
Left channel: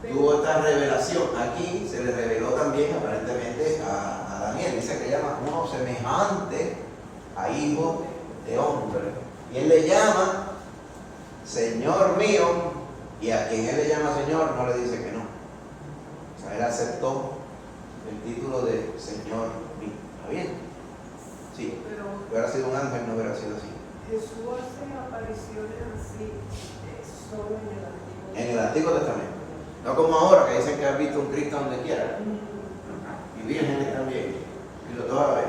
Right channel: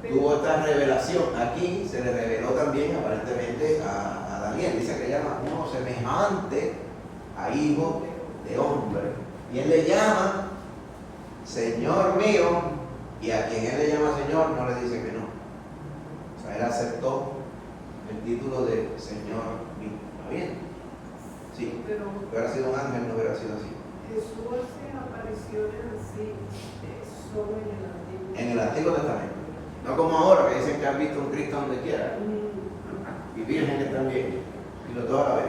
tuvo esta revelación. Aquí se le reveló también aparentemente a Daniel, dice que llama uno semejante a hijo de hombre. Y él le llama Señor mío, y a quien él le llama Señor no le dice que no. O sea, él aceptó el título de Señor mío. ¿Está bien? Sí, pero hubiera sido un ángel, no hubiera sido así. Jesús hace apariciones así solo en el Antiguo En el Antiguo Testamento. No como ahora que dicen que han visto un Cristo donde quiera. Y vírgenes también. Y lo toda la vez.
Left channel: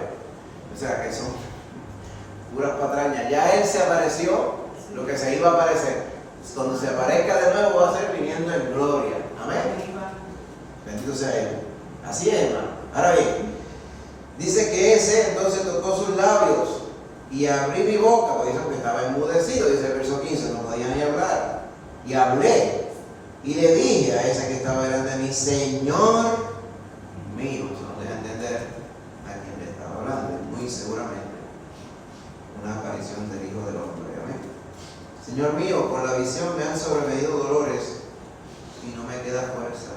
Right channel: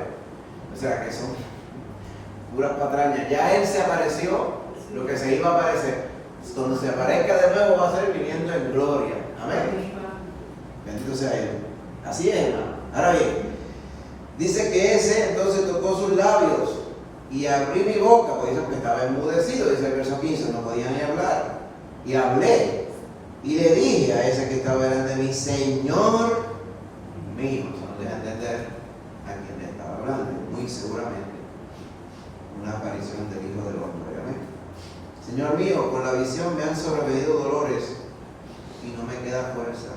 O sea que son puras patrañas. Ya Él se apareció, lo que se iba a aparecer. Cuando se aparezca de nuevo va a ser viniendo en gloria. Amén. Bendito sea Él. Así es, hermano. Ahora bien, dice que ese entonces tocó sus labios y abrí mi boca, porque dice que estaba enmudecido, dice el verso 15, no podía ni hablar. Y hablé y le dije a ese que estaba delante de mí, Señor mío. Eso nos deja entender a quien le estaba hablando, muy seguramente una aparición del Hijo del Hombre. Amén. Señor mío, por la visión me han sobrevenido dolores y no me queda fuerza.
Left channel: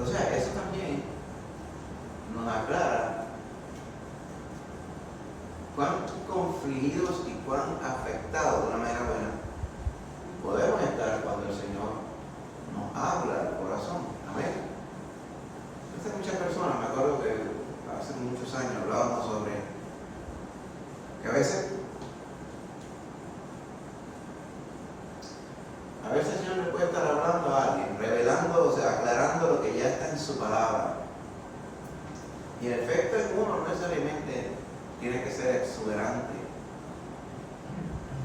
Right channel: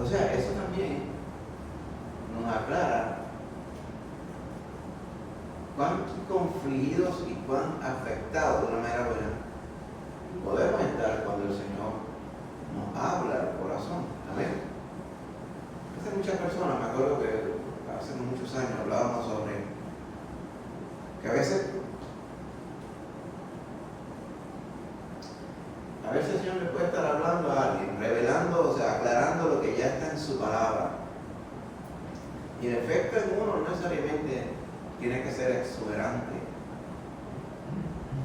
O sea, eso también nos aclara cuán confligidos y cuán afectados de una manera buena podemos estar cuando el Señor nos habla al corazón. Amén. Hace muchas personas, me acuerdo que hace muchos años hablábamos sobre que a veces el Señor le puede estar hablando a alguien, revelando, o sea, aclarando lo que ya está en su palabra. Y el efecto en uno no necesariamente tiene que ser exuberante,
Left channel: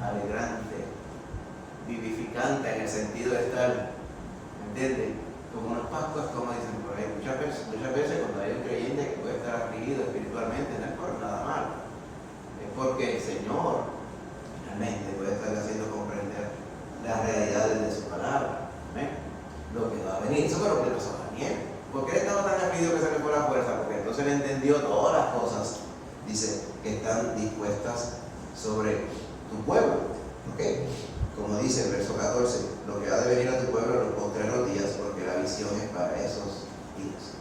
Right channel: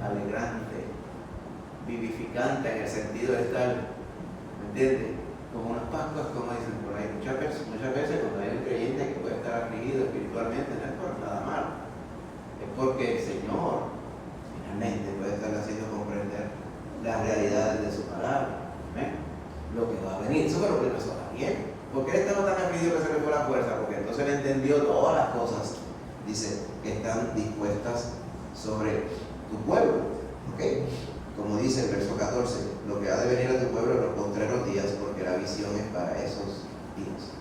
alegrante, vivificante en el sentido de estar, ¿me entiendes? Como unos pastos, como dicen por ahí. Muchas veces cuando hay un creyente que puede estar afligido espiritualmente, no es por nada malo, es porque el Señor finalmente puede estarle haciendo comprender las realidades de su palabra. ¿Ven? Lo que va a venir. Eso fue lo que le pasó a Daniel. ¿Por qué él estaba tan afligido que se le fue la fuerza? Porque entonces él entendió todas las cosas, dice, que están dispuestas sobre tu pueblo. ¿Ok? Como dice el verso 14, lo que ha de venir a tu pueblo en los postreros días, porque la visión es para esos días.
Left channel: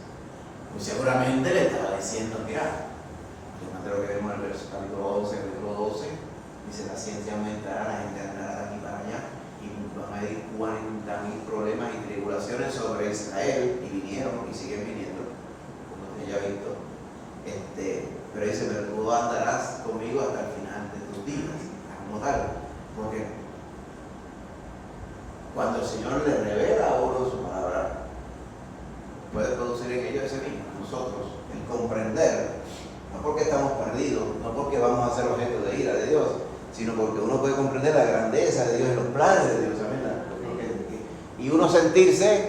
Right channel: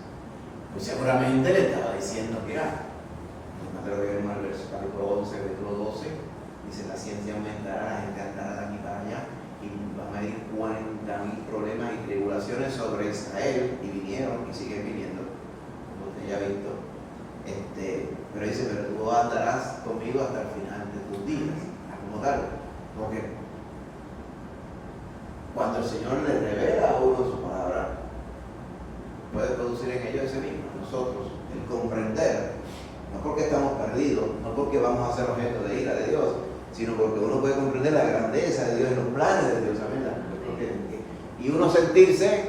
Pues seguramente le estaba diciendo que además de lo que vemos en el verso capítulo 11, capítulo 12, dice, la ciencia aumentará, la gente andará de aquí para allá, y van a haber 40.000 problemas y tribulaciones sobre Israel, y vinieron y siguen viniendo, por lo que ya he visto. Pero dice, pero tú andarás conmigo hasta el final de tus días, como tal, porque cuando el Señor le revela a uno su palabra, puede producir en ellos ese mismo, nosotros, el comprender, no porque estamos perdidos, no porque vamos a ser objeto de ira de Dios, sino porque uno puede comprender la grandeza de Dios y los planes de Dios. Y uno sentirse,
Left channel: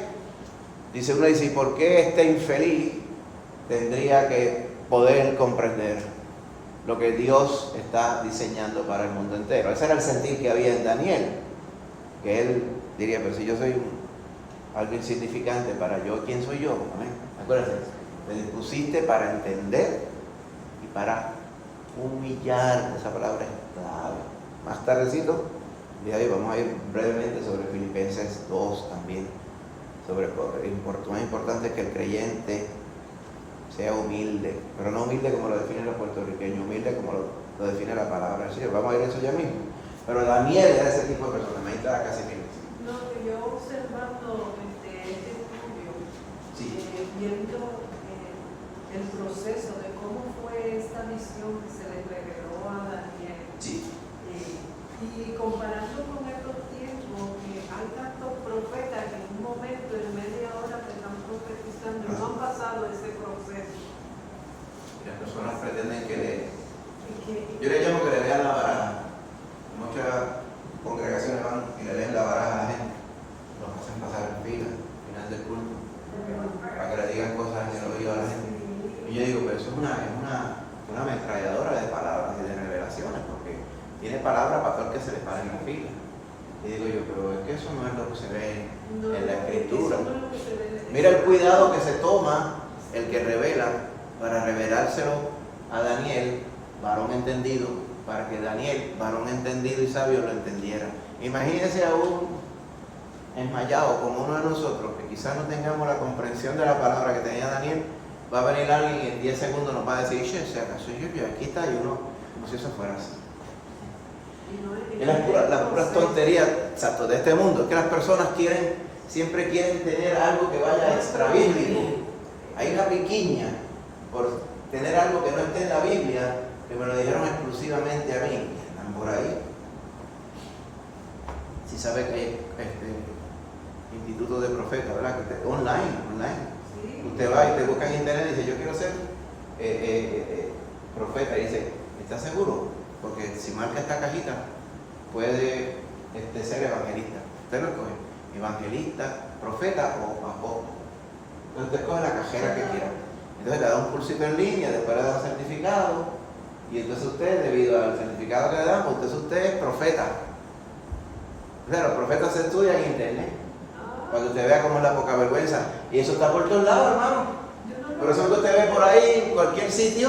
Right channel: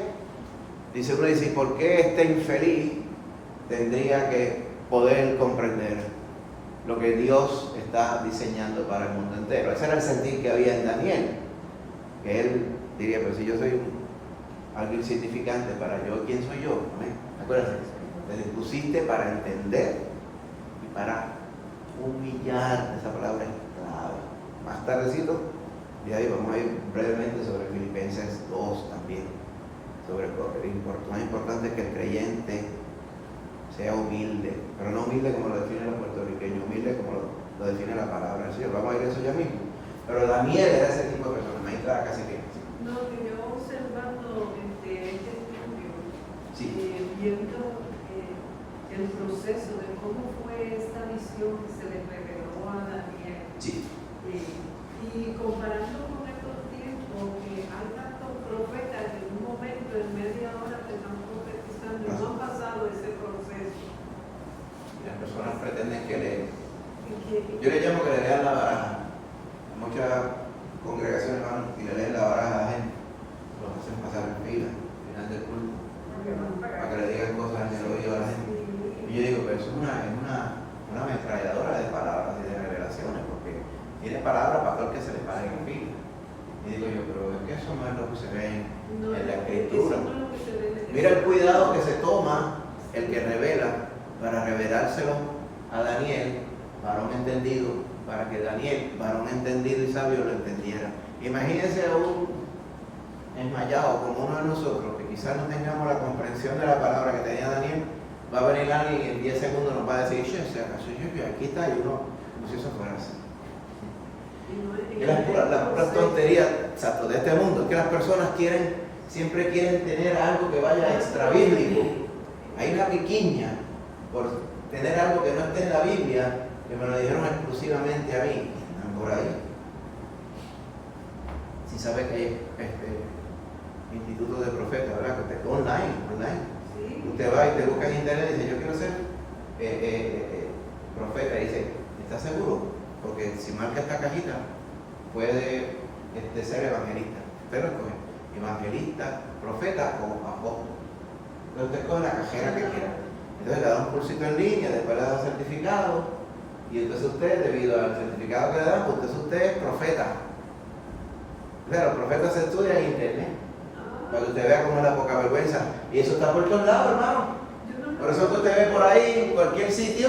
dice uno, dice, ¿y por qué este infeliz tendría que poder comprender lo que Dios está diseñando para el mundo entero? Ese era el sentir que había en Daniel, que él diría, pues si yo soy algo insignificante para yo, ¿quién soy yo? ¿Eh? Acuérdense, me dispusiste para entender y para humillar. Esa palabra es clave. Más tardecito, y ahí vamos a ir brevemente sobre Filipenses 2 también, sobre lo importante es que el creyente sea humilde, pero no humilde como lo define los puertorriqueños, humilde como lo define la palabra. Sí, vamos a ver eso ya mismo. Pero Daniel era ese tipo de persona, me estaba casi que... No, que yo observando este estudio, Sí. viendo el proceso de cómo fue esta visión que se le reveló a Daniel, Sí. y comparando con estos tiempos que hay tantos profetas que en un momento, en media hora, te están profetizando, no han pasado ese proceso. Y las personas pretenden que le... Y que- Yo le llamo que le lean la baraja. A muchas congregaciones van y le leen la baraja a la gente, lo hacen pasar en fila, al final del culto, para que le digan cosas en el oído a la gente. Y yo digo, pero eso es una ametralladora de palabras y de revelaciones, porque tiene palabras para todo el que se le pare en la fila. Y digo yo, pero es que eso no es lo que se ve en la escritura. Mira el cuidado que se toma el que revela para revelárselo a Daniel, varón entendido, para que Daniel, varón entendido y sabio, lo entendiera. Imagínense a un enmayado como uno de nosotros, que quizás no tengamos la comprensión de la palabra que tenía Daniel, va a venir alguien y en 10 segundos nos va a decir, si acaso yo, aquí está, y uno, como si eso fuera así. Y las puras tonterías, exacto, de este mundo, es que las personas siempre quieren tener algo que vaya extra bíblico. Hay una piquiña por tener algo que no esté en la Biblia, que me lo dijeron exclusivamente a mí, están por ahí. Si sabes que hay institutos de profetas, ¿verdad? Que online. Sí. Usted va y te busca en internet y dice, yo quiero ser profeta, y dice, ¿estás seguro? Porque si marca esta cajita, puede ser evangelista. Usted lo escoge, evangelista, profeta o apóstol. Entonces usted escoge la cajera que quiera. Entonces le da un cursito en línea, después le da un certificado, y entonces usted, debido al certificado que le dan, pues entonces usted es profeta. Claro, profeta se estudia en internet, para que usted vea cómo es la poca vergüenza. Y eso está por todos lados, hermano. Por eso usted ve por ahí, en cualquier sitio,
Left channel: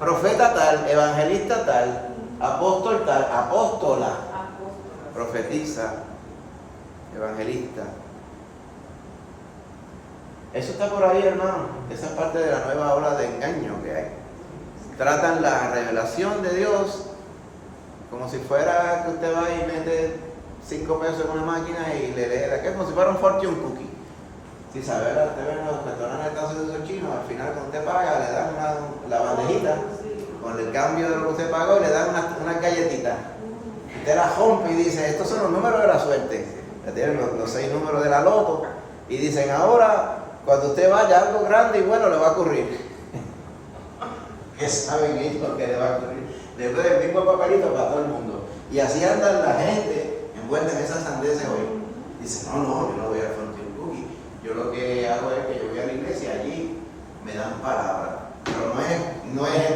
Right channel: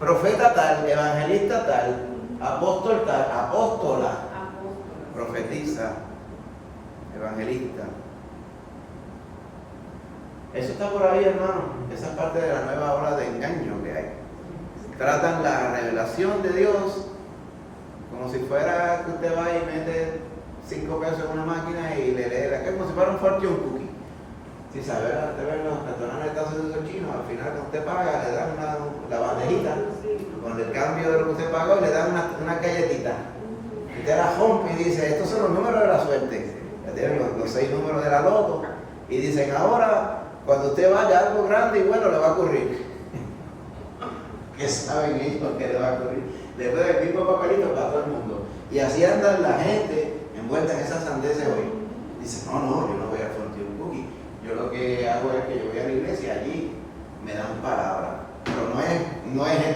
profeta tal, evangelista tal, apóstol tal, apóstola, profetiza, evangelista. Eso está por ahí, hermano. Esa es parte de la nueva ola de engaño que hay. Tratan la revelación de Dios como si fuera que usted va y mete 5 pesos en una máquina y le lee, como si fuera un fortune cookie. Si sabe, usted ve los restaurantes de Estados Unidos chinos, al final cuando usted paga le dan la bandejita con el cambio de lo que usted pagó, le dan una galletita. Usted la rompe y dice, estos son los números de la suerte. Ya tienen los 6 números de la loto. Y dicen, ahora, cuando usted vaya, algo grande y bueno le va a ocurrir. ¿Qué saben ellos que le va a ocurrir? Después del mismo papelito para todo el mundo. Y así andan la gente envuelta en esas sandeces hoy. Dice, no, yo no voy al fortune cookie. Yo lo que hago es que yo voy a la iglesia, allí me dan palabra. Pero no es